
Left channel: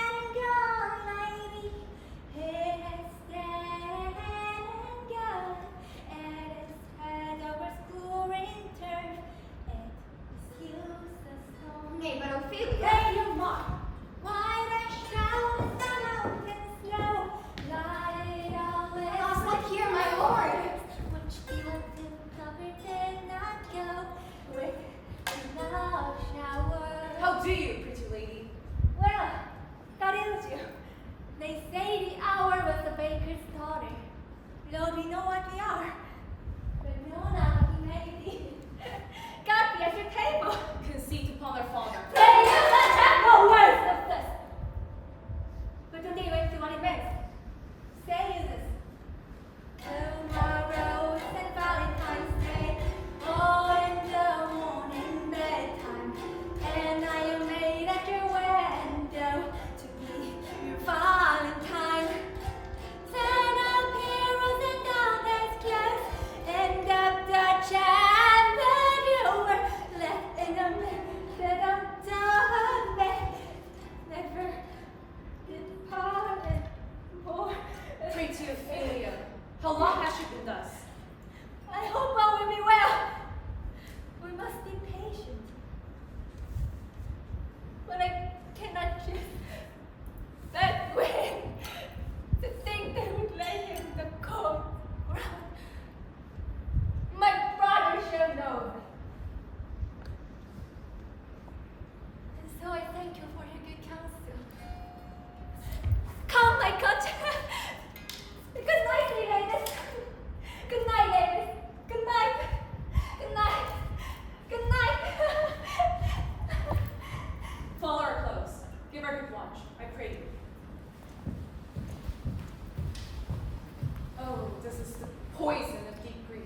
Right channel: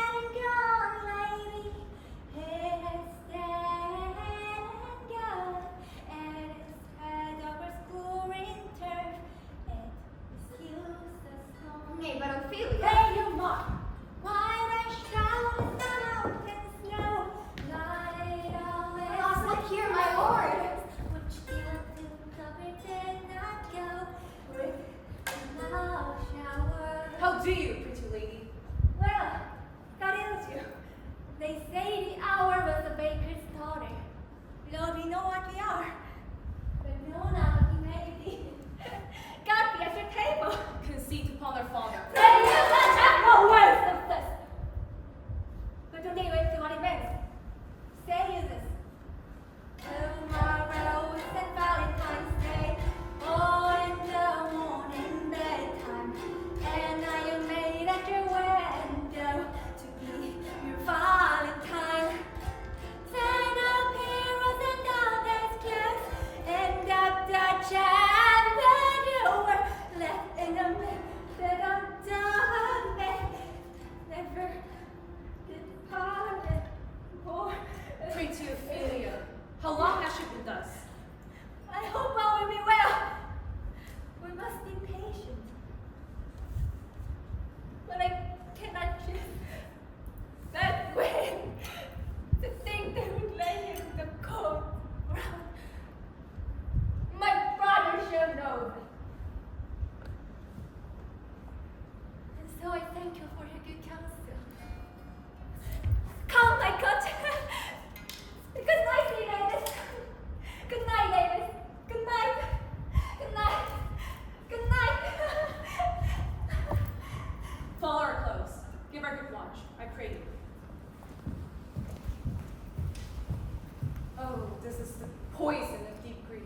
poison of deep grief.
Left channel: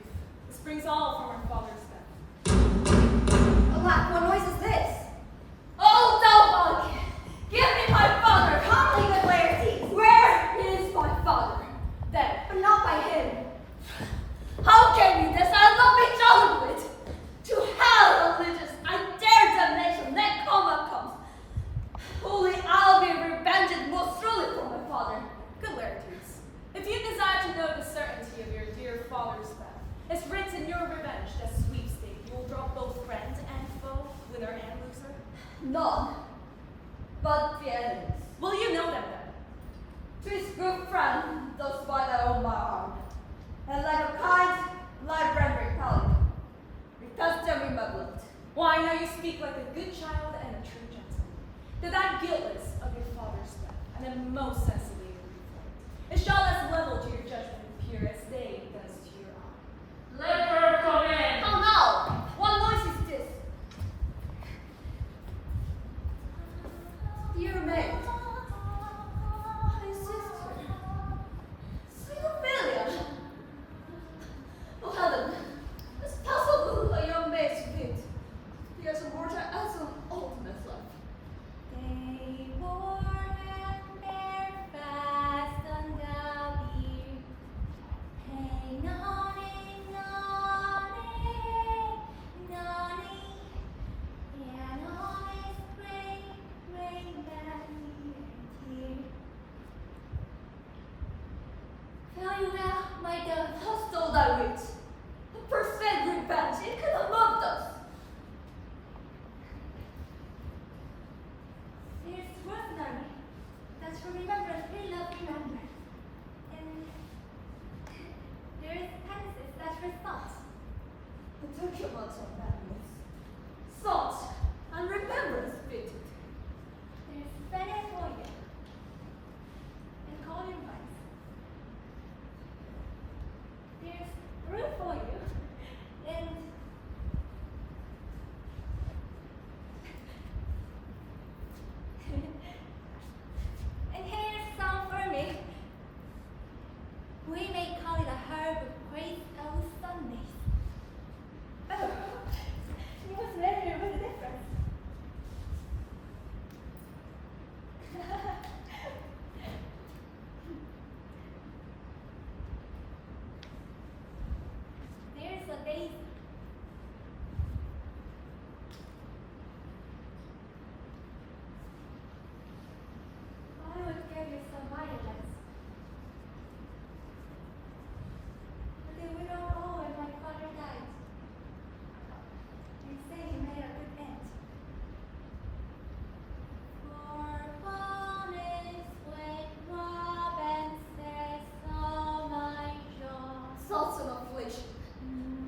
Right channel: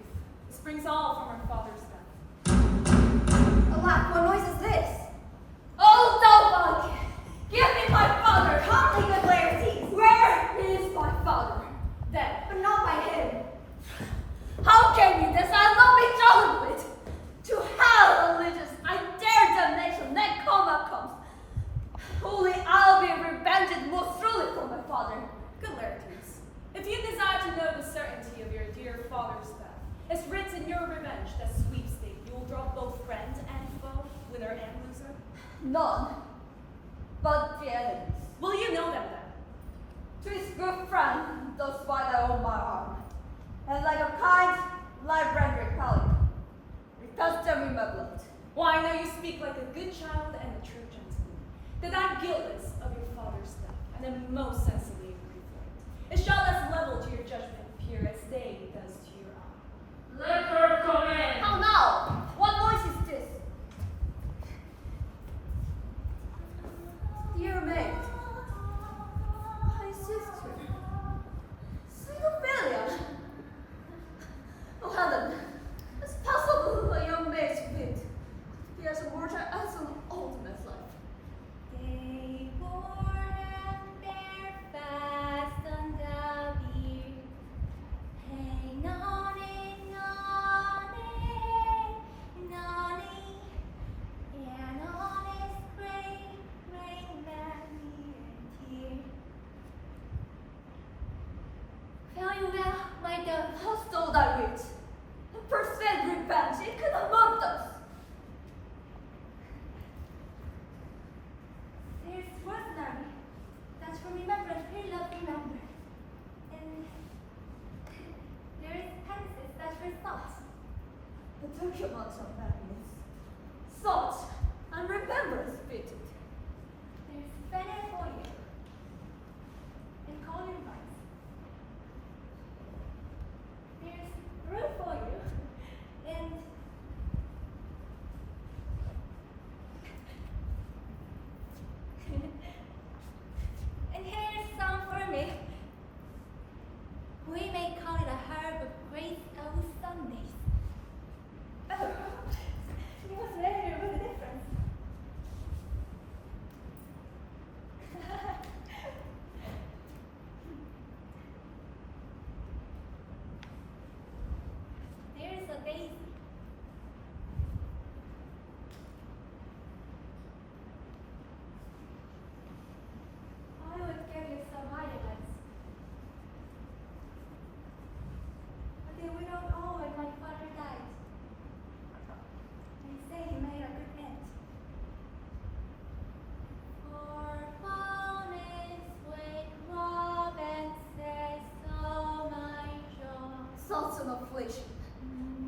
This brings all from our father's death. Alack, what noise is this? Oh, Delbug! Give me my father! Calmly, good Laertes! Where is my father? Dead, but not by him. How came you this? I'll not be troubled with. To hell, religious! I dare damnation, that comma comes. Only I'll be revenged most truly for my father. Good Laertes, if you desire to know the certainty of your dear father's death, it's written in your revenge that sweepstake you will drop both friend and foe, winner and loser. None, but the enemies. Will you know them then? 'Tis good friend, thus by thy own my arm, and like a kind, life-rendering pelican, retest them in my blood. Why, I know you speak like a good child and a true gentleman, that I'm guiltless of your father's death, and am most sensibly aggrieved for it. It shall as level to your judgment appear as day does to your eye. Let her come in. How now? What noise is this? Dear maid, my sister, sweet Ophelia. Oh Helen, it's possible a young maid's wit be as immortal as an old man's life. They wore him bare fast on the bier. Hey, nonny, nonny, and on his brain many a tear. Farewell, my dove, how stole thy wit? A perfect revenge, it could have moved us. There's Rosemary, that's for remembrance, very love remembrance. And there's Pegasus, that's for thoughts. The documents of that news. Thought and remembrance fitted. There's Benefolia and Colin Rice. There's room for you and and here's some for me. We may call it a herb of grace of Sundays. Oh, you must measure with a difference. There's a daisy. I would give you some violets. But they were not all when my father died. They say he made a good end. For fun is when Robin says, oh my jaw. Thoughts and affliction.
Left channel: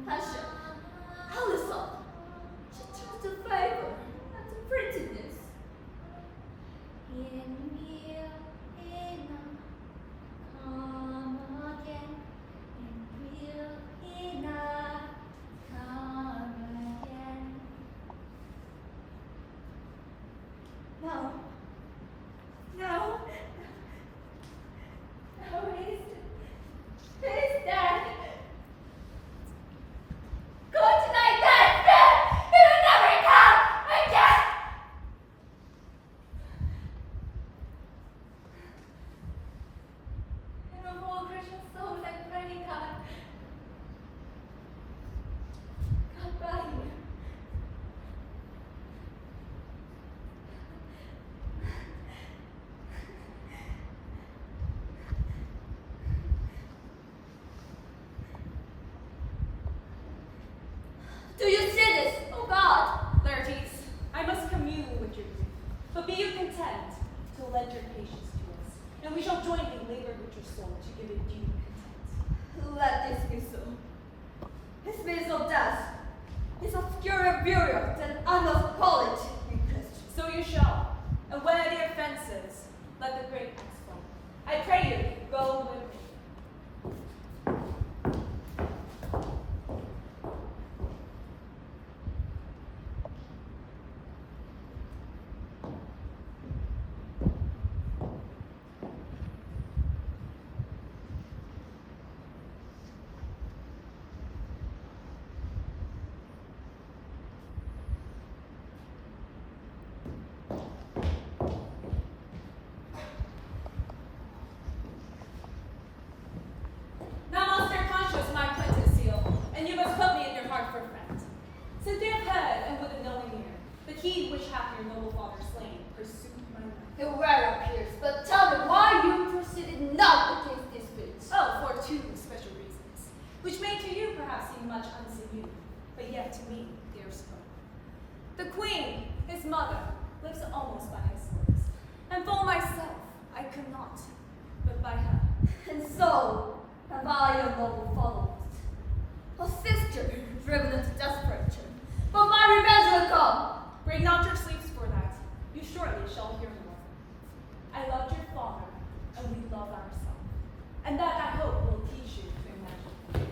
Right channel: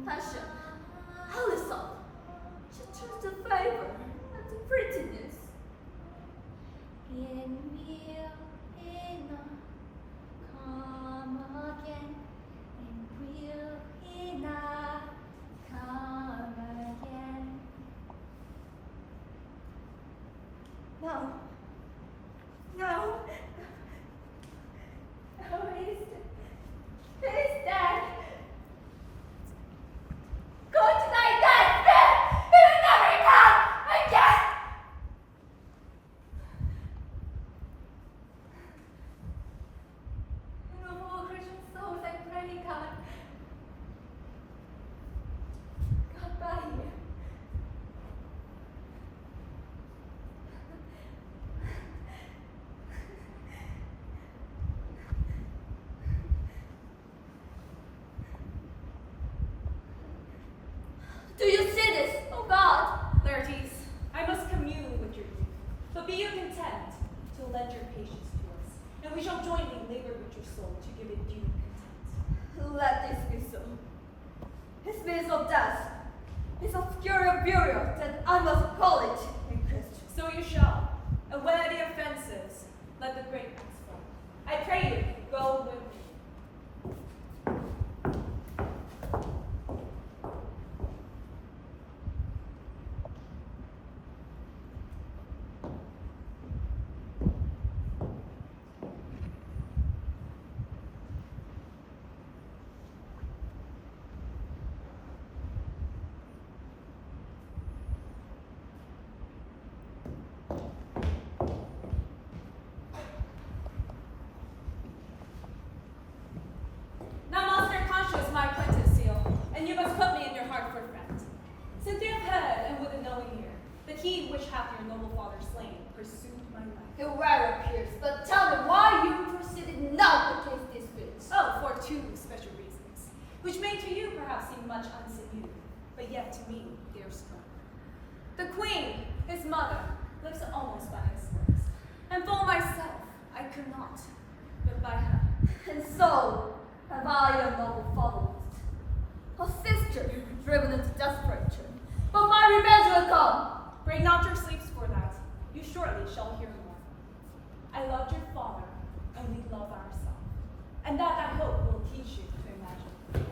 Passion. Allison. She chose the flavor and the prettiness. In will he not come again? And will he not come again? No. No. Oh, he's dead. Go to thy death, dead! He will never come again! And of all Christian souls, I pray God, goodbye. Do you see this? Oh God. Laertes, I must commune with your grief, but be you content to lend your patience to us, and we shall jointly labor with your soul to give it due content. Let this be so. His means of death is obscure burial, then I must call it in Christian. So you shall, and where the offences, let the great axe fall. I pray you, go with me. Well appears, but tell me why you proceeded not against this bitch. Oh, for two special reasons, which may to you perhaps seem much unseen, but yet to me, there's hope. The queen, his mother, lives almost by his words, and for myself, I could not, but by her. And so have I a noble followers. A sister driven into desperation, but my revenge will come. Break not your sleeps for that. You surely shall hear more. I loved your father, and we love ourselves. And that I hope will teach you to imagine.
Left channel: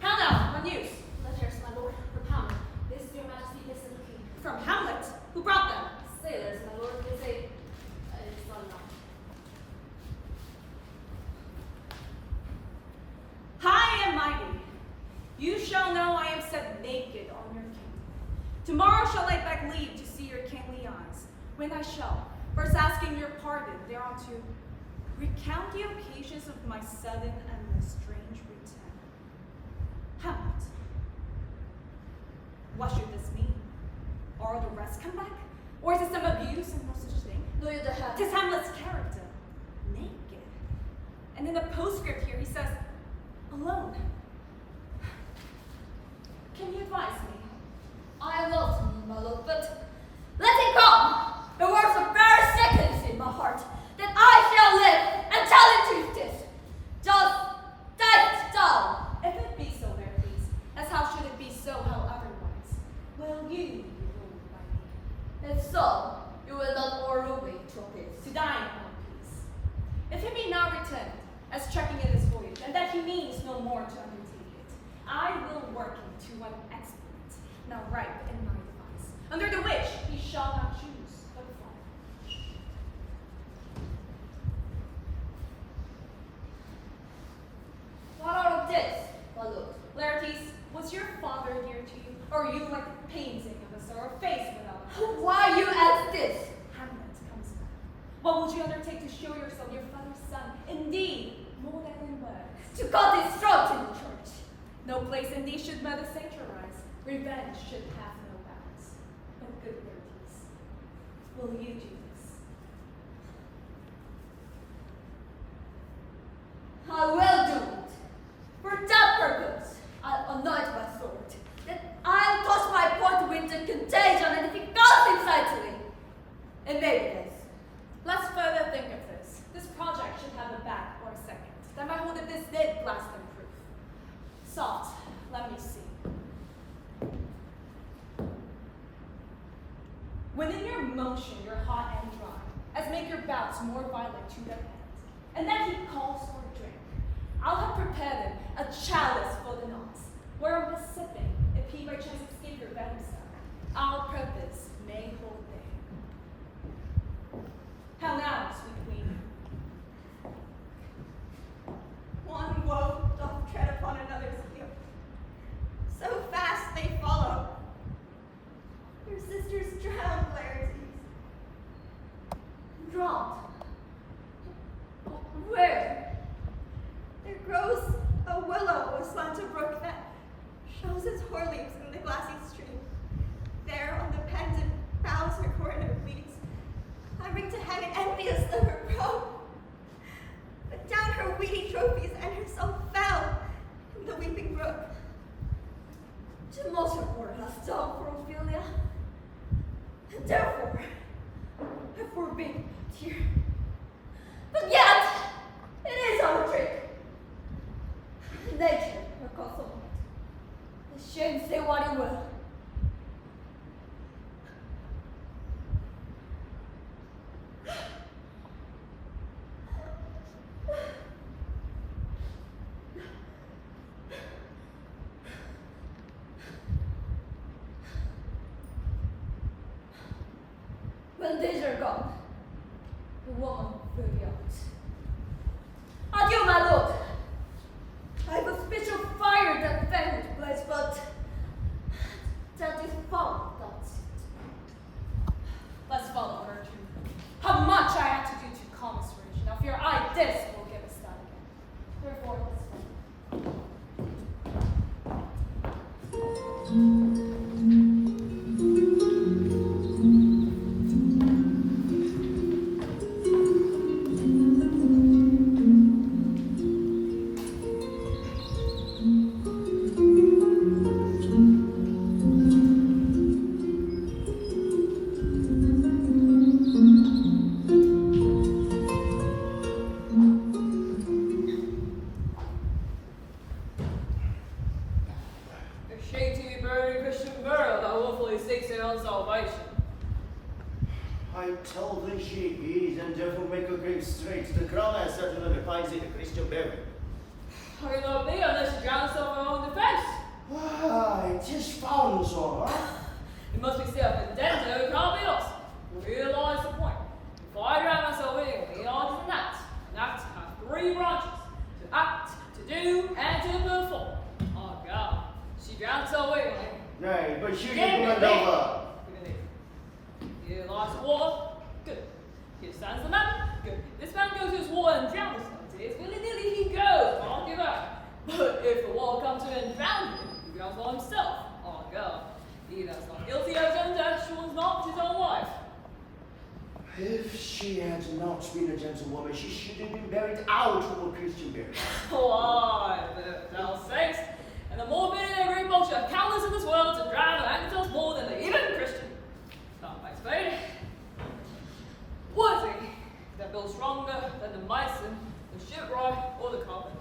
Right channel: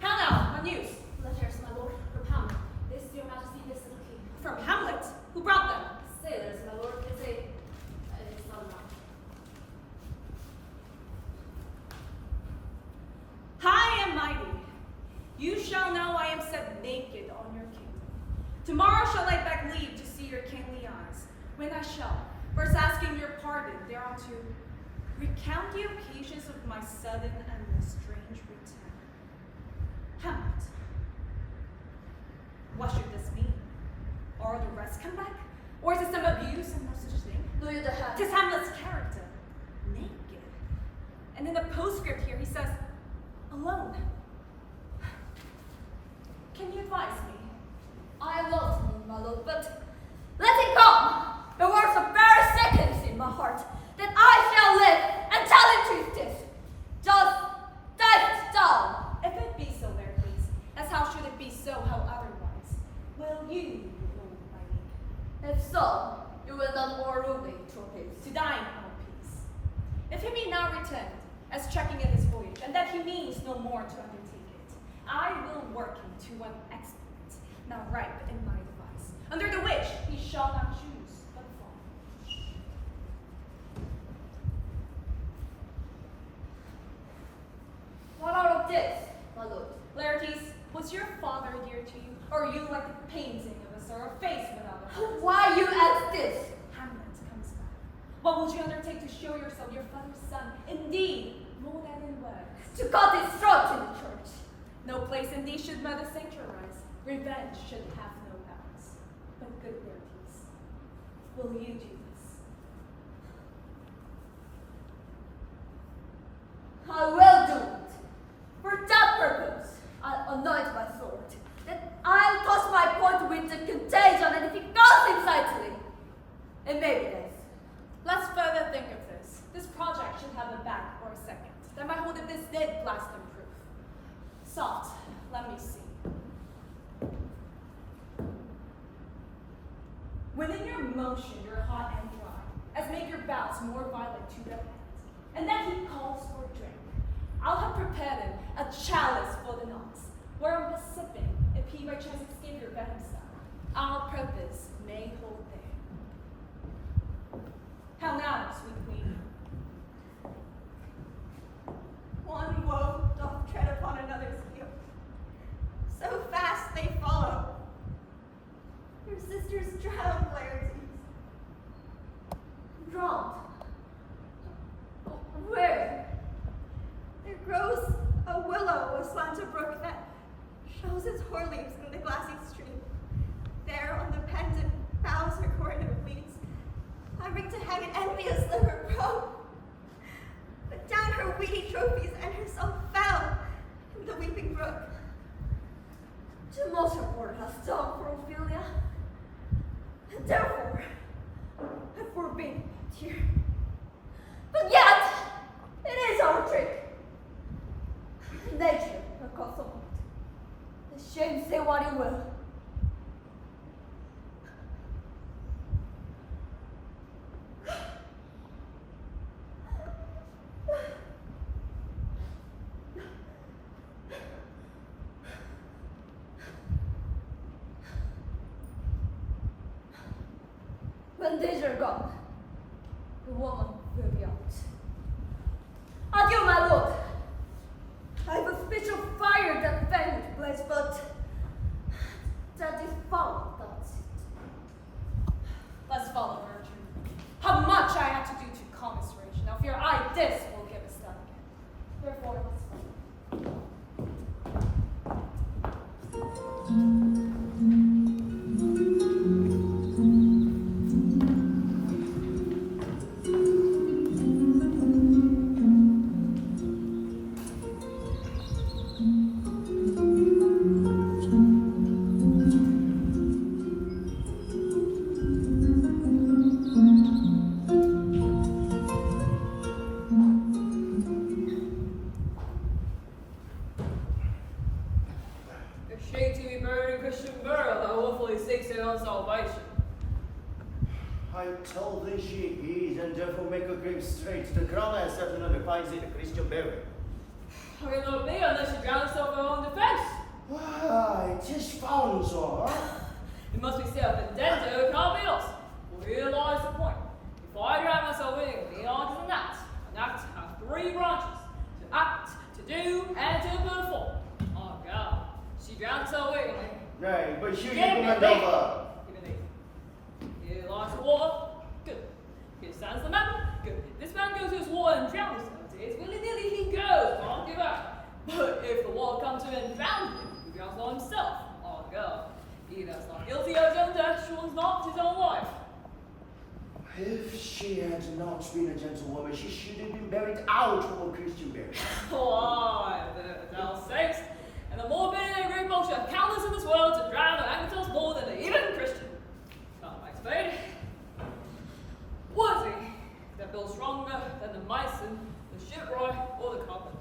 How now, my news? Letters, my lord, from Hamlet. This is your majesty, this is the king. From Hamlet? Who brought them? Sailors, my lord, they say it's not enough. High and mighty, you shall know I am set naked on your kingdom. Tomorrow shall I beg leave to see your kingly eyes, when I shall, first asking your pardon thereunto, recount the occasions of my sudden and strange return. Hamlet, what should this mean? Are the rest come back? Or is it some abuse and no such thing? No, you the have. Tis Hamlet's character, naked. And in the postscript here he says, alone. Can you advise me? I love him, my lord, but let him come. The words of bare seconds in my heart, that I shall live and tell him truth. Just dive down. If it be so, there please, as how should it be so, how otherwise? Will you be ruled by me? If so, you will not order me to peace. To dine on peace. If he be now returned, as trekking in this voyage, and that he means no more to undertake it, I will work him to one exploit, now ripe in my device, under the which he shall not choose but fall. What out of this, my lord? Laertes, was your father dear to you, or are you like the painting of a sorrow face without a heart? Why you ask this? Hamlet comes back. What would you undertake to show yourself your father's son? Indeed, more than in words. To cut his throat in the church. No place indeed should mother sanctuarize. Revenge should have no bounds. But good Laertes, will you do this? I will do it. For that purpose, I'll anoint my sword. Then I'll touch my point with the contagion, and if it goes inside to me, and maybe this. Let's further think of this. This project should have a back or a second, that might hold it this did blast and proof. Soft, let me see. When in your motion you're hot and dry, as make your bouts more violent to the hand, and then he calls for a drink, I'll have prepared him a chalice for the nonce, whereon by sipping, if he by chance escape your venom stomach, our purpose may hold there. How now, sweet queen? One woe doth tread upon another's heel. So fast they follow. Your sisters drown, Laertes. Drowned. Where? There grows a willow aslant a brook that shows its hoar leaves in the glassy stream. There on the pendant boughs her coronet weeds, I bring to heaven envious of her probe. But down her weedy trophies and herself fell in the weeping brook. Too much of what has done for Ophelia. And therefore, I forbid here. But yet, it is our trick. Nature, her custom. The shame say what it will. When these are gone, the woman will be out. Adieu, my lord. I have a speech of fire that fanged place, but that is foul, that's it. Let's follow Gertrude. How much I have to do to calm his rage. Now fear I this will give us that again. Therefore, let's follow. A shame to be buried in Christian burial that willfully seeks their own salvation. I tell the Shakespeare and therefore make a grave straight. The crown has certainly defines it a Christian burial. How can that be unless you drown yourself in your own defense? Why, 'tis found, sir. It must be self-indebted, it can't be lost. Realize the point. If I drown myself in the art is an act has 3 branches: to act, to do, and to perform. Oh God, she drowned herself willingly. Nay, but you Give me command leave. over. Give me leave. Here lies the water. Good. Here stands the man. Good. This man goes to his water and drowns himself. It's willy-nilly he goes. Can't give up. But if the water comes to him and drowns him, he drowns on himself. Oh God. He that's not guilty of his own death, surely not his own life. If she had not been a gentlewoman, she should have been buried out of a Christian burial. Why, thou sayest, and the more many they great folks are countless in this world to drown and anger themselves more than the even Christian. Not my spade. What is he that builds stronger than the mason, the shipwright, or the carpenter?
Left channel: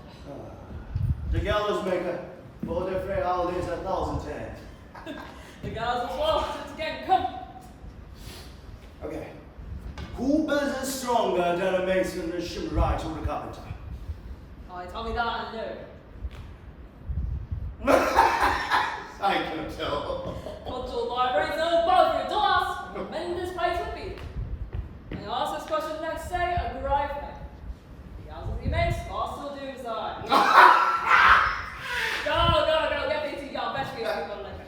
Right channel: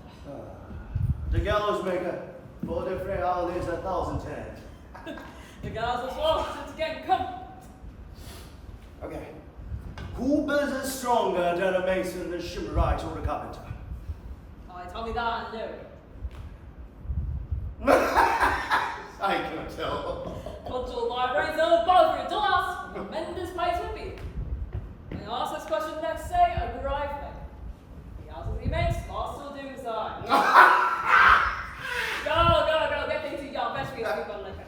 The gallows maker, for the frail is 1,000 times. The guys as well, since again, come. Okay. Who builds it stronger than a mason, the shipwright, or the carpenter? Tell me that I know. I can tell. Cultural libraries know both for your dollars, tremendous place would be. When you ask this question next, say a grave name. The answers he makes, lost will do so. Go, get these 2 young, best for you, people liquor.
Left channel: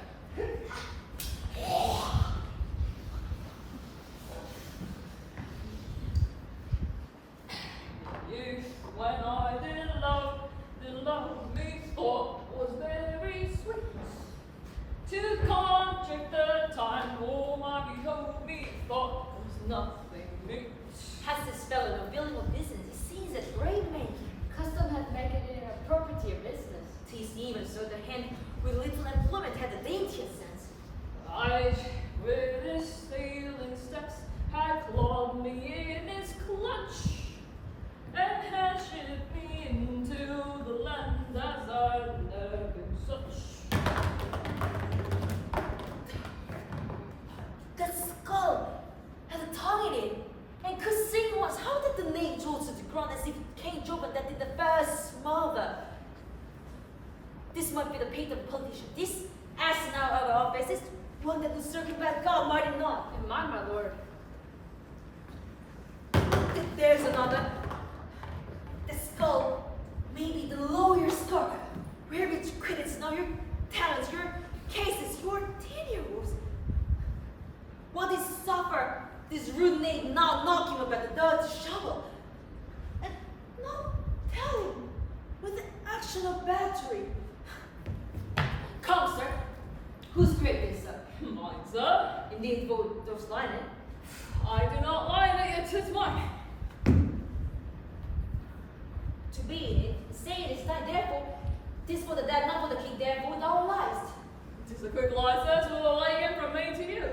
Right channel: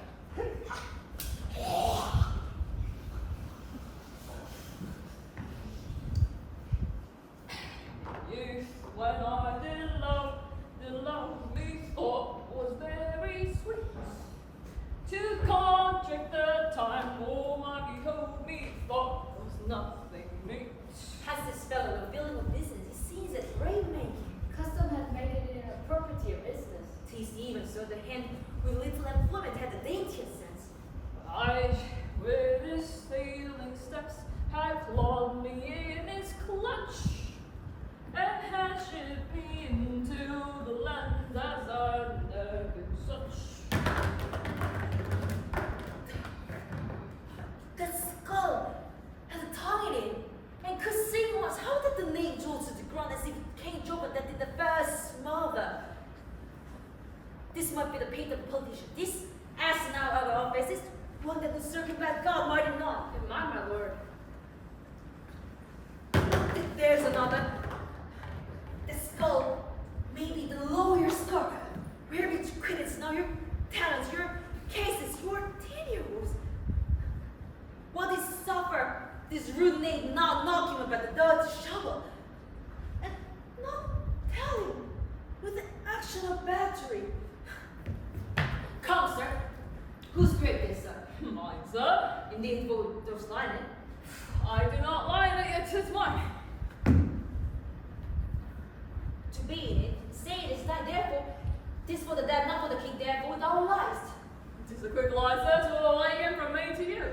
Youth, when I did love me thought was very sweet. To contract the time, all my behold me thought was nothing meet. Has this fellow no building of business? It seems a great making. Custom had made it a property of business. 'Tis even so the hand with little employment had the daintiest sense. I, with his sailing steps, had clawed me in his clutch, and had shipped me into the land as I never been such. The skull had a tongue in it, and could sing once. How did the name draw to the ground as if King Job that did the first mother? This might be the pate of a politician. This, as in our other offices, one that will circumvent God, might it not? In mine, my lord. There's another. The skull may be the lawyer's scar. Where rich credits now your talents, your cases, your tenures. What is suffer this rude knave now knocking about the dirty shovel, and not tell him with the action of battery. Come, sir. Whose grave is, sir? Mine, sir. Indeed, both those lining. I do not lie in it, it is mine. To be in it, say it is thine, therefore, 'tis for the dead, not for the king, therefore thou liest. It is a quick lie, sir, to a wagon from me to you.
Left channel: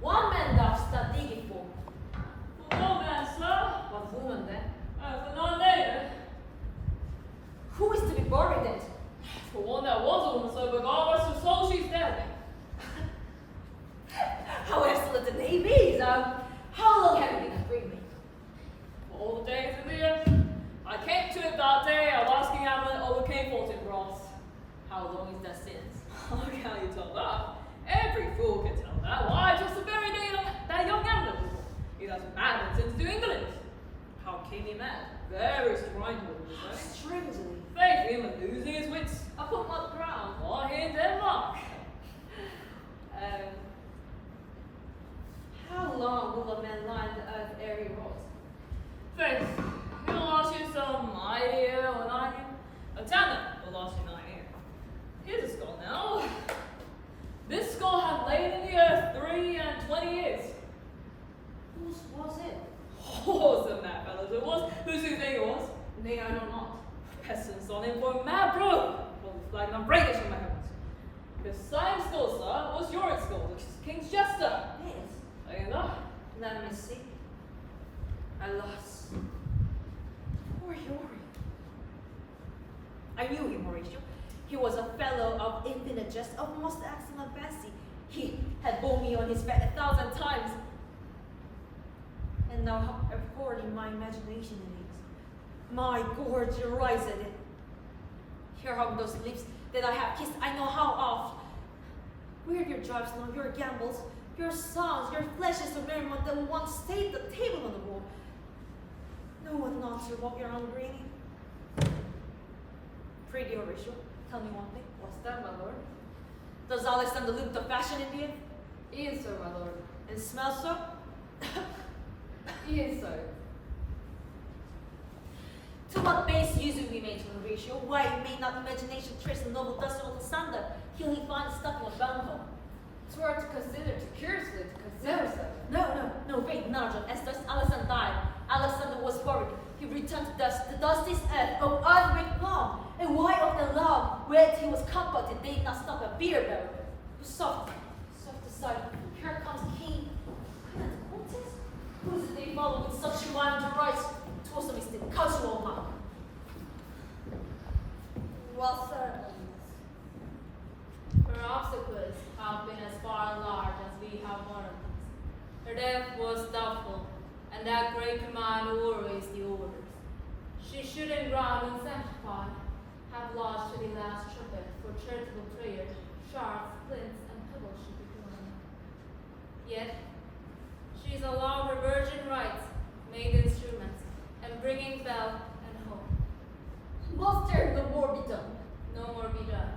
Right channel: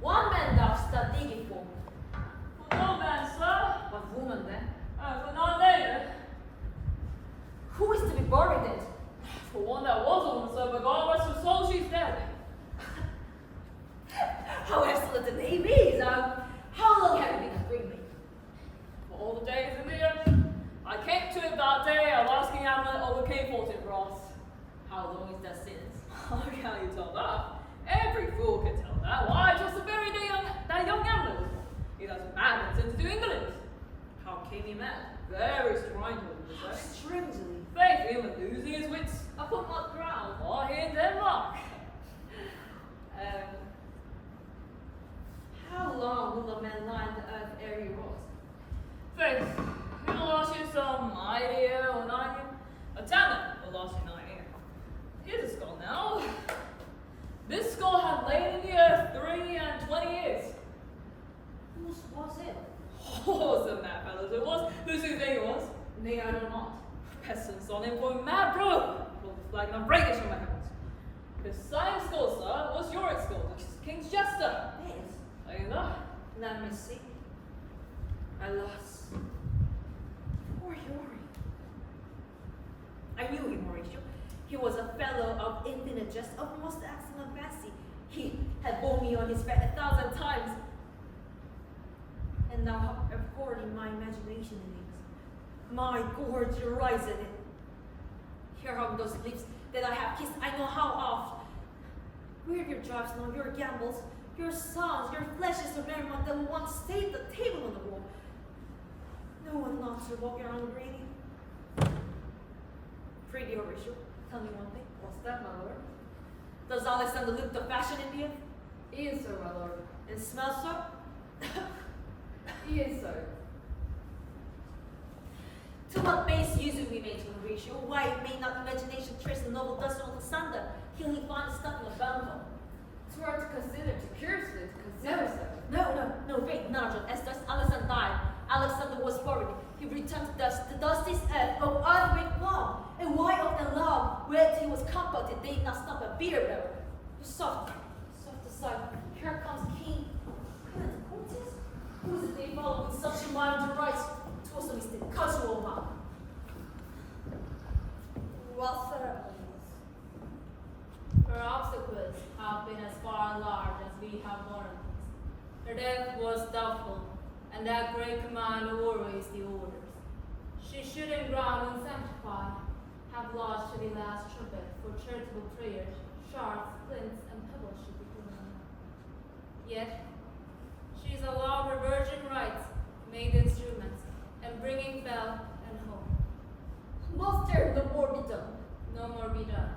One man thou start digging for. For no man, sir. What woman then? For none later. Who is to be buried then? For one that was a woman, sir, but God rest her soul, she's dead. How excellent the name is! How long have you been a free man? For all the days in the year, I came to it that day of asking Hamlet overcame fortune for us. How long is that since? How can you tell that? Every fool can tell that. Why, just the very day that young Hamlet was born. He was mad and sent to England. How came he mad? Very strangely, would you say? Strangely. Faith, him and losing his wits upon what ground? Why, here in Denmark. How long will a man lie on the earth ere he rot? Faith, he'll last you some idea or an idea. A talent will last you an idea. Here's a skull now. This skull had lain in the earth 23 years. Whose was it? Oh, some mad fellows it was. Whose do you think it was? Nay, I know not. Peasants on him for a mad bro. Pulled the flag and I'm breaking from my hands. The same skull, sir, was Yorick's skull, which is King's jester. Yes. Are you know? Let me see. Alas. Poor Yorick. I knew him, Horatio. He was a fellow of infinite jest, of most excellent fancy. He had borne me on his back 1,000 times. And now how abhorring my imagination is. My gorge rises in it. Here hung those lips that I have kissed I know how oft. Where your drives now, your gambles, your songs, your flashes of merriment that once stayed the table on the wall. No one not to walk around greedy. Pretty Horatio, tell me one thing. What's that, my lord? Does Alexander look the fashion in the end? He is so, my lord. And smell so? He is so. To what base use we make Horatio? Why may not imagination trace the noble dust of Alexander, till he finds stuff in a bunghole? To our to consider, to curiously to consider so. No, wait, Nigel. As thus Alexander died, Alexander was buried. He returned to dust. The dust is earth, of earth with long. And why of the log, where he was comforted, they did not stop a beer barrel. Soft aside, here comes King. Countess? Who is it they follow with such a mind to rise? To also is the casual man. Well, sir, Her obstacles have been as far large as we have warranted. Her death was doubtful, and that great command always the orders. She should in ground unsanctified have lodged to the last trumpet for charitable prayers, shards, flints, and pebbles should be thrown. Yet she is allowed her virgin rights, made instruments, and bringing bell and home. Must there no more be done? No more be done.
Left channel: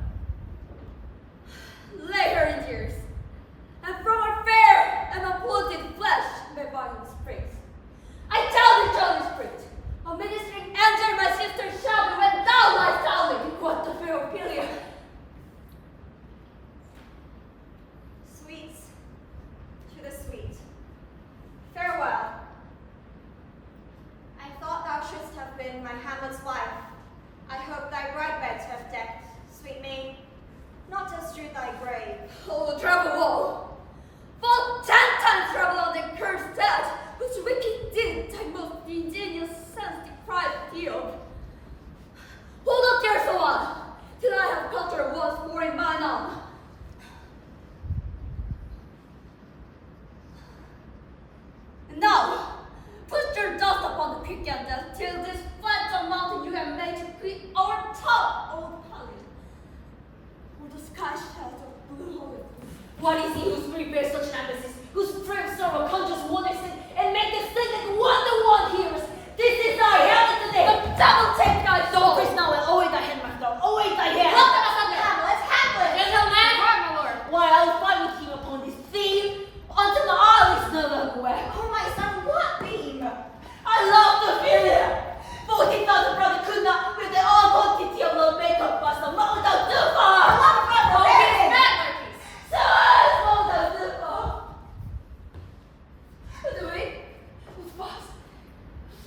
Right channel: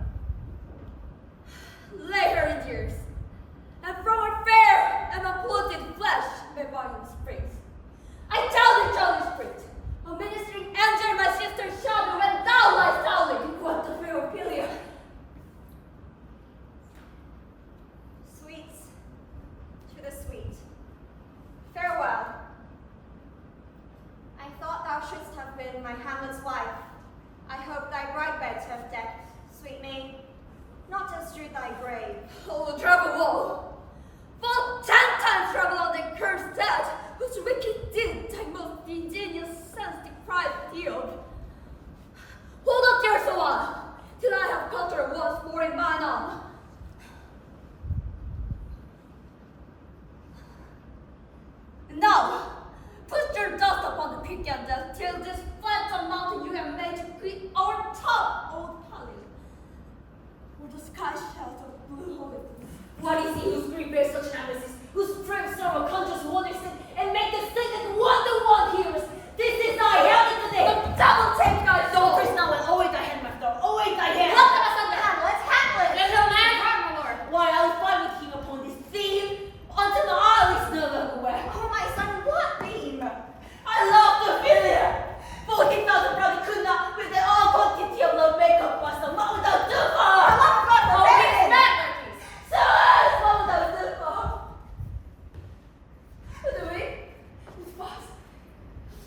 Lay her in tears, and from her fair and uploaded flesh may body springs. I tell thee, jolly spirit, a ministering angel, my sister's shadow, when thou liest howling, what the fear of Pilia. sweets to the sweet. Farewell. I thought thou shouldst have been my Hamlet's wife. I hope thy bride beds have decked, sweet maid, not to strew thy grave. Oh, travel woe! Fall 10 times travel on the cursed dead, whose wicked deed thy most ingenious sense deprived thee of. Hold up there so on, till I have cut her once more in mine arm. And now, put your dust upon the peak and death, till this phantom mountain you have made to greet our top old palace. Or the sky shadows of blue horizons. What is he whose spirit bears such an emphasis, whose brave sorrow conjures wonders and make the thing that one hears? This is thy Hamlet today. The devil take thy soul! First now, and away thy hand, my dog, away thy hand. Help them asunder! Hamlet, Hamlet! Gentlemen, my lord. Why, I'll fight with him upon this theme until all is no longer wet. Oh, my son, what theme? I love the failure. 40,000 probably could not, with their own quantity of love, make up for some mold out too far. Oh, he's mad like this. So much mold out too far. By the way, it's fast.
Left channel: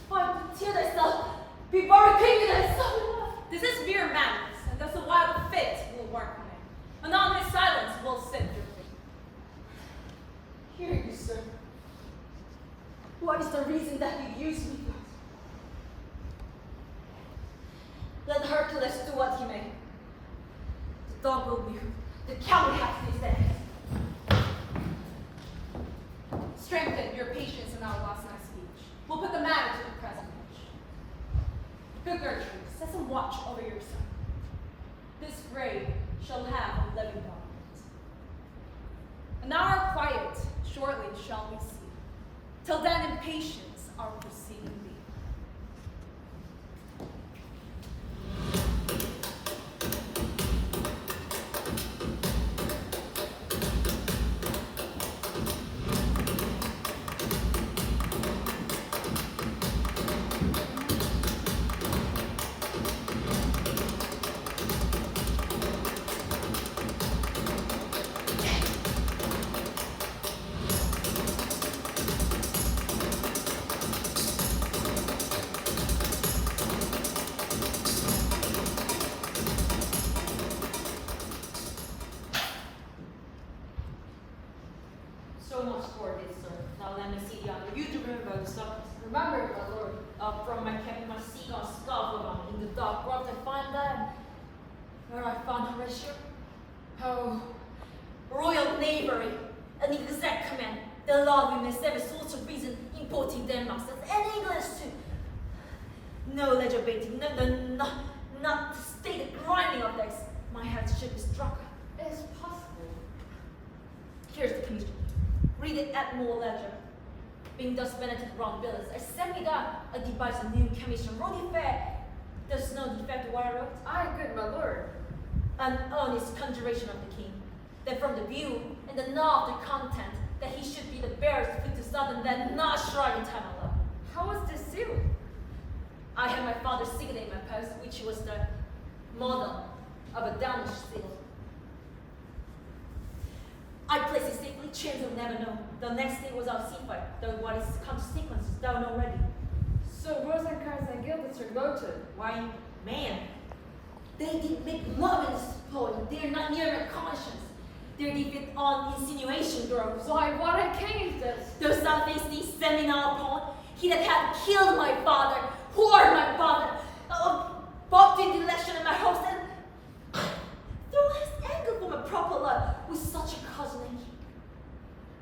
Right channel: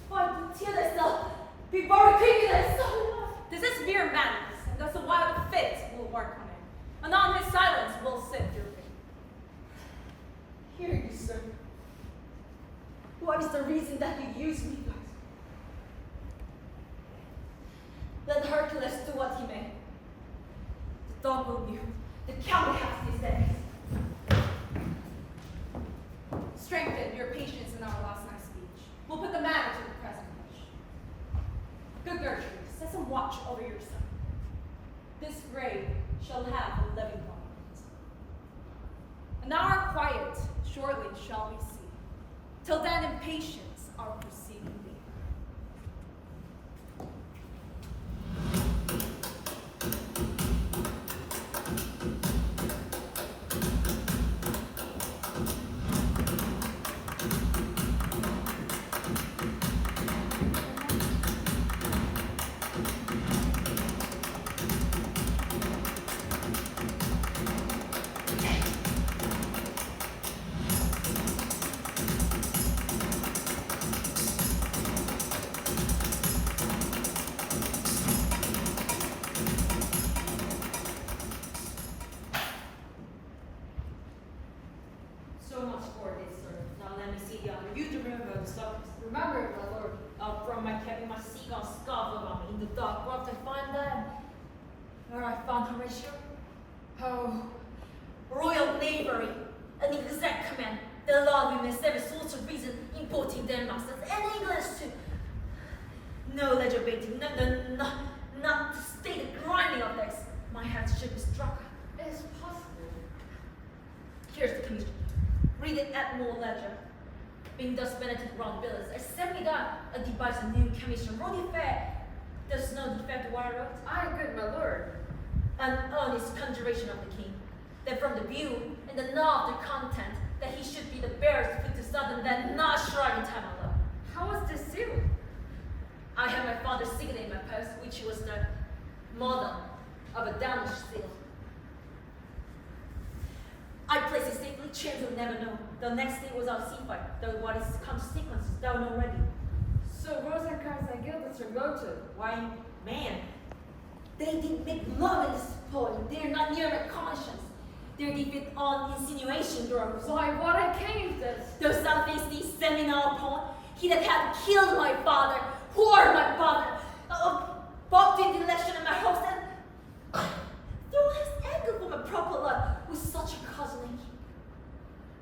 Find to tear thyself before creeping thy soul. This is mere madness, and thus a wild fit will work on it. And on his silence will set your fate. Hear you, sir. What is the reason that you use me thus? Let Hercules do what he may. The dog will be hooked. The cow will have his legs. Strengthen your patience in our last night's speech. We'll put the matter to the present question. Good Gertrude, set some watch over your son. This grave shall have a living monument. An hour quiet shortly shall we see. Till then in patience our proceeding be. So much for this, sir. Now let me see you to remember the stuff. Remember, my lord. From my cabin, my seagulls scoffed around me. In the dark grove, I find them. where I found Horatio. Oh, royal knavery, an exact command. The law remains every sort of reason importing their masters and English too. No legislating, not to state the grinding of this. My head should be struck. It's possible. Here's the commission. Read it at more leisure. Being thus Benedict round bills, I sent me that a devise a new commission. Rody fair. There's no defect to what I wrote. Aye, good my lord. An earnest conjuration of the king, that from the view and the know of the content, that he should be the bearers fit to southern, that not shrine in time of love. How was this sealed? I had my father's signet in my post, which was the model of a Danish seal. I placed it safely, chance will never know. The next day was our sea fight, though what is consequences down already. So Rosencrantz and Gilbert are voted. Why, man, they did make love in this poem. They're not near my conscience. They're deep on insinuation, girls. Why, what a king is this? Those some things these seminar poem. He that had killed my father, whored my father, bobbed in the election in my house, and threw his anger for my proper love with such a cousin.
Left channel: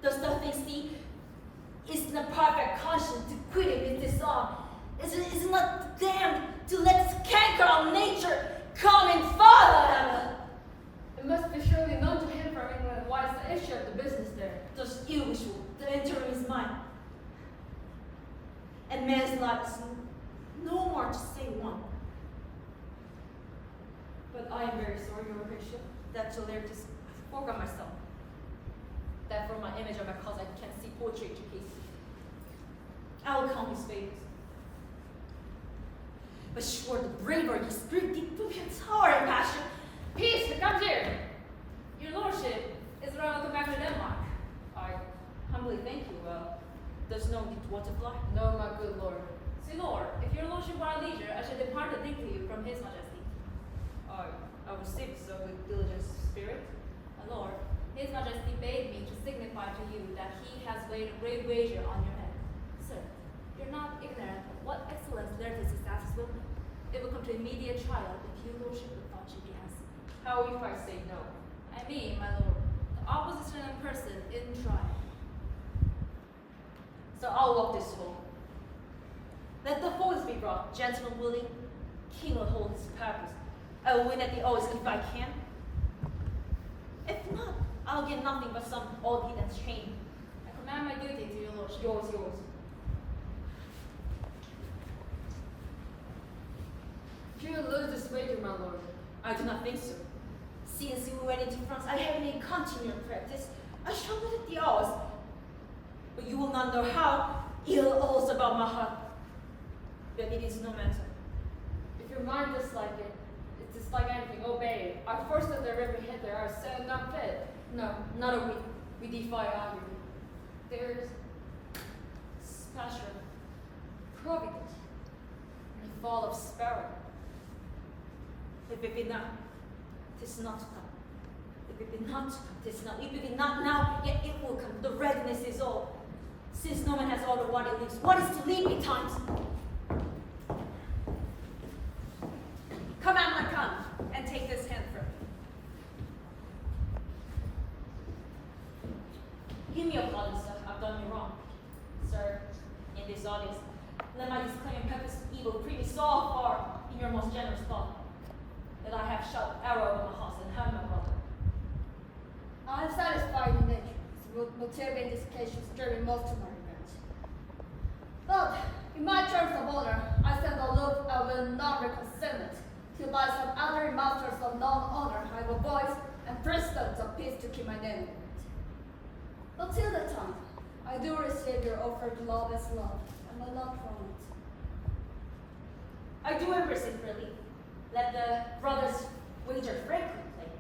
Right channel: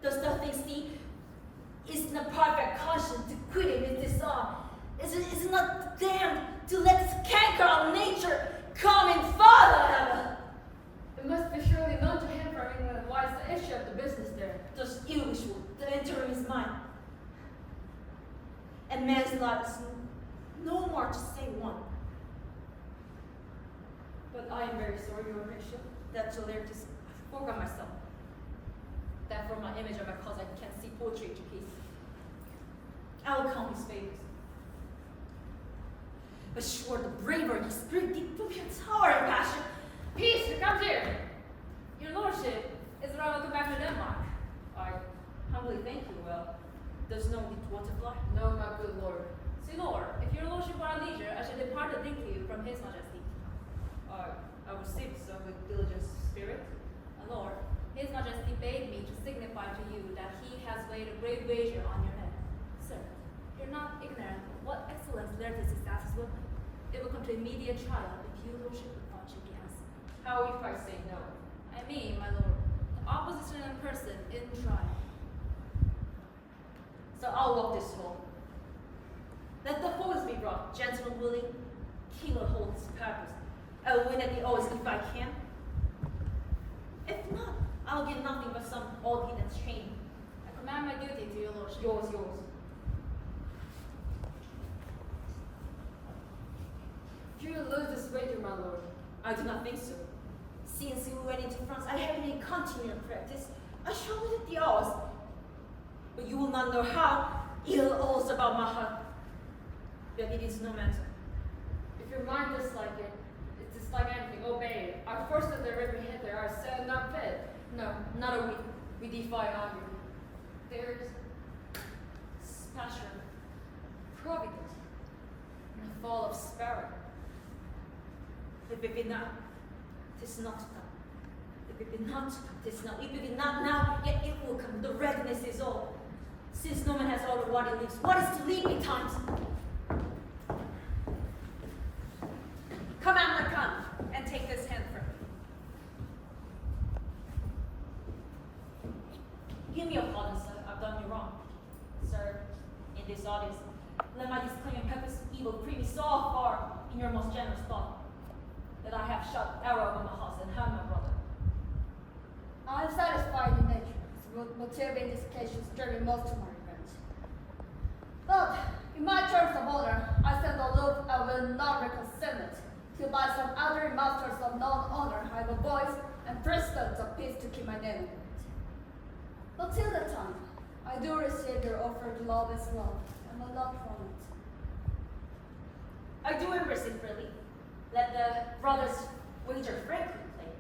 Those the things he is in a perfect conscience to quit him with this arm. Is not damned to let this canker of nature come in further. It must be surely known to him from England what is the issue of the business there. Just ill wishful that enter in his mind. And man's life is no more to say one. But I am very sorry, Your Worship, that to learn to forget myself. That from my image of my cause I can see poetry to peace. I will count his favors. But sure, the bravery, his spirit did prove your tower and passion. Peace, come here. Your lordship is around to come back to Denmark. I humbly thank you. Well, there's no need to fly. No, my good lord. See, Lord, if your lordship were at leisure, I should depart to think to you from his majesty. I received so with diligent spirit. My lord, his majesty bade me to signify to you that he has laid a great wager on your head. Sir, you're not ignorant of what excellence there is accessible. It will come to immediate trial if your lordship would thought you be answered. How if I say no? I mean, my lord, the opposition in person in trial. So I'll walk this home. Let the foes be brought, gentlemen willing, king will hold his purpose. I will win at the oaths if I can. If not, I'll get nothing but some old heathen's chain. I command my duty to your lordship. Yours. Do you lose this wager, my lord? I do not think so. Since we went into France, I have in continual practice. I shall win at the oaths. But you will not know how ill all's about my heart. But it is no matter. If your mind dislike it, it's dislike anything, obey it. I force that the river hither are said not fit. No, not a week. We defy argument. There's special providence in the fall of sparrow. If it be not, 'tis not to come. If it be not to come, 'tis not. If it be not now, yet it will come. The readiness is all. Since no man has all the what he leaves, what is to leave betimes? Come, Hamlet, come, and take this hand from me. Give me your pardon, sir. I've done you wrong. Sir, in this audience, let my disclaim and purpose evil free me so far in your most generous thought that I have shot arrow over my house and harmed my brother. I am satisfied in nature. Its motive in this case should stir me most to my revenge. But in my terms of honor, I stand aloof and will not reconcile it, till by some other masters of non-honor I have a voice and precedents of peace to keep my name in it. But till that time, I do receive your offered love as love, and will not from it. I do embrace it freely. Let the brothers wager frankly play.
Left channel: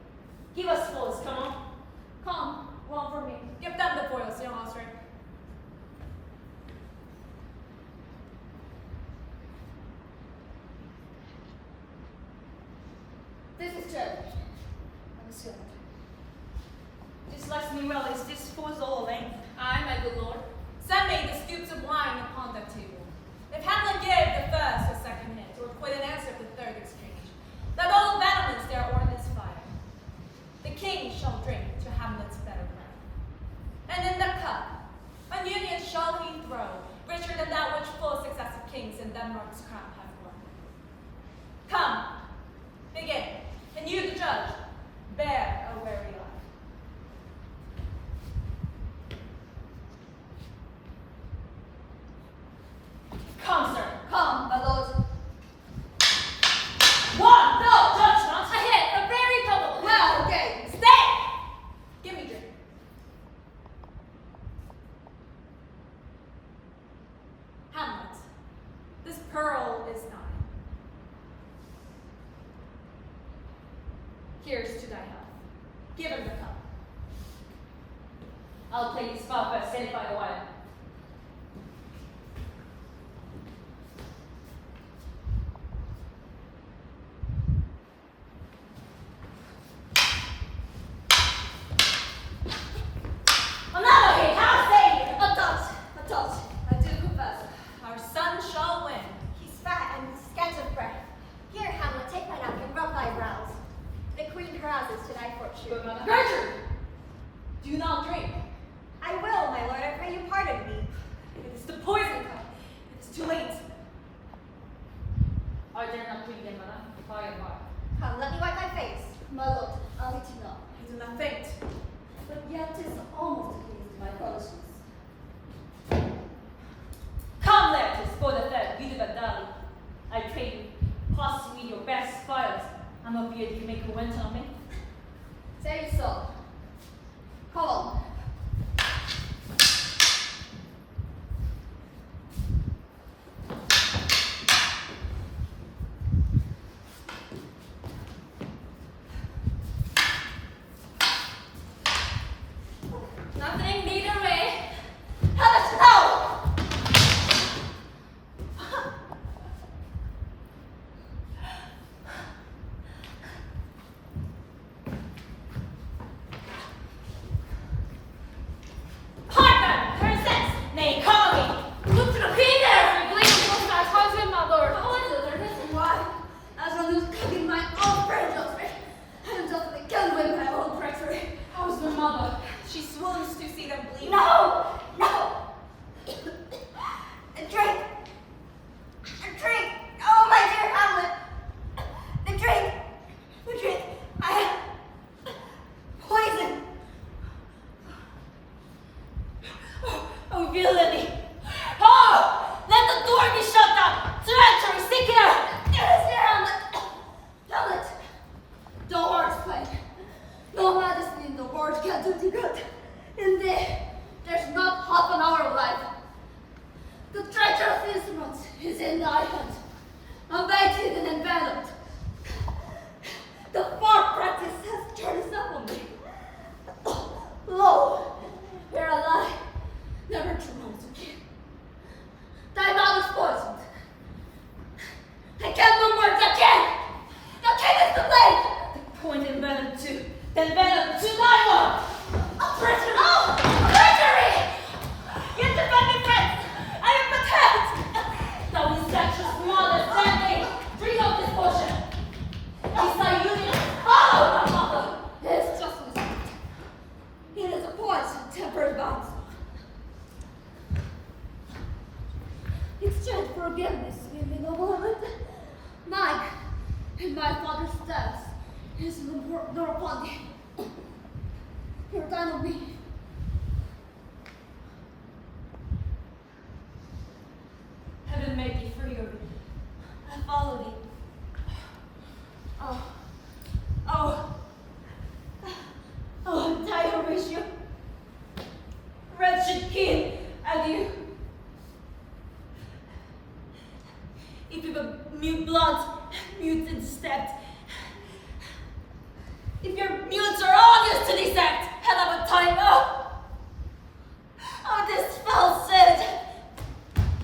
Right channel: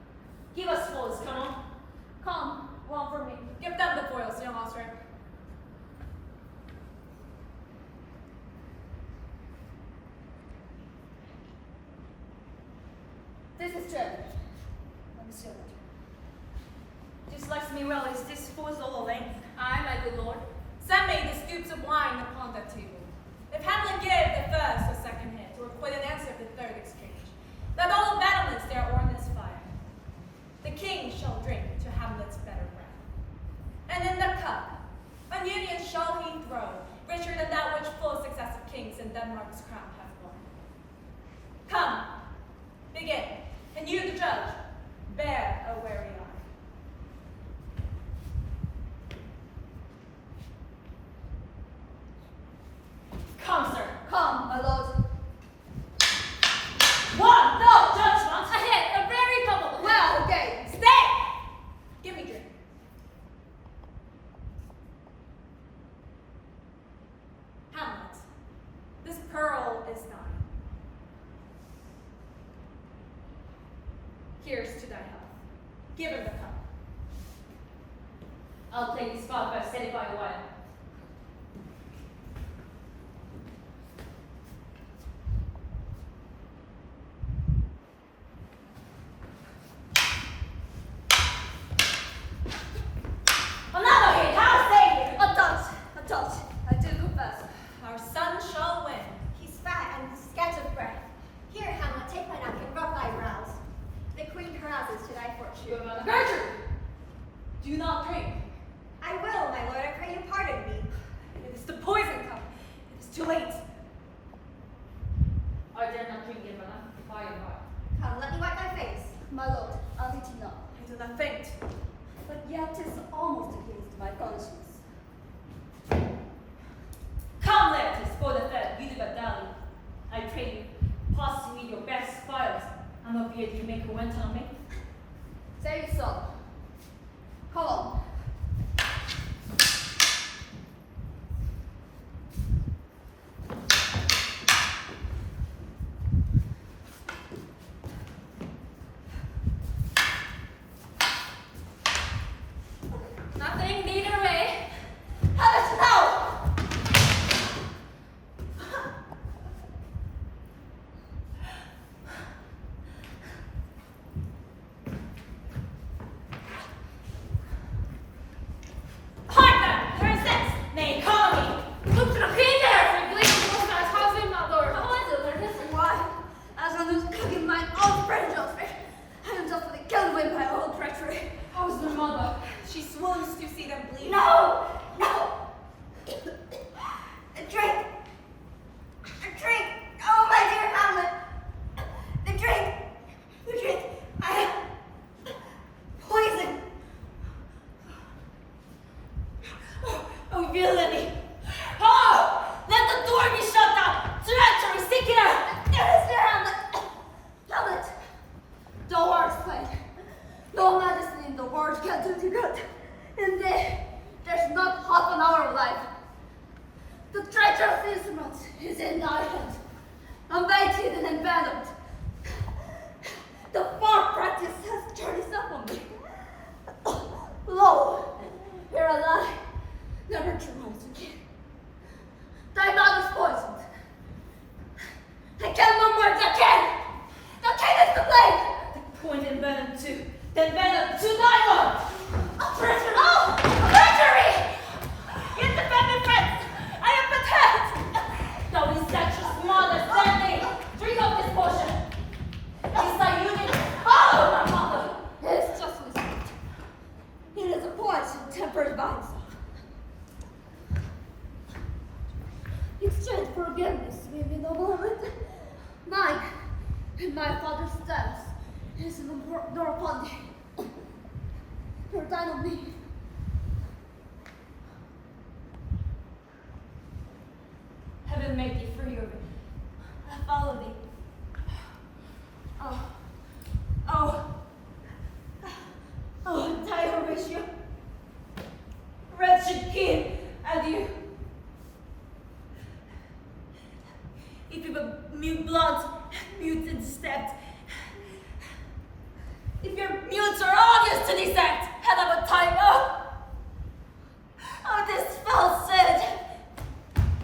Give us foils, come on. Come, one for me. Give them the foils, young Osric. This is Tragedy. Let me see what. This likes me well. Is this foil's all length? Aye, my good lord. Some made the stoops of wine upon that table. If Hamlet gave the first or second hint, or quite an answer to the third exchange, that all battlements their ordinance shall drink to Hamlet's better breath. And in the cup, an union shall he throw, richer than that which full successive kings in Denmark's crown have won. Come, begin, and you, the judge, bear a wary eye. Come, sir. Come, my lord. One, no, judgment. A hit, a very public. Well, okay. Stay! Give me drink. Hamlet, this pearl is thine. Here's to thy health. Give him the cup. I'll take this spot but set it by a while. Another hit, how say you? A touch, I do confess. Our son shall win. He's fat and scant of breath. Here, Hamlet, take my napkin, rub thy brows. The queen carouses to thy fortune. But Mother Gertrude, do not drink. I will, my lord, I pray you pardon me. It is the poison cup. It is too late. I dare not drink again, Madame, by and by. Come, let me wipe thy face. My lord, I'll eat you not. I do not faint. But yet 'tis almost against my conscience. Come, Laertes, for the fed, you the Badali. I pray you, pass me your best files. I'm afraid you make a went on me. Say so. Come on. Nothing, neither way. Hamlet, no! Heartburn, princess, nay, call me. Look to the queen there! We believe in most of our husband, my lord. How is it, Laertes? Why? As one who's cooking my own bread, I am justly killed with my own treachery. How's the mother? She swoons to see them bleed. No! No! A drink! A drink! Oh, my dear Hamlet! The drink! The drink! I have poison! Oh, villainy! Oh! Let the door be shut down! Treachery, seek here! Mr. Hamlet! Hamlet! The horse play. No medicine in the world can do thee good. Indeed, there's not half an hour of life. The treacherous instrument is in thy hand, unbaited and enveloped. The far practice has turned itself on me. Lo, here I lie, never true medicine came. Thy mother's poisoned. I can't no words, I can't! The king is to blame! Point and venom too. Then venom to thy lord! A treacher, no! Treachery! Yet defend me, friends! I am content! Thou incestuous mother, stand thee! Drink of this potion! Is thy union? Oh, my mother! It is just as it is a poison tempered by himself. Exchange forgiveness with me, noble Hamlet. Mine and my father's status is nor upon thee. Your thine on me. Heaven made thee free of it. I follow thee. Oh, thy Horatio. Wretched king, adieu. If you have mute blood, muted stepped. If your mutes are obvious to this act, hell of a time, oh! Oh, this fell sin!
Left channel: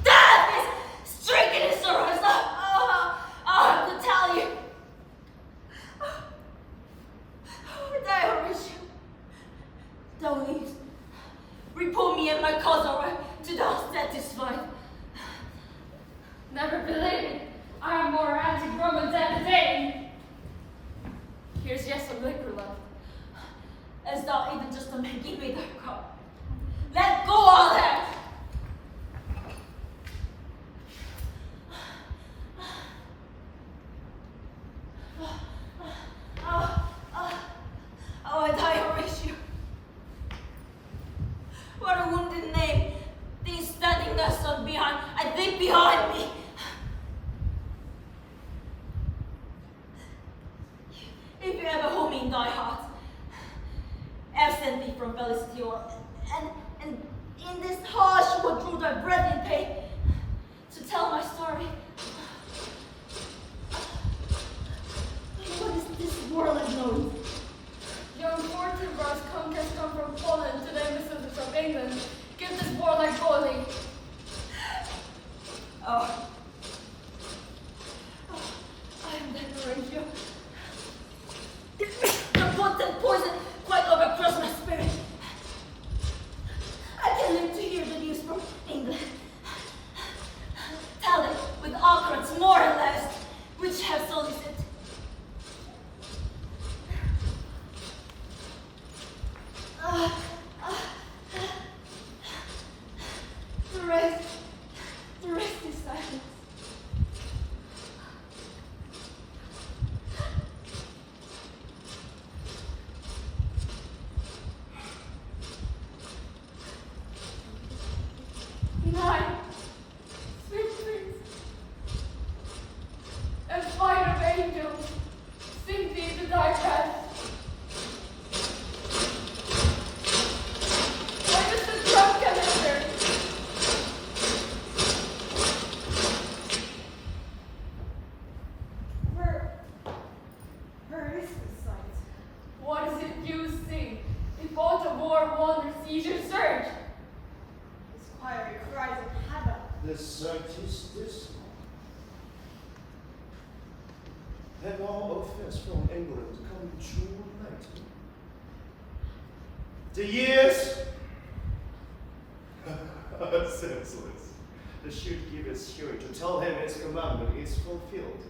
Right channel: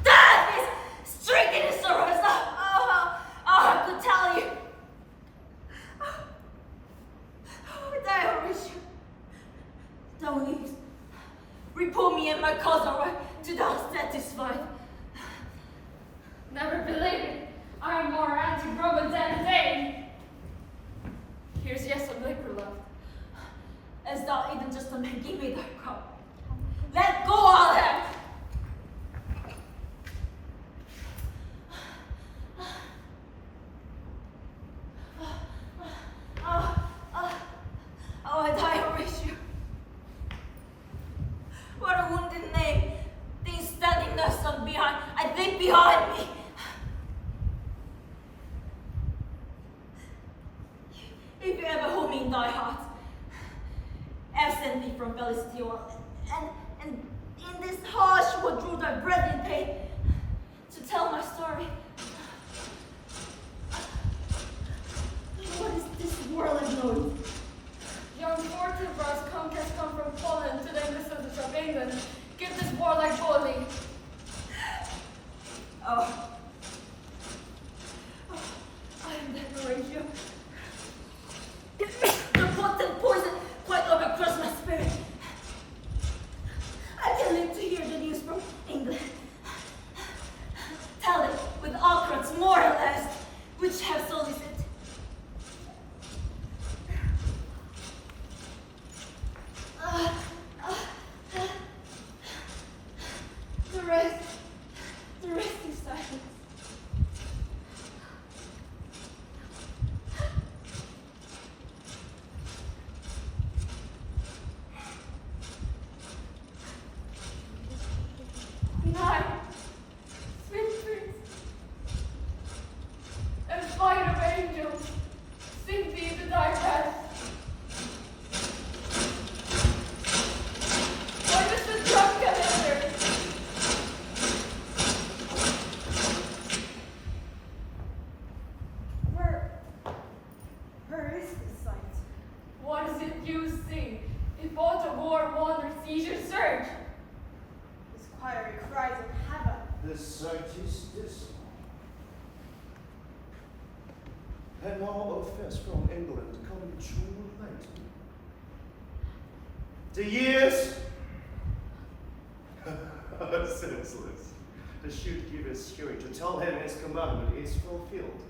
Death is stricken in sorrows! Oh, I have to tell you! Oh, die, Horatio! Thou leaves. Report me and my cause are to thou satisfied. Never believe it. I am more anti-Roman than a Dane. Here's yes of liquor left. as though even just to give me the cup. Let go of that! Oh, I die, Horatio. What a wounded name. Things standing there stuck behind. I think behind me. If you ever hold me in thy heart, absent me from felicity, and in this hush would draw thy breath in pain to tell my story. What is this world of noise? Young Fortinbras has come from Poland to the embassadors of England. Give this warlike bully. Oh, I am dead, Horatio. The potent poison quite overcrushed my spirit. I can live to hear the news from England. Tell them with occurrence more or less, which have solicited. The rest is silence. Night, sweet dreams, and flight of angels, sing thee to thy rest. Why does the drum come hither? Where is this sight? What is it you see? If aught of war wanders, sees your search. This choir cries in heaven. The sight is dismal. Had all affairs from England come too late? The years are senseless. The should give his hearing to tell him his commandment is fulfilled.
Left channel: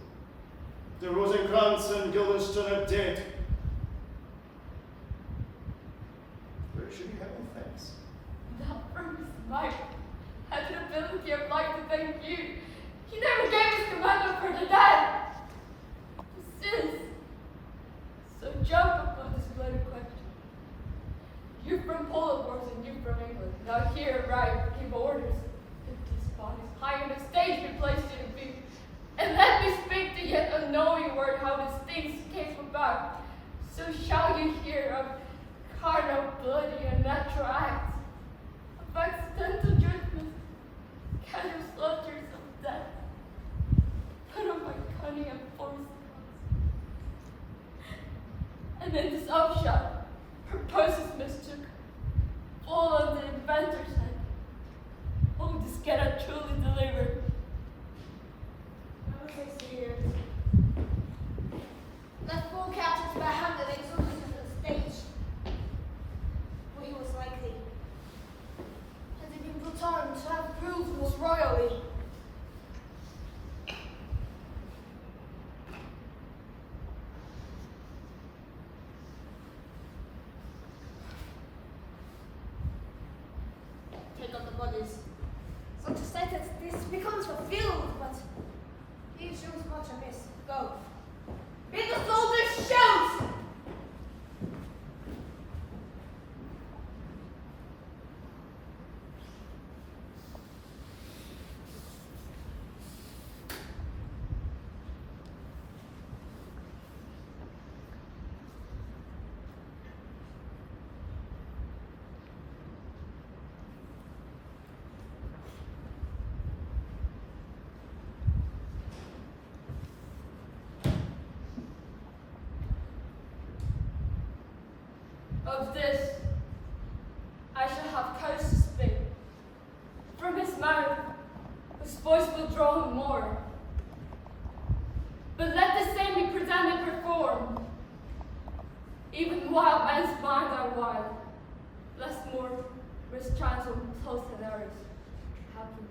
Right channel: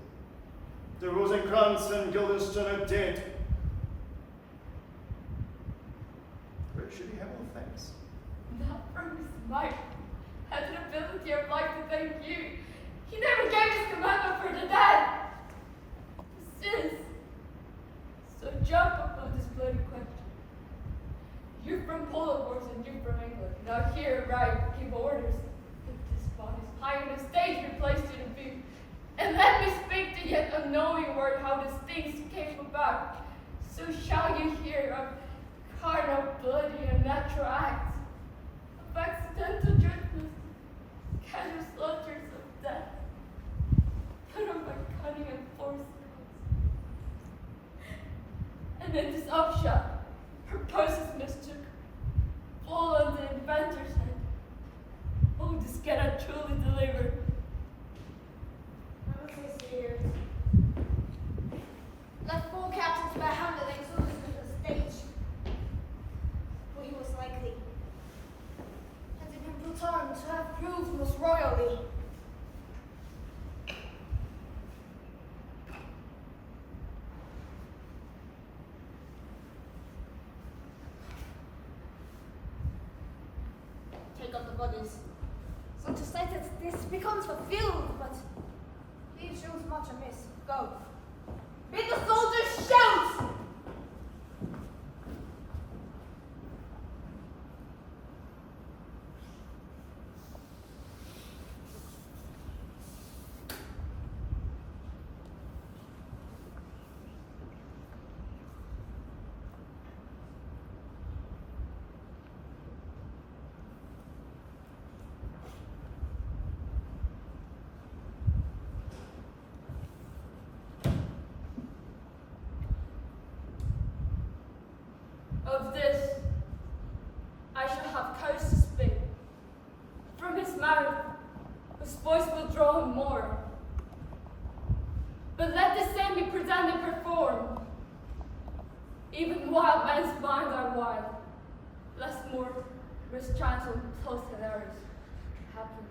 The Rosencrantz and Guildenstern are dead. Where should he have all thanks? Not from his might, had an ability of life to thank you. He never gave his commandment for the dead. Since, so jump upon this bloody question. You from Poland, wars, and you from England. Now here, right, give orders. If this bodies high in the stage be placed to the view. And let me speak the yet unknowing word how these things came about. So shall you hear of carnal, bloody, and natural acts, of accidental judgments, casual slaughters of death, put on by cunning and force. And in this upshot, purposes mistook, fall on the inventor's head. Oh, this cannot truly deliver. Let four captains barehanded exodus to the stage, for he was likely, had it been put on to have proved most royally. Take up the bodies. So to say that this becomes fulfilled, but these shows much amiss. Go. Bid the soldiers shout! Of this, I shall have courage to speak. From his mouth, his voice will draw him more. But let the same be present and performed. Even wild men's minds are wild, less more mischance or close and errors happen.